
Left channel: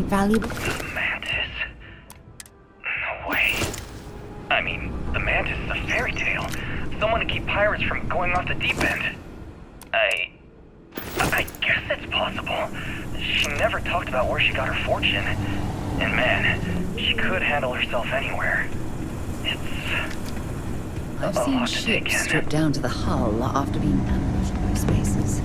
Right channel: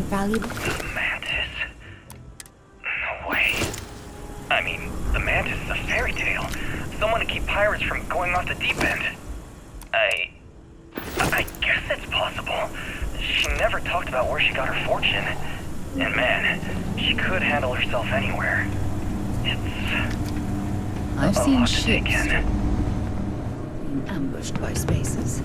Valuable? The Mantis? No way. I mean, the Mantis is a fairy tale. Someone to keep pirates from going off the deep end. I guess it's possible. She never talked about where she got her fortune. And man, she could handle herself anywhere. It's... I've seen ships stripped down to the hull after being ambushed by spacers.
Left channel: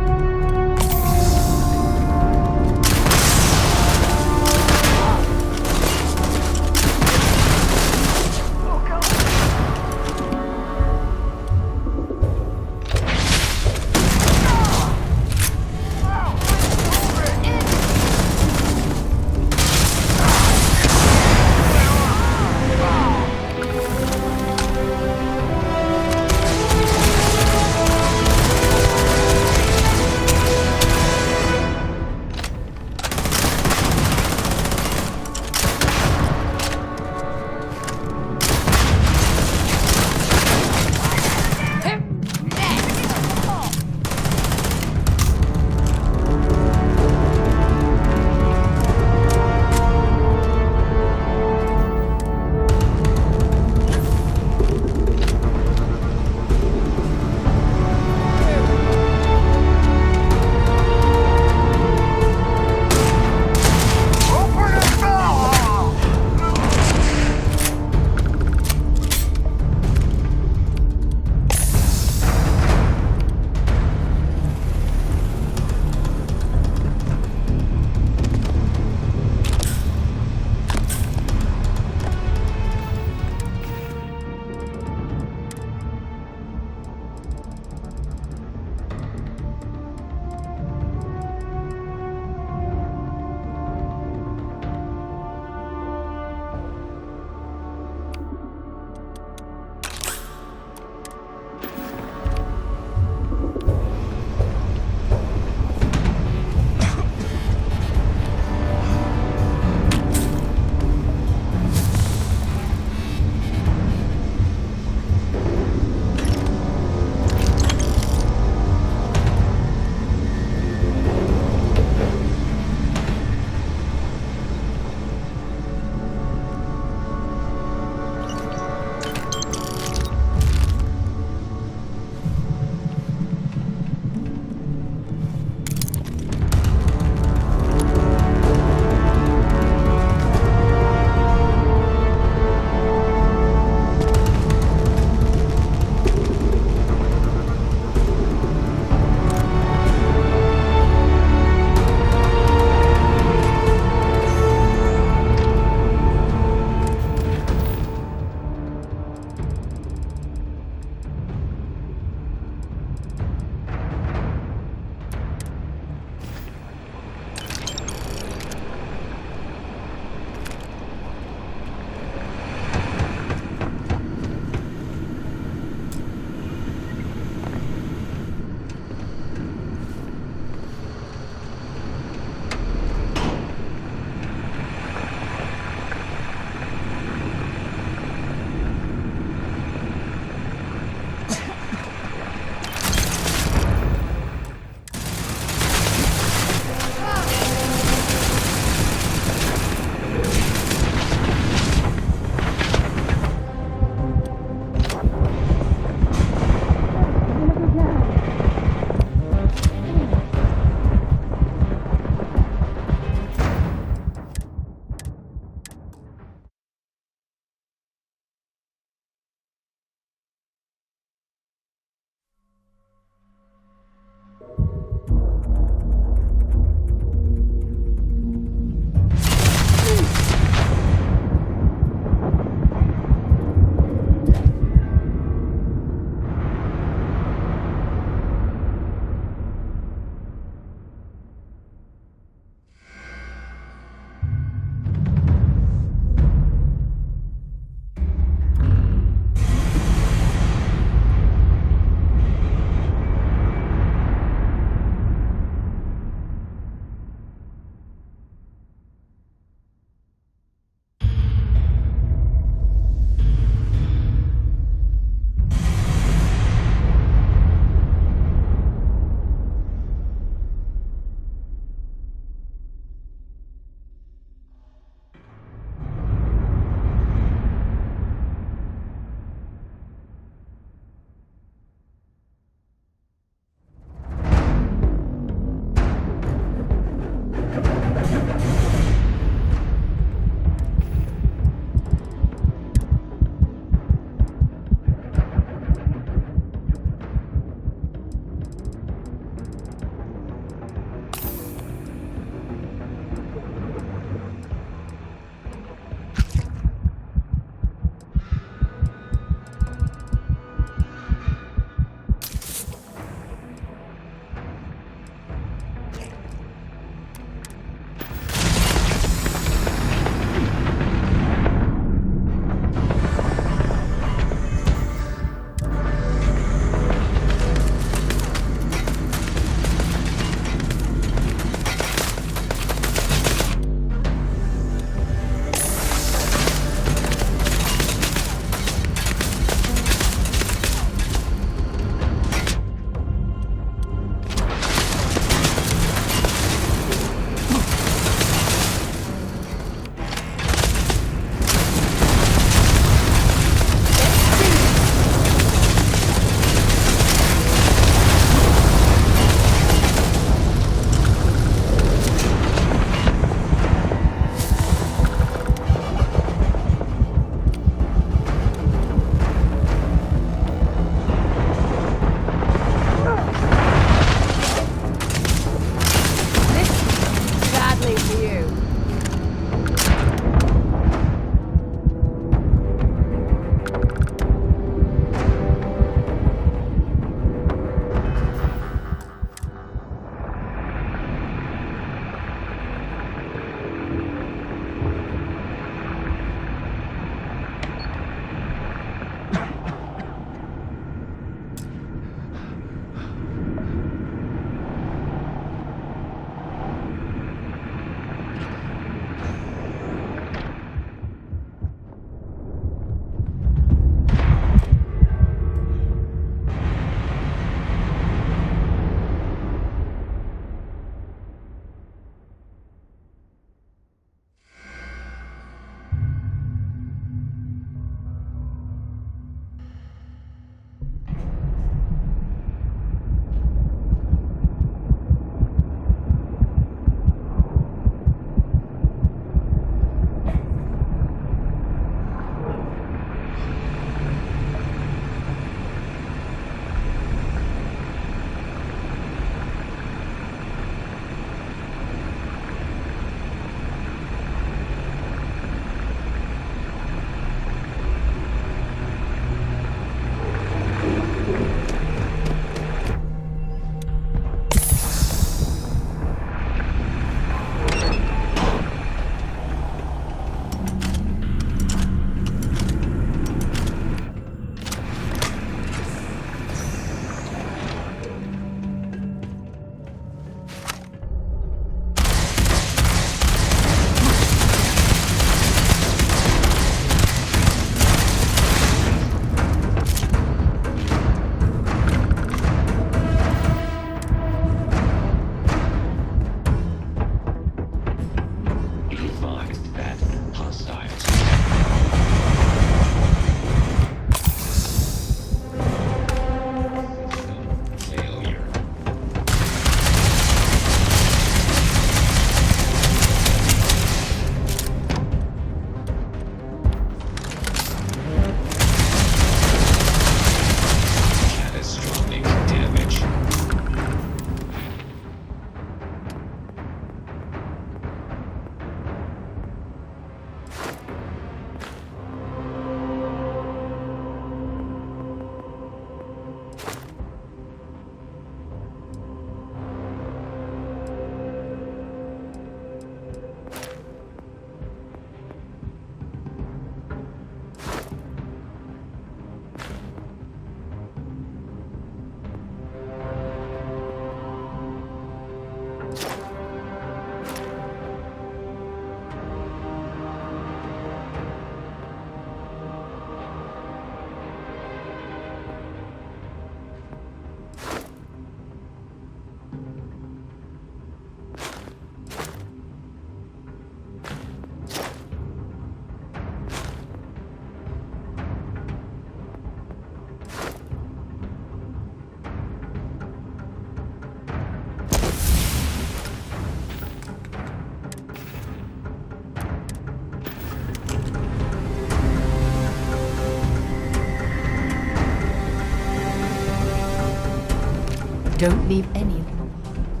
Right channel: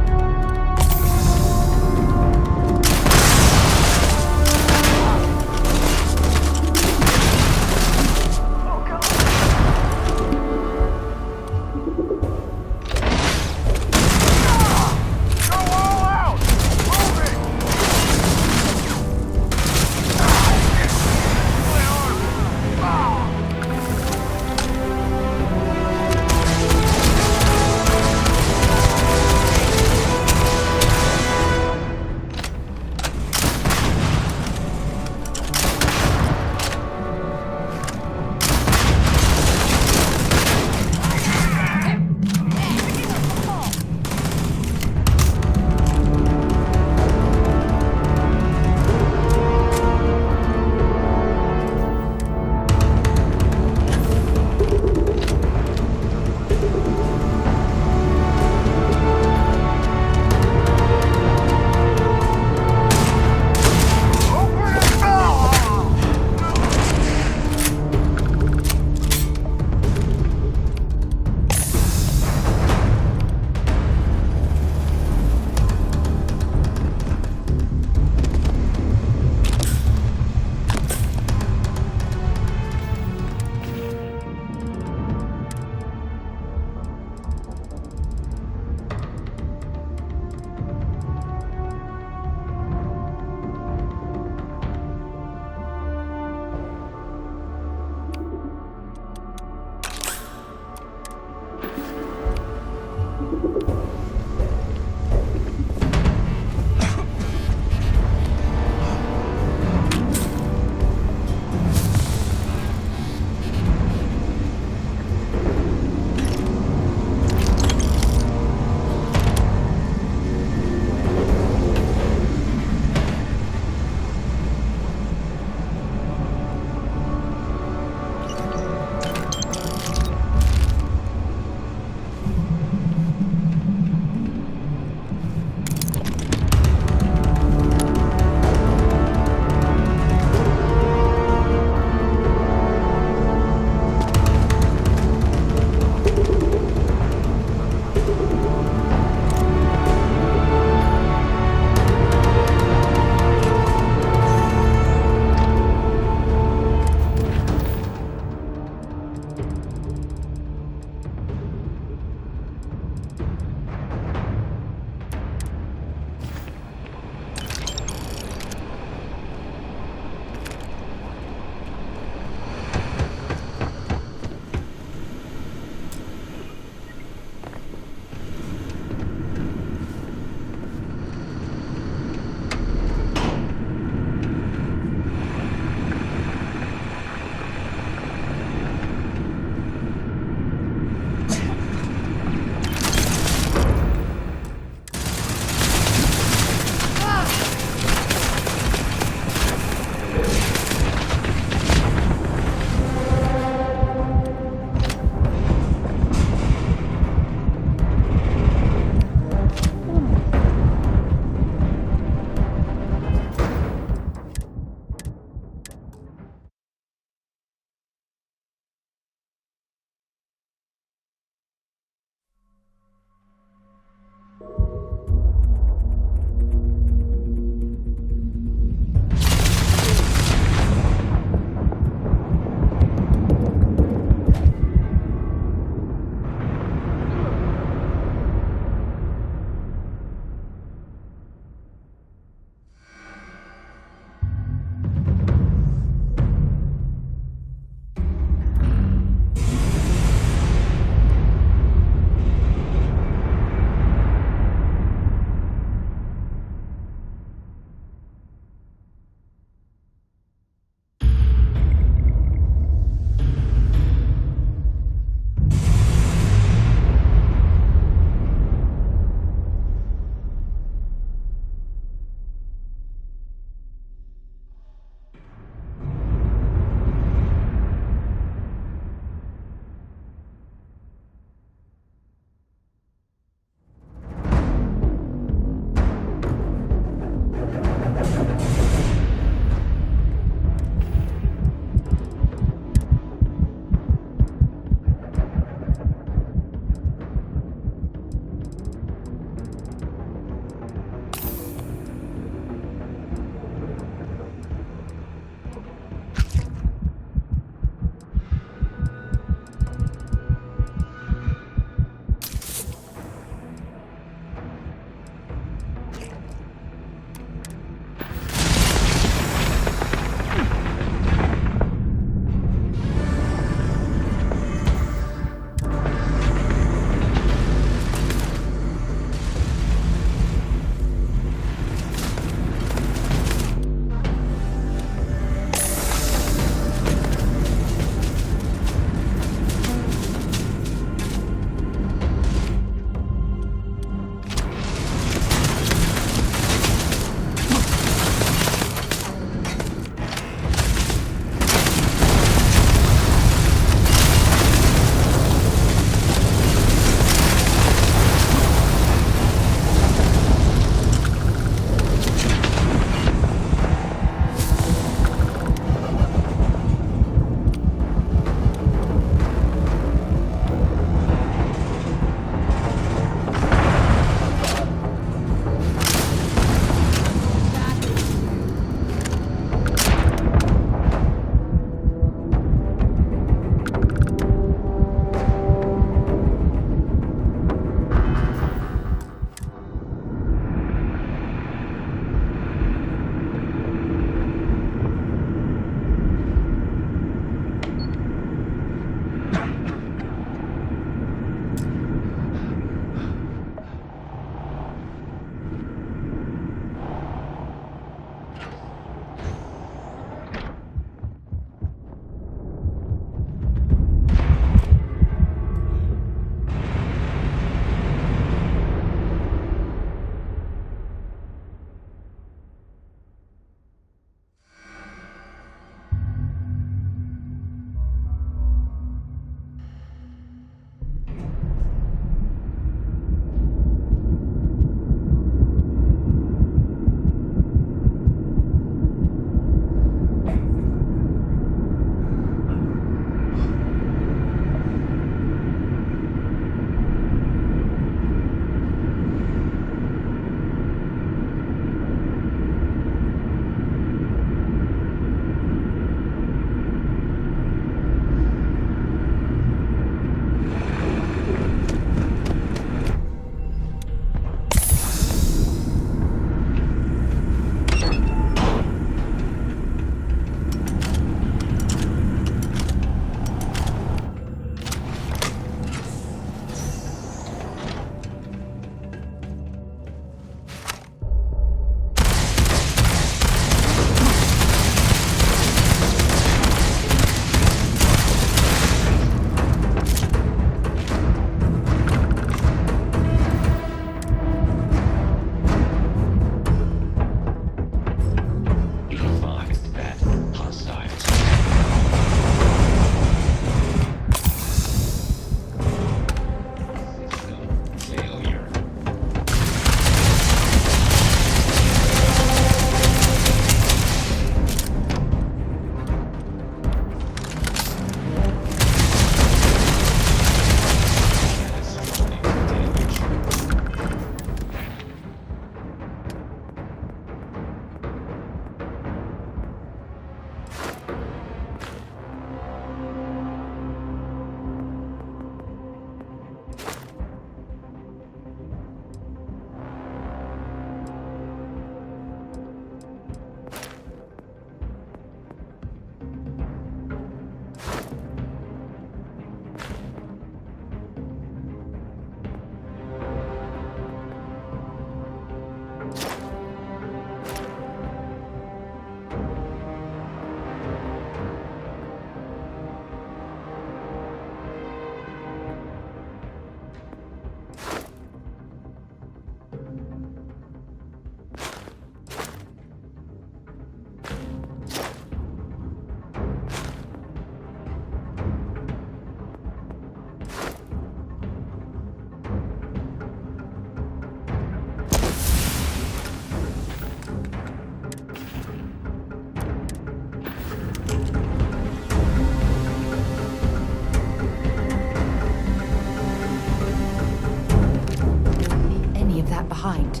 Don't leave any of that behind.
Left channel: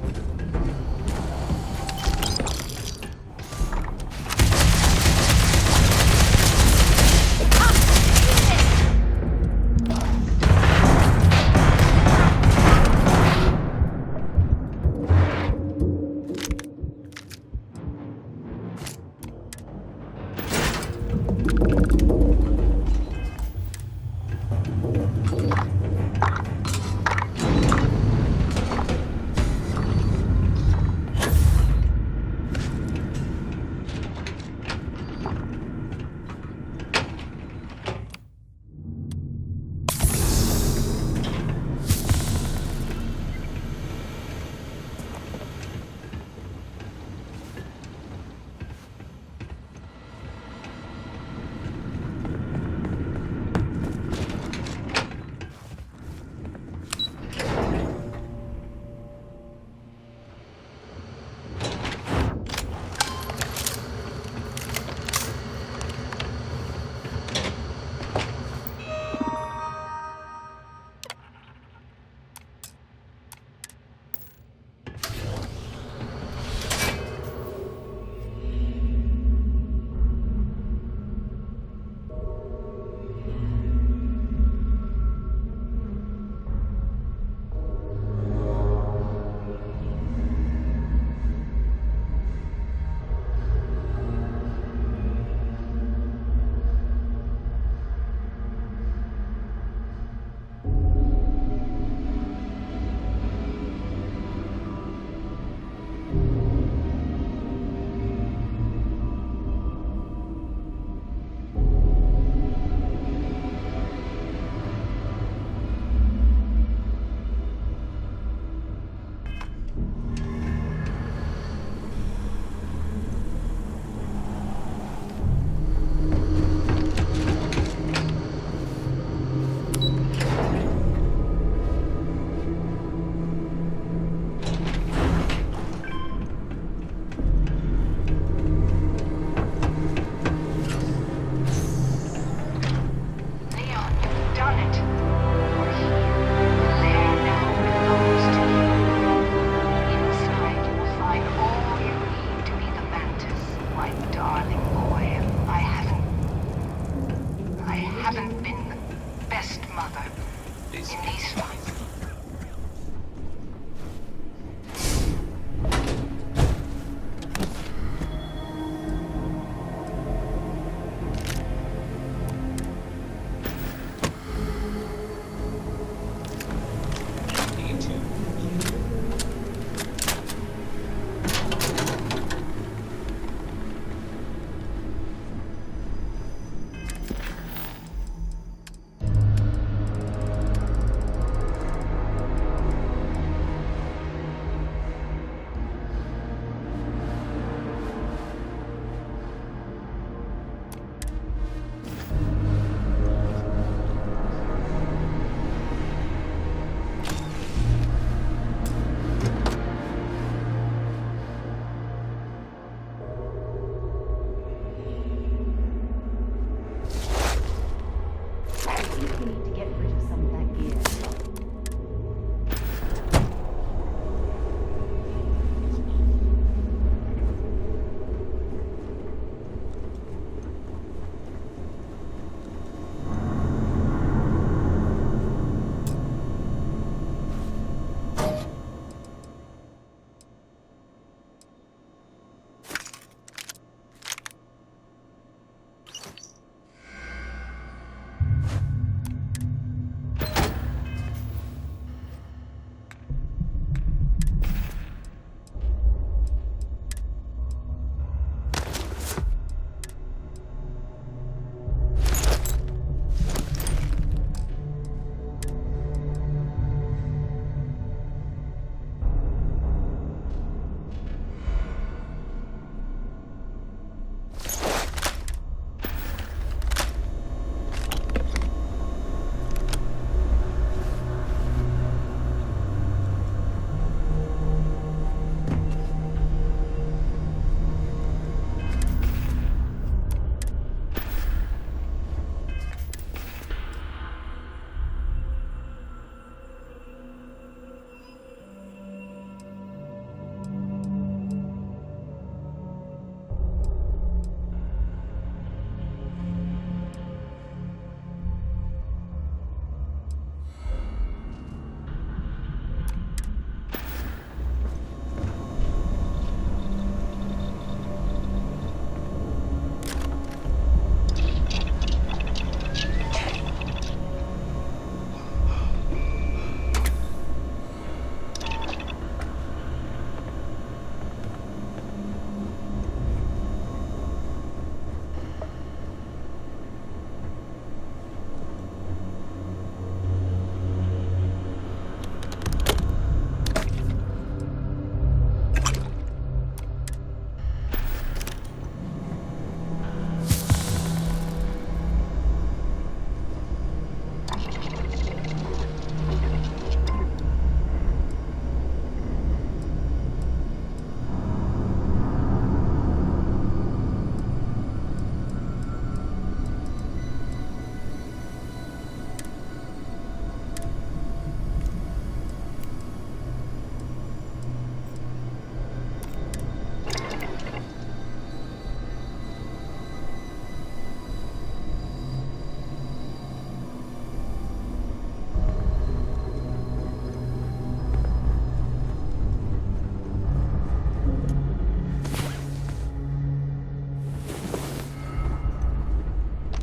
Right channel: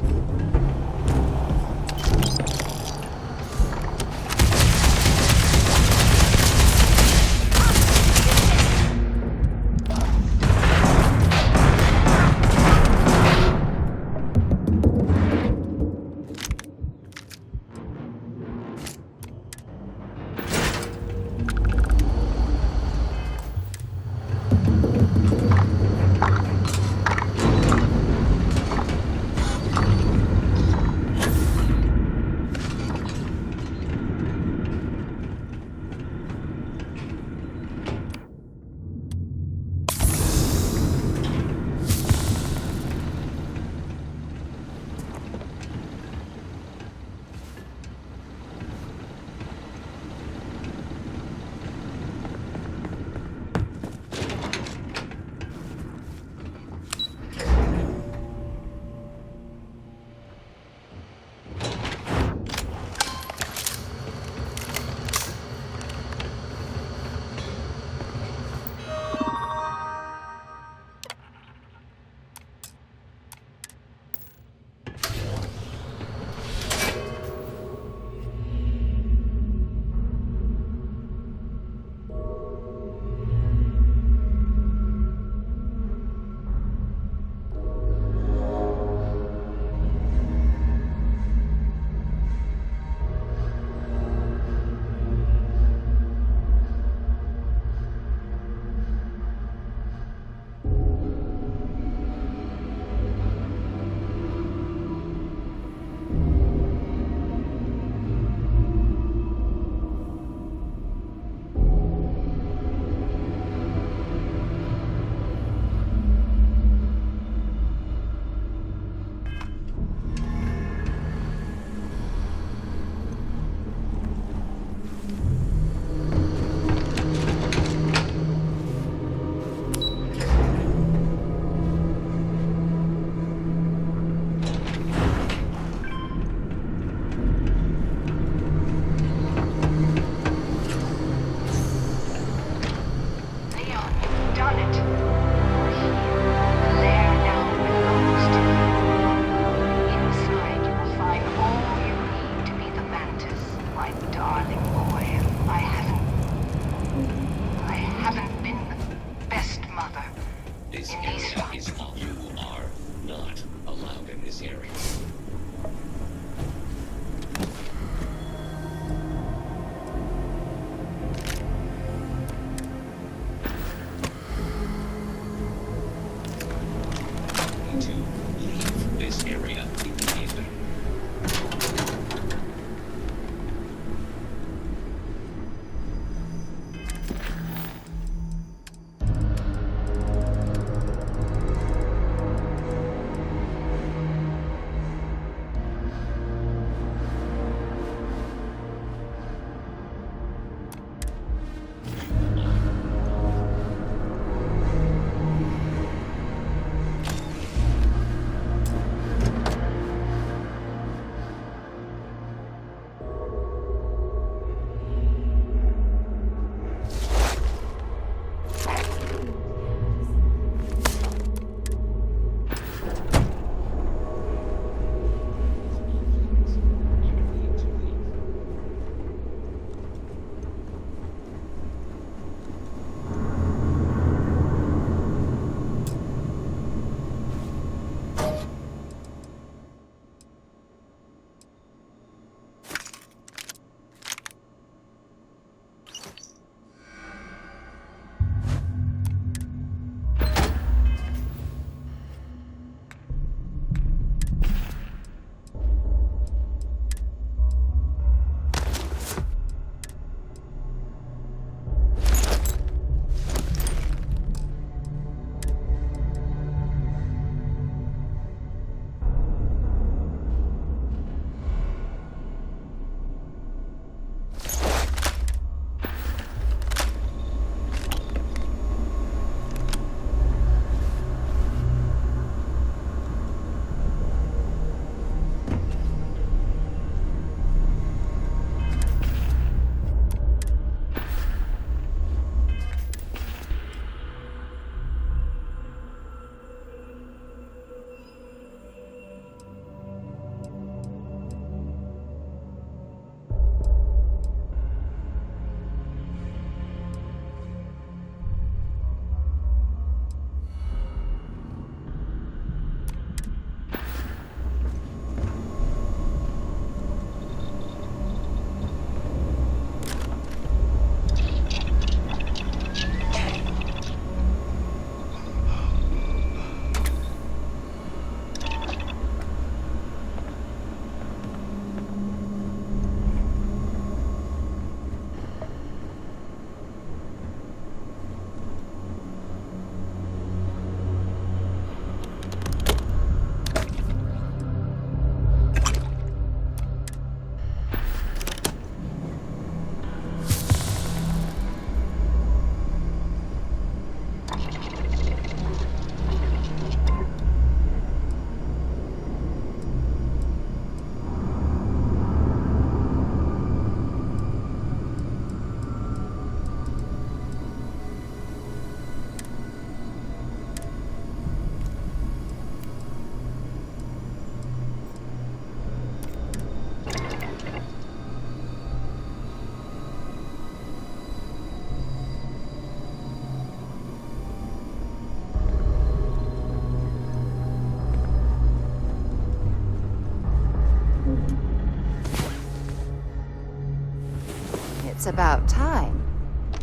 It's about time.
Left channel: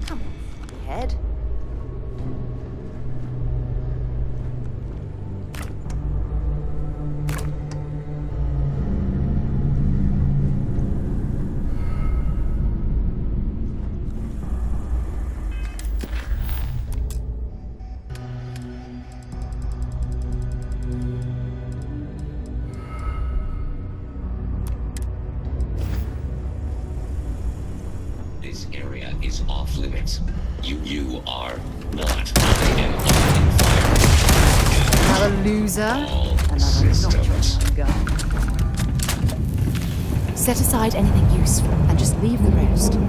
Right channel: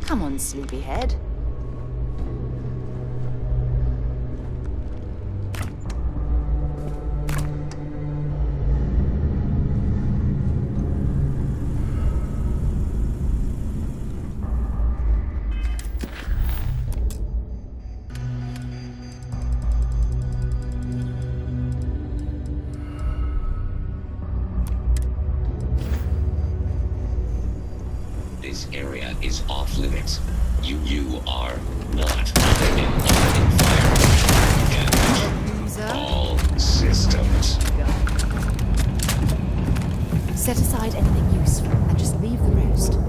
Come on, sleepyhead. This area is off limits. You are not. I am opening fire. You're a loser. All systems. Set aside anything useful and just leave the rest.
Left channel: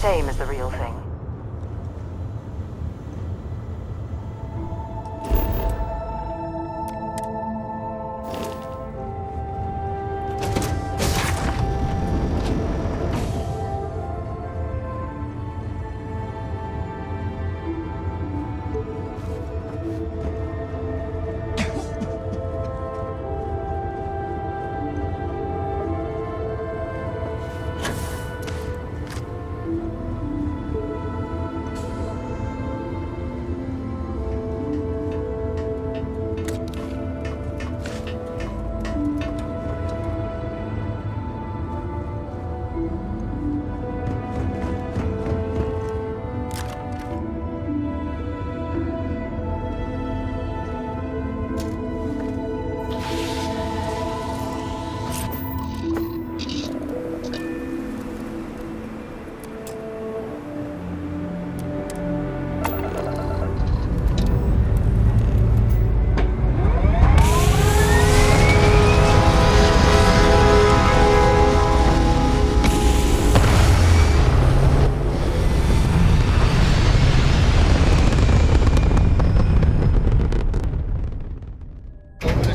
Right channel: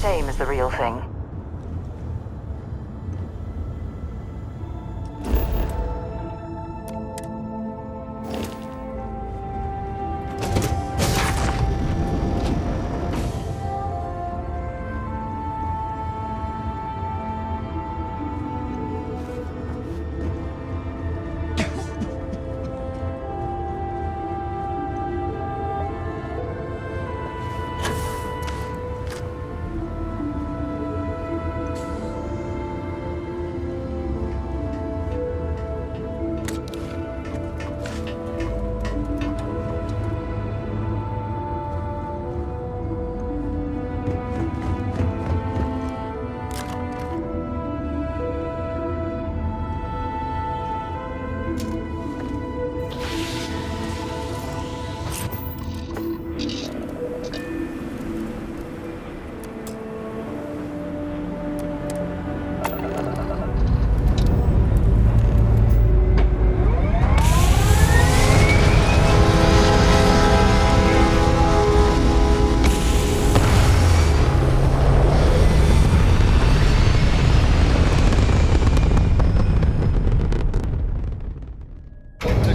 Same as the real thing.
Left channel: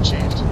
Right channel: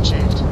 achieved.